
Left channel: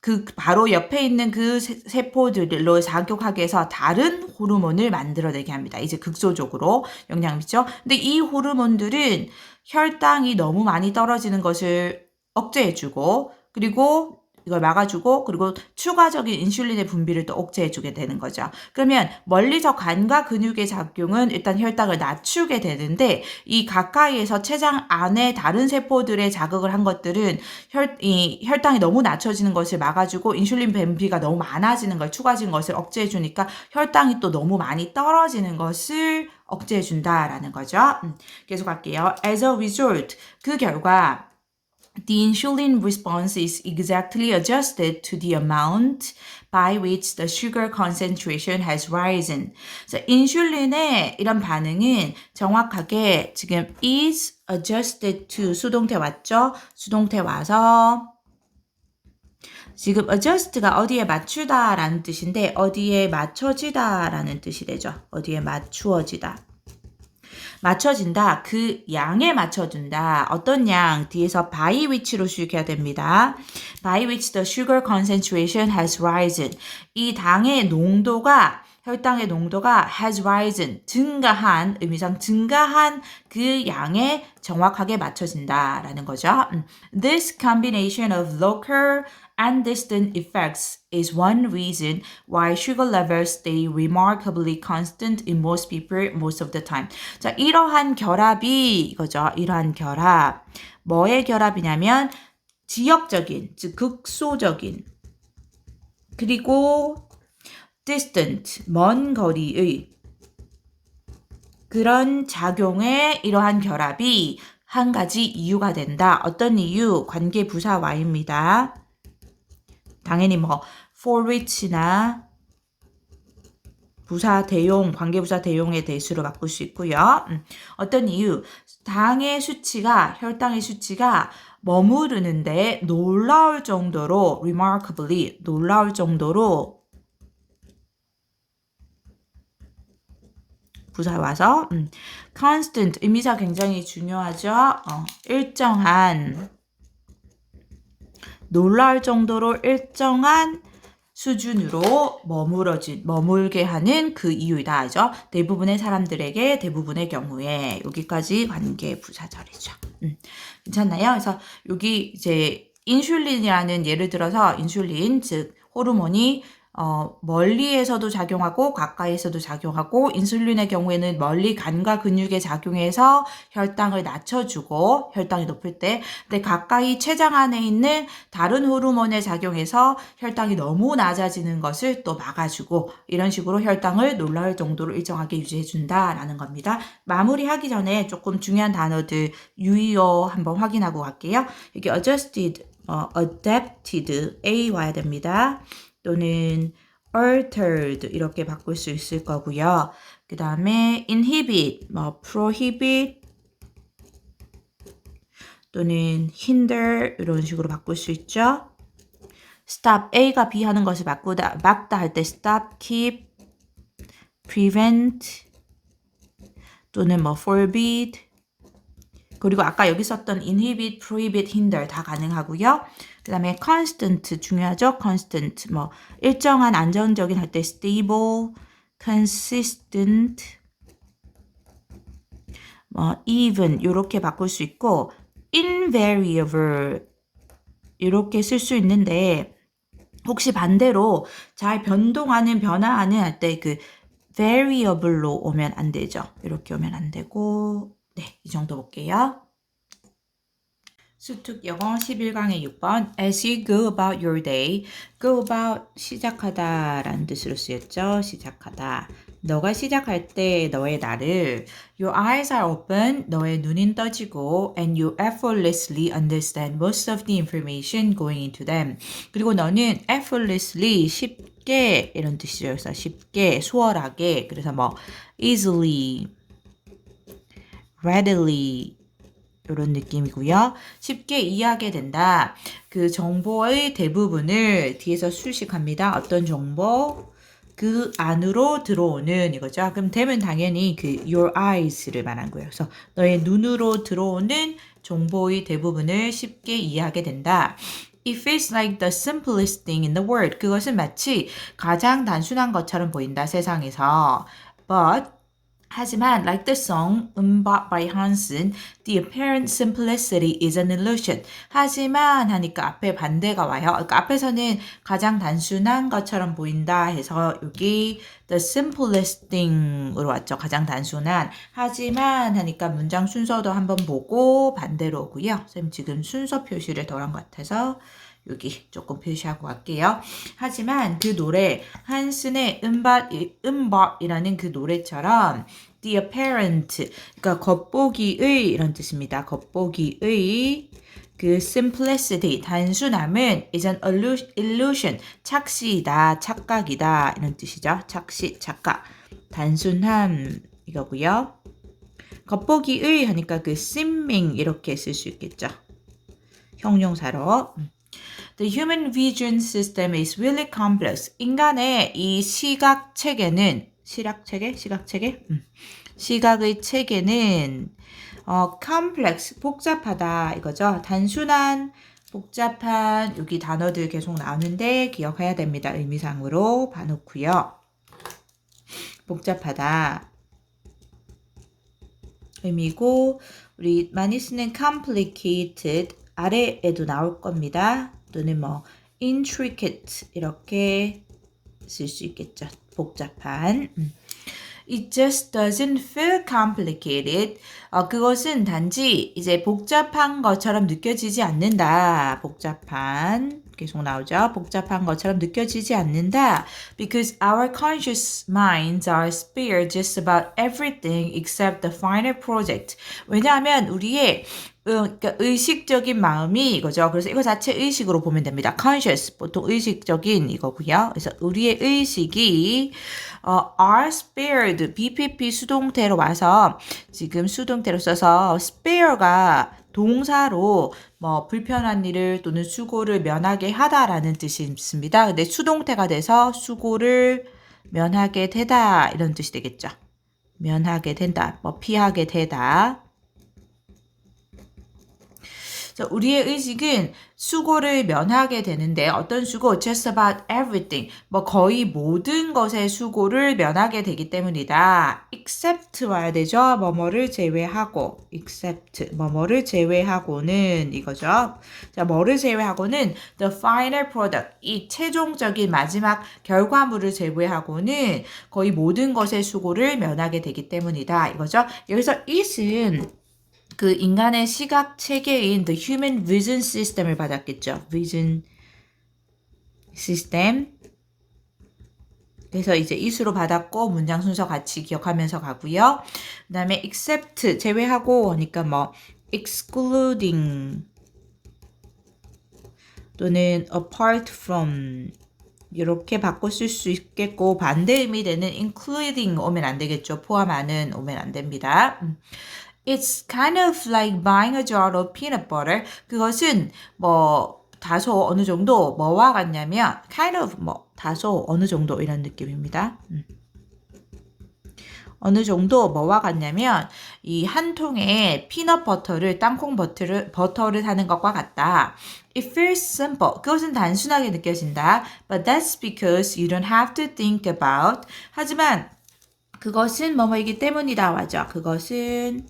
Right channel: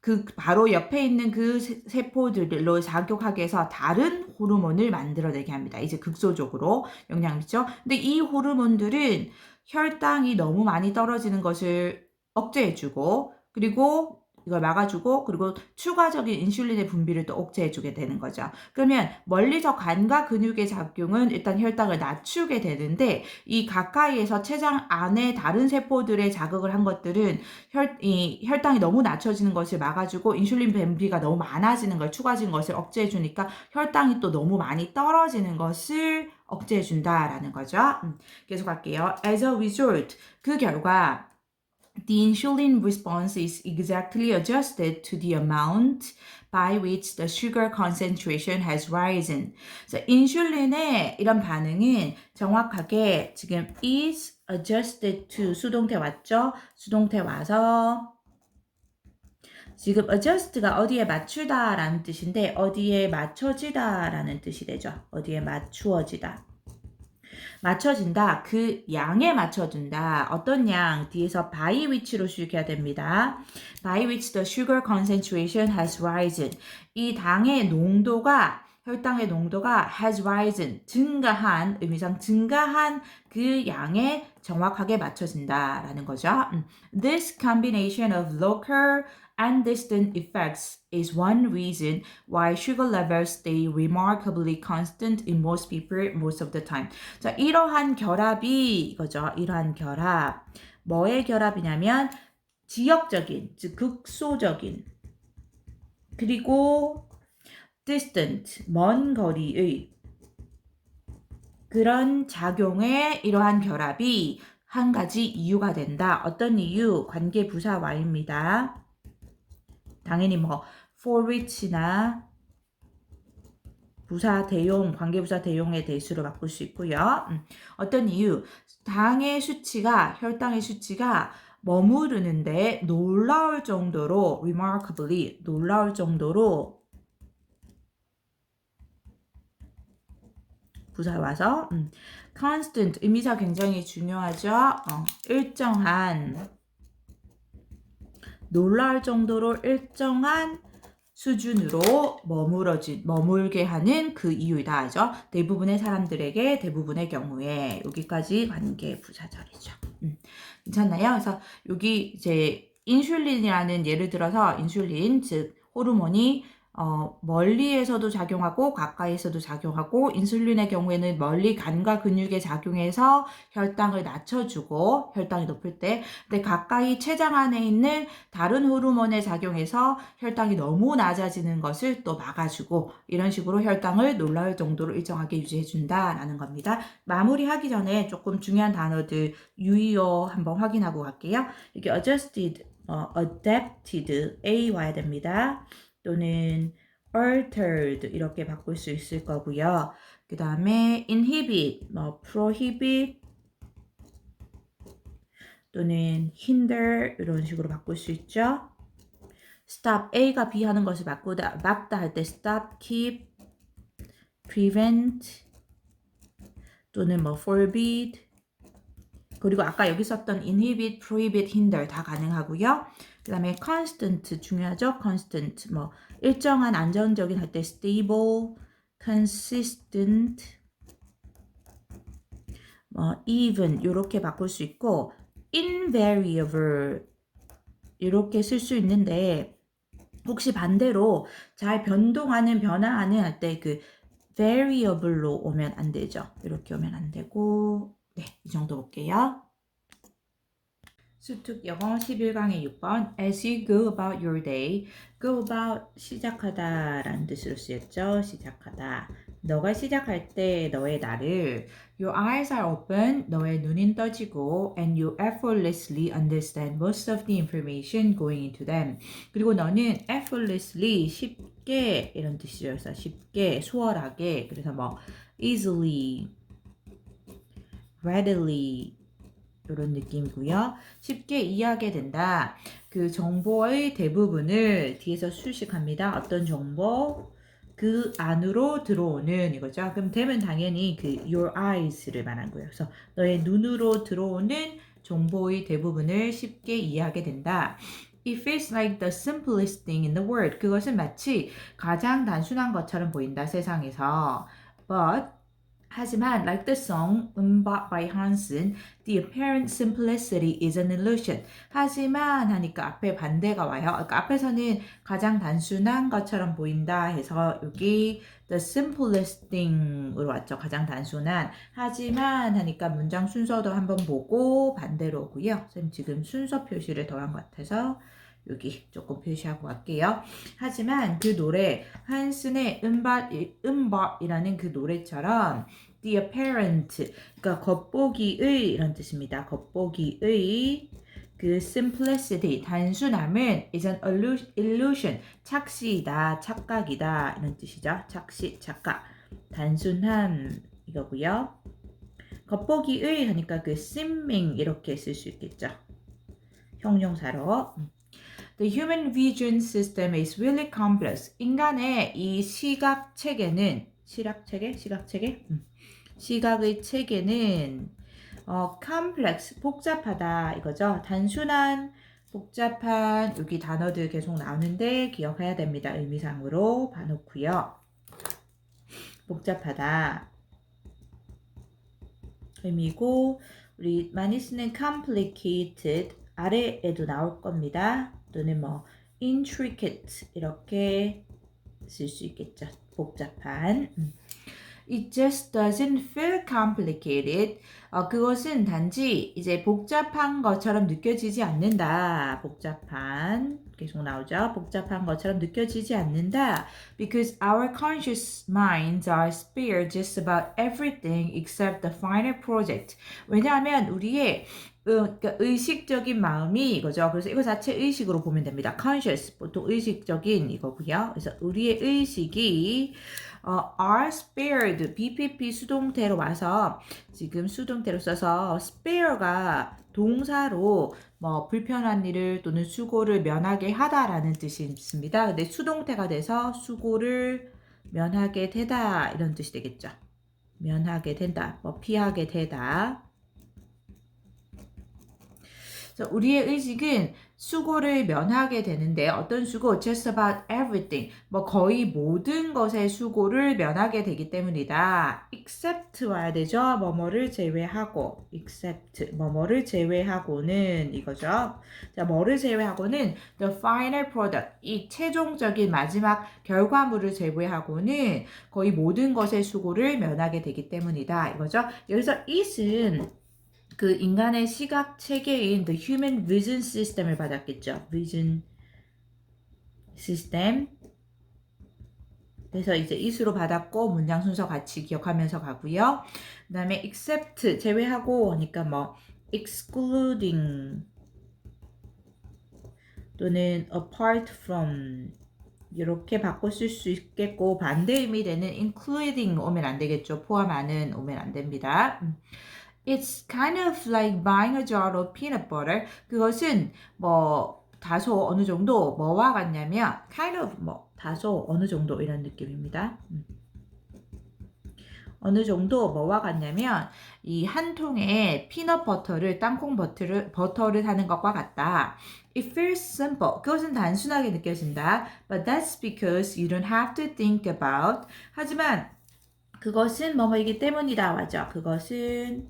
그 바로 옆에 있는 그 세포들로 작용하게 해서 다른 호르몬을 만들어내게 합니다. 이제 극소적으로 영향을 미치죠. 근데 이 호르몬들은 혈당이 너무 많이 떨어지는 것을 억제해주고 그리고 이걸 막아주고 그리고 추가적인 인슐린의 분비를 또 억제해주게 되는 거죠. 그러면 멀리서 간과 근육의 작용은 일단 혈당을 낮추게 되는데 이 가까이에서 췌장 안에 다른 세포들의 자극을 한 것들은 혈당이 너무 낮춰지는 것을 막아주고 인슐린 분비가 너무 많아지는 걸 추가적인 것을 억제해주니까 혈당이 또 너무 많이 떨어지는 것을 억제해준다라는 거죠. 계속 할게요. As a result, 그 결과 the insulin response is exactly adjusted to the amount by which the sugar concentration has risen. 그래서 인슐린의 이런 반응은 정확하게 지금 is adjusted to 수동태 왔죠? 수동태 와서 지금 adjust가 어디에 맞추다라는 뜻인데 어디에 맞춰지다라는 뜻이 되죠. 어디에 맞추어지다. 맞춰진다. 그 양에 맞춰준다. 어떤 양? 뒤에서 by which로 쓰여야 됩니다. By which the sugar concentration has risen. 이 당의 농도가 혈당의 농도가 has risen, 증가한, 의미상 증가한 그 양에 정확하게 맞춰진다라는 거죠. This combination of local and distant effects is one reason why sugar levels stay remarkably constant in most people most of the time. 자, 이러한 결합이 이거죠. 이러한 결합. 뭐의 결합이냐면 지역적인, 즉 극소적인 그리고 distant, 먼 거리의 그런 작용에 이러한 결합이 한 가지 이유가 된다. 어떤 이유? 관계 부사 Y입니다. 당연히 뭐 for which나 부사 대용, 관계부사 대용의 대수로 바꿀 수 있고요. 어떤 이유? 당의 수치가, 혈당의 수치가 머무르는데 놀라울 정도로 remarkably, 놀라울 정도로 부사 와서 constant, 의미사 굉장히 중요하죠. 일정한, 놀라울 정도로 일정한 수준으로 머물게 하는 그 이유이다 하죠. 대부분의 사람들에게, 대부분의 경우에 여기까지 관계 부사 자리죠. 괜찮나요? 그래서 여기 이제 인슐린이라는 예를 들어서 인슐린 즉 호르몬이 멀리에서도 작용하고 가까이에서도 작용하고 인슐린의 경우에는 멀리 간과 근육에 작용해서 혈당을 낮춰주고 혈당이 높을 때 근데 가까이 췌장 안에 있는 다른 호르몬에 작용해서 혈당이 너무 낮아지는 것을 또 막아주고 이런 식으로 혈당을 놀라울 정도로 일정하게 유지해준다라는 겁니다. 마무리하기 전에 조금 중요한 단어들 유의어 한번 확인하고 갈게요. 여기 adjusted, adapted, A 와야 됩니다. 또는 altered 이렇게 바꿀 수 있을 거고요. 그 다음에 inhibit, prohibit 또는 hinder 이런 식으로 바꿀 수 있죠. stop, A가 B 하는 것을 막다 할 때 stop, keep, prevent, 또는 뭐 forbid, 그리고 아까 여기 썼던 inhibit, prohibit, hinder 다 가능하고요. 그 다음에 constant 중요하죠. constant 뭐 일정한 안정적인 할 때 stable, consistent, 뭐 even 이렇게 바꿀 수 있고 invariable 이렇게 쓸 수 있는데 혹시 반대로 잘 변동하는 변화하는 할 때 그 variable로 오면 안 되죠. 이렇게 오면 안 되고 네, 이 정도 볼게요. 수특 영어 11강의 6번 As you go about your day, go about 시작하다 라는 뜻으로 쓰였죠. 시작하다. 너가 시작할 때 너의 날을 Your eyes are open, 너의 눈은 떠지고 and you effortlessly understand most of the information going into them. 그리고 너는 effortlessly 쉽게 이런 뜻이죠. 그래서 쉽게, 수월하게 그래서 뭐 easily, readily 이런 느낌이고요. 쉽게 이해하게 된다. 그 정보의 대부분을 뒤에서 수식합니다. 어떤 정보? 그 안으로 들어오는 이거죠. 그럼 되면 당연히 그 your eyes를 말한 거예요. 그래서 너의 눈으로 들어오는 정보의 대부분을 쉽게 이해하게 된다. It feels like the simplest thing in the world. 그것은 마치 가장 단순한 것처럼 보인다, 세상에서. But 하지만, like the song Umbop by Hansen, the apparent simplicity is an illusion. 하지만 하니까 앞에 반대가 와요. 그러니까 앞에서는 가장 단순한 것처럼 보인다 해서 여기 the simplest thing으로 왔죠. 가장 단순한. 하지만 하니까 문장 순서도 한번 보고 반대로 오고요. 선생님 지금 순서 표시를 덜한 것 같아서 여기 조금 표시하고 갈게요. 하지만 그 노래 한슨의 음밥이라는 그 노래처럼 the apparent 그러니까 겉보기의 이런 뜻입니다. 겉보기의 그 simplicity 단순함은 is an illusion 착시이다 착각이다 이런 뜻이죠. 착시 착각 단순함 이거고요. 겉보기의 하니까 그 seeming 이렇게 쓸 수 있겠죠. 형용사로. The human vision system is really complex. 인간의 이 시각 체계는 시각의 체계는 complex 복잡하다 이거죠. 단순한 복잡한 여기 단어들 계속 나오는데 기억해야 됩니다. 의미상으로 봐놓고요. 복잡하다 의미고 우리 많이 쓰는 complicated 아래에도 나올 겁니다. 또는 뭐 intricate 이렇게 쓸 수 있겠죠. 복잡한. It just doesn't feel complicated. 그것은 단지 이제 복잡한 것처럼 느껴지지 않는다. 복잡한 계속 나오죠. 복잡한 것처럼 느껴지지 않는다. Because our conscious minds are spared just about everything except the final project. 왜냐하면 우리의 그러니까 의식적인 마음이 이거죠. 그래서 이거 자체 의식으로 보면 됩니다. conscious 보통 의식적인 이거고요. 그래서 우리의 의식이 are spared BPP 수동태로 와서 지금 수동태로 써서 spare가 동사로 뭐 불편한 일을 또는 수고를 면하게 하다라는 뜻이 있습니다. 근데 수동태가 돼서 수고를 면하게 되다 이런 뜻이 되겠죠. 면하게 된다, 뭐 피하게 되다. 우리의 의식은 수고를 면하게 되는데 어떤 수고? Just about everything. 뭐 거의 모든 것의 수고를 면하게 되기 때문이다. Except 와야 되죠. 뭐뭐를 제외하고. Except 뭐뭐를 제외하고는 이거죠. 자, 뭐를 제외하고는 the final product. 이 최종적인 마지막 결과물을 제외하고는 거의 모든 것의 수고를 면하게 되기 때문이다. 이거죠. 여기서 it은 그 인간의 시각 체계인 the human vision system을 받았겠죠. vision system. 그래서 이제 it으로 받았고 문장 순서 같이 기억하면서 가고요. 그 다음에 except 제외하고 하니까 뭐 excluding 또는 apart from 이렇게 바꿔 쓸 수 있겠고 반대 의미 되는 including 오면 안 되겠죠. 포함하는 오면 안 됩니다. It's kind of like buying a jar of peanut butter. 그것은 뭐 다소 어느 정도 뭐와 같냐면 kind of 뭐 다소 어느 정도 이런 느낌입니다. 어느 정도 뭐와 같냐면 이 한 통에 피넛 버터를 땅콩 버터를 사는 것과 같다. It feels simple. 그것은 단순하게 느껴진다. But that's because you don't have to think about. 하지만 그것은 뭐뭐이기 때문이다. 맞아. 그것은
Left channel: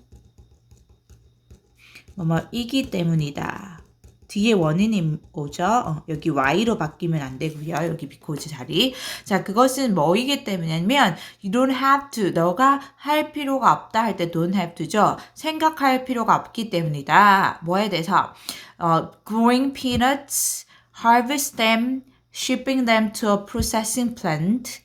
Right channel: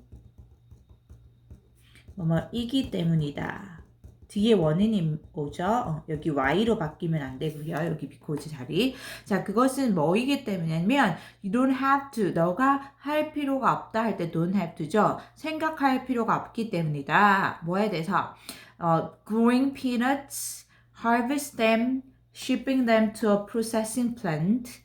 뭐뭐이기 때문이다. 뒤에 원인이 오죠. 여기 y로 바뀌면 안 되고요. 여기 because 자리. 자, 그것은 뭐이기 때문이냐면 you don't have to. 너가 할 필요가 없다 할 때 don't have to죠. 생각할 필요가 없기 때문이다. 뭐에 대해서? growing peanuts, harvest them, shipping them to a processing plant,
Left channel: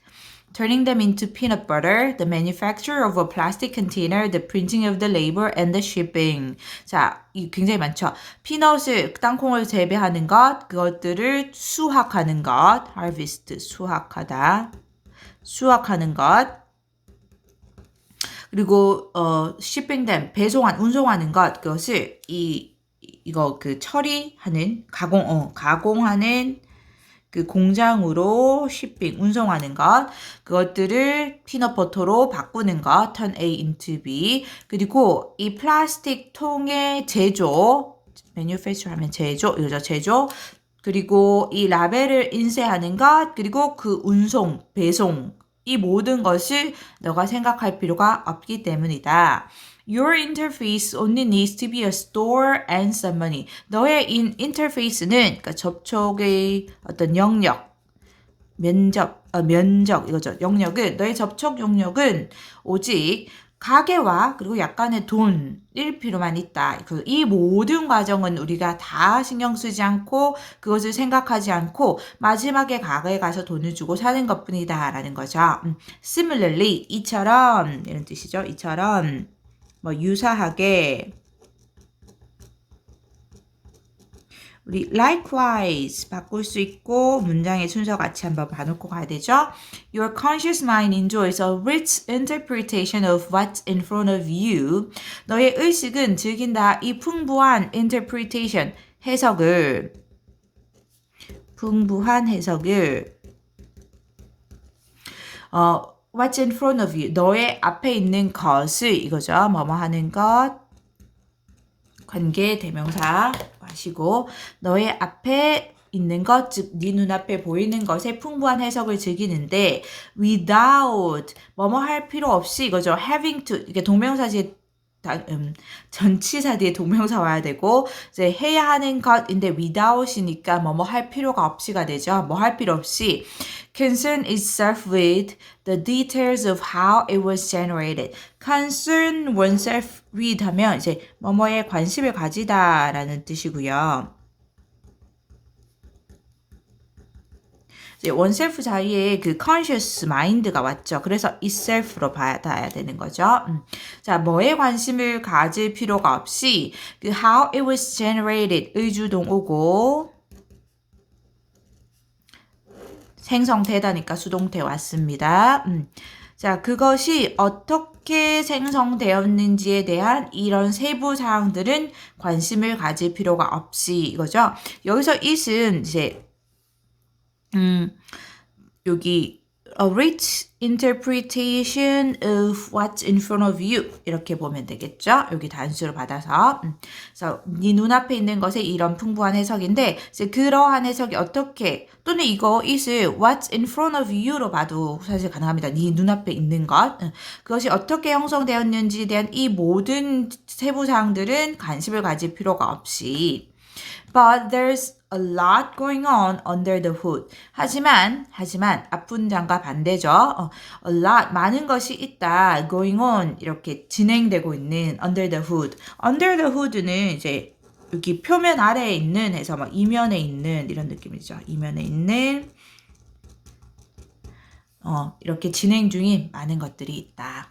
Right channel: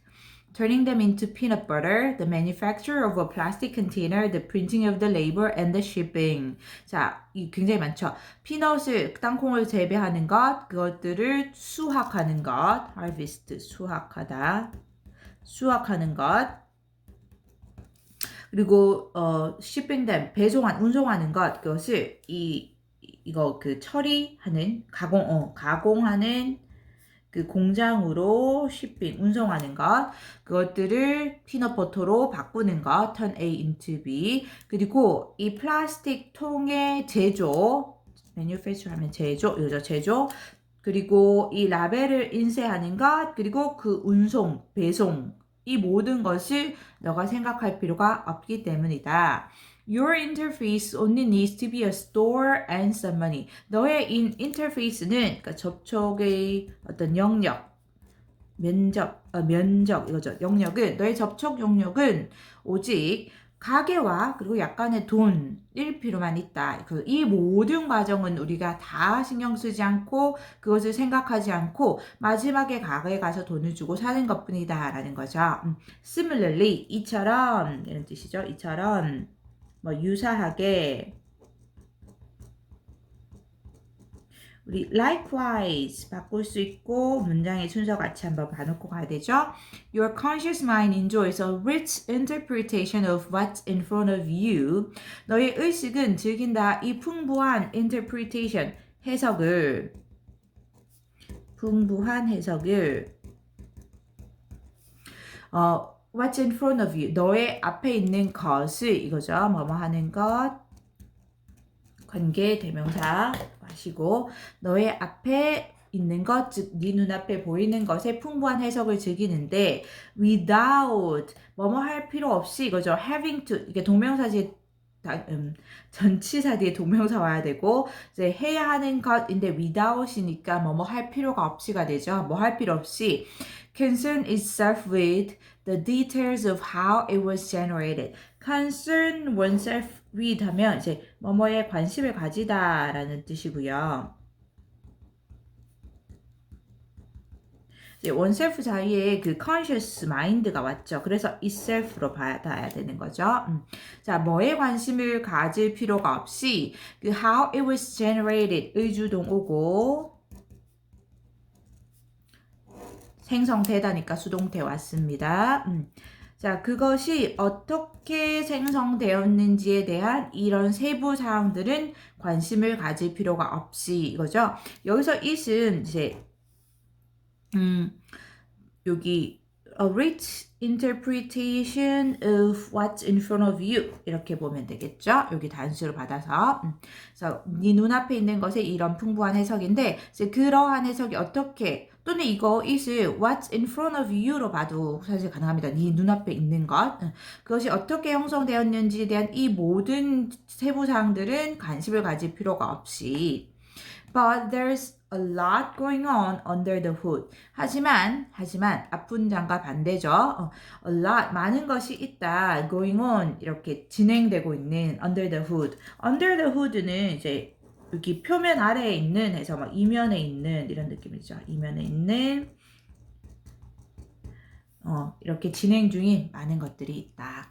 turning them into peanut butter, the manufacture of a plastic container, the printing of the label, and the shipping. 자, 이 굉장히 많죠. 피넛을, 땅콩을 재배하는 것, 그것들을 수확하는 것, harvest, 수확하다, 수확하는 것. 그리고 shipping them, 운송하는 것, 그것을 이거 그 처리하는 가공하는 그 공장으로 shipping, 운송하는 것, 그것들을 피넛버터로 바꾸는 것, turn A into B. 그리고 이 플라스틱 통의 제조, manufacture 하면 제조, 이거죠, 제조. 그리고 이 라벨을 인쇄하는 것, 그리고 그 운송, 배송, 이 모든 것을 너가 생각할 필요가 없기 때문이다. Your interface only needs to be a store and some money. 너의 인터페이스는 그러니까 접촉의 어떤 영역, 면적 이거죠. 영역은 너의 접촉 영역은 오직 가게와 그리고 약간의 돈일 필요만 있다. 이 모든 과정은 우리가 다 신경 쓰지 않고 그것을 생각하지 않고 마지막에 가게에 가서 돈을 주고 사는 것뿐이다 라는 거죠. Similarly, 이처럼 이런 뜻이죠. 이처럼 유사하게 우리 likewise 바꿀 수 있고 문장의 순서 같이 한번 봐놓고 가야 되죠. Your conscious mind enjoys a rich interpretation of what's in front of you. 너의 의식은 즐긴다 이 풍부한 interpretation, 풍부한 해석을 what's in front of you. 너의 앞에 있는 것을 이거죠. 뭐뭐 하는 것. 관계 대명사 마시고 너의 앞에 있는 것, 즉 네 눈앞에 보이는 것에 풍부한 해석을 즐기는데 without 뭐뭐 할 필요 없이 이거죠. having to 이게 동명사지 전치사 뒤에 동명사 와야 되고 이제 해야 하는 것인데 without이니까 뭐뭐 할 필요가 없이가 되죠. 뭐 할 필요 없이 concern itself with the details of how it was generated. concern oneself with 하면 이제 뭐뭐에 관심을 가지다라는 뜻이고요. 이제 oneself 자리에 그 conscious mind가 왔죠. 그래서 itself로 받아야 되는 거죠. 자, 뭐에 관심을 가질 필요가 없이 그 how it was generated 의주동 오고 생성되다니까 수동태 왔습니다. 자, 그것이 어떻게 생성되었는지에 대한 이런 세부 사항들은 관심을 가질 필요가 없이 이거죠. 여기서 it은 이제 여기 a rich interpretation of what's in front of you 이렇게 보면 되겠죠. 여기 단수를 받아서 그래서 네 눈앞에 있는 것에 이런 풍부한 해석인데 이제 그러한 해석이 어떻게 또는 이거 it을 what's in front of you로 봐도 사실 가능합니다. 네 눈앞에 있는 것 그것이 어떻게 형성되었는지에 대한 이 모든 세부사항들은 관심을 가질 필요가 없이 But there's a lot going on under the hood. 하지만 앞문장과 반대죠. A lot 많은 것이 있다. going on 이렇게 진행되고 있는 under the hood. under the hood는 이제 여기 표면 아래에 있는 해서 막 이면에 있는 이런 느낌이죠. 이면에 있는 이렇게 진행 중인 많은 것들이 있다.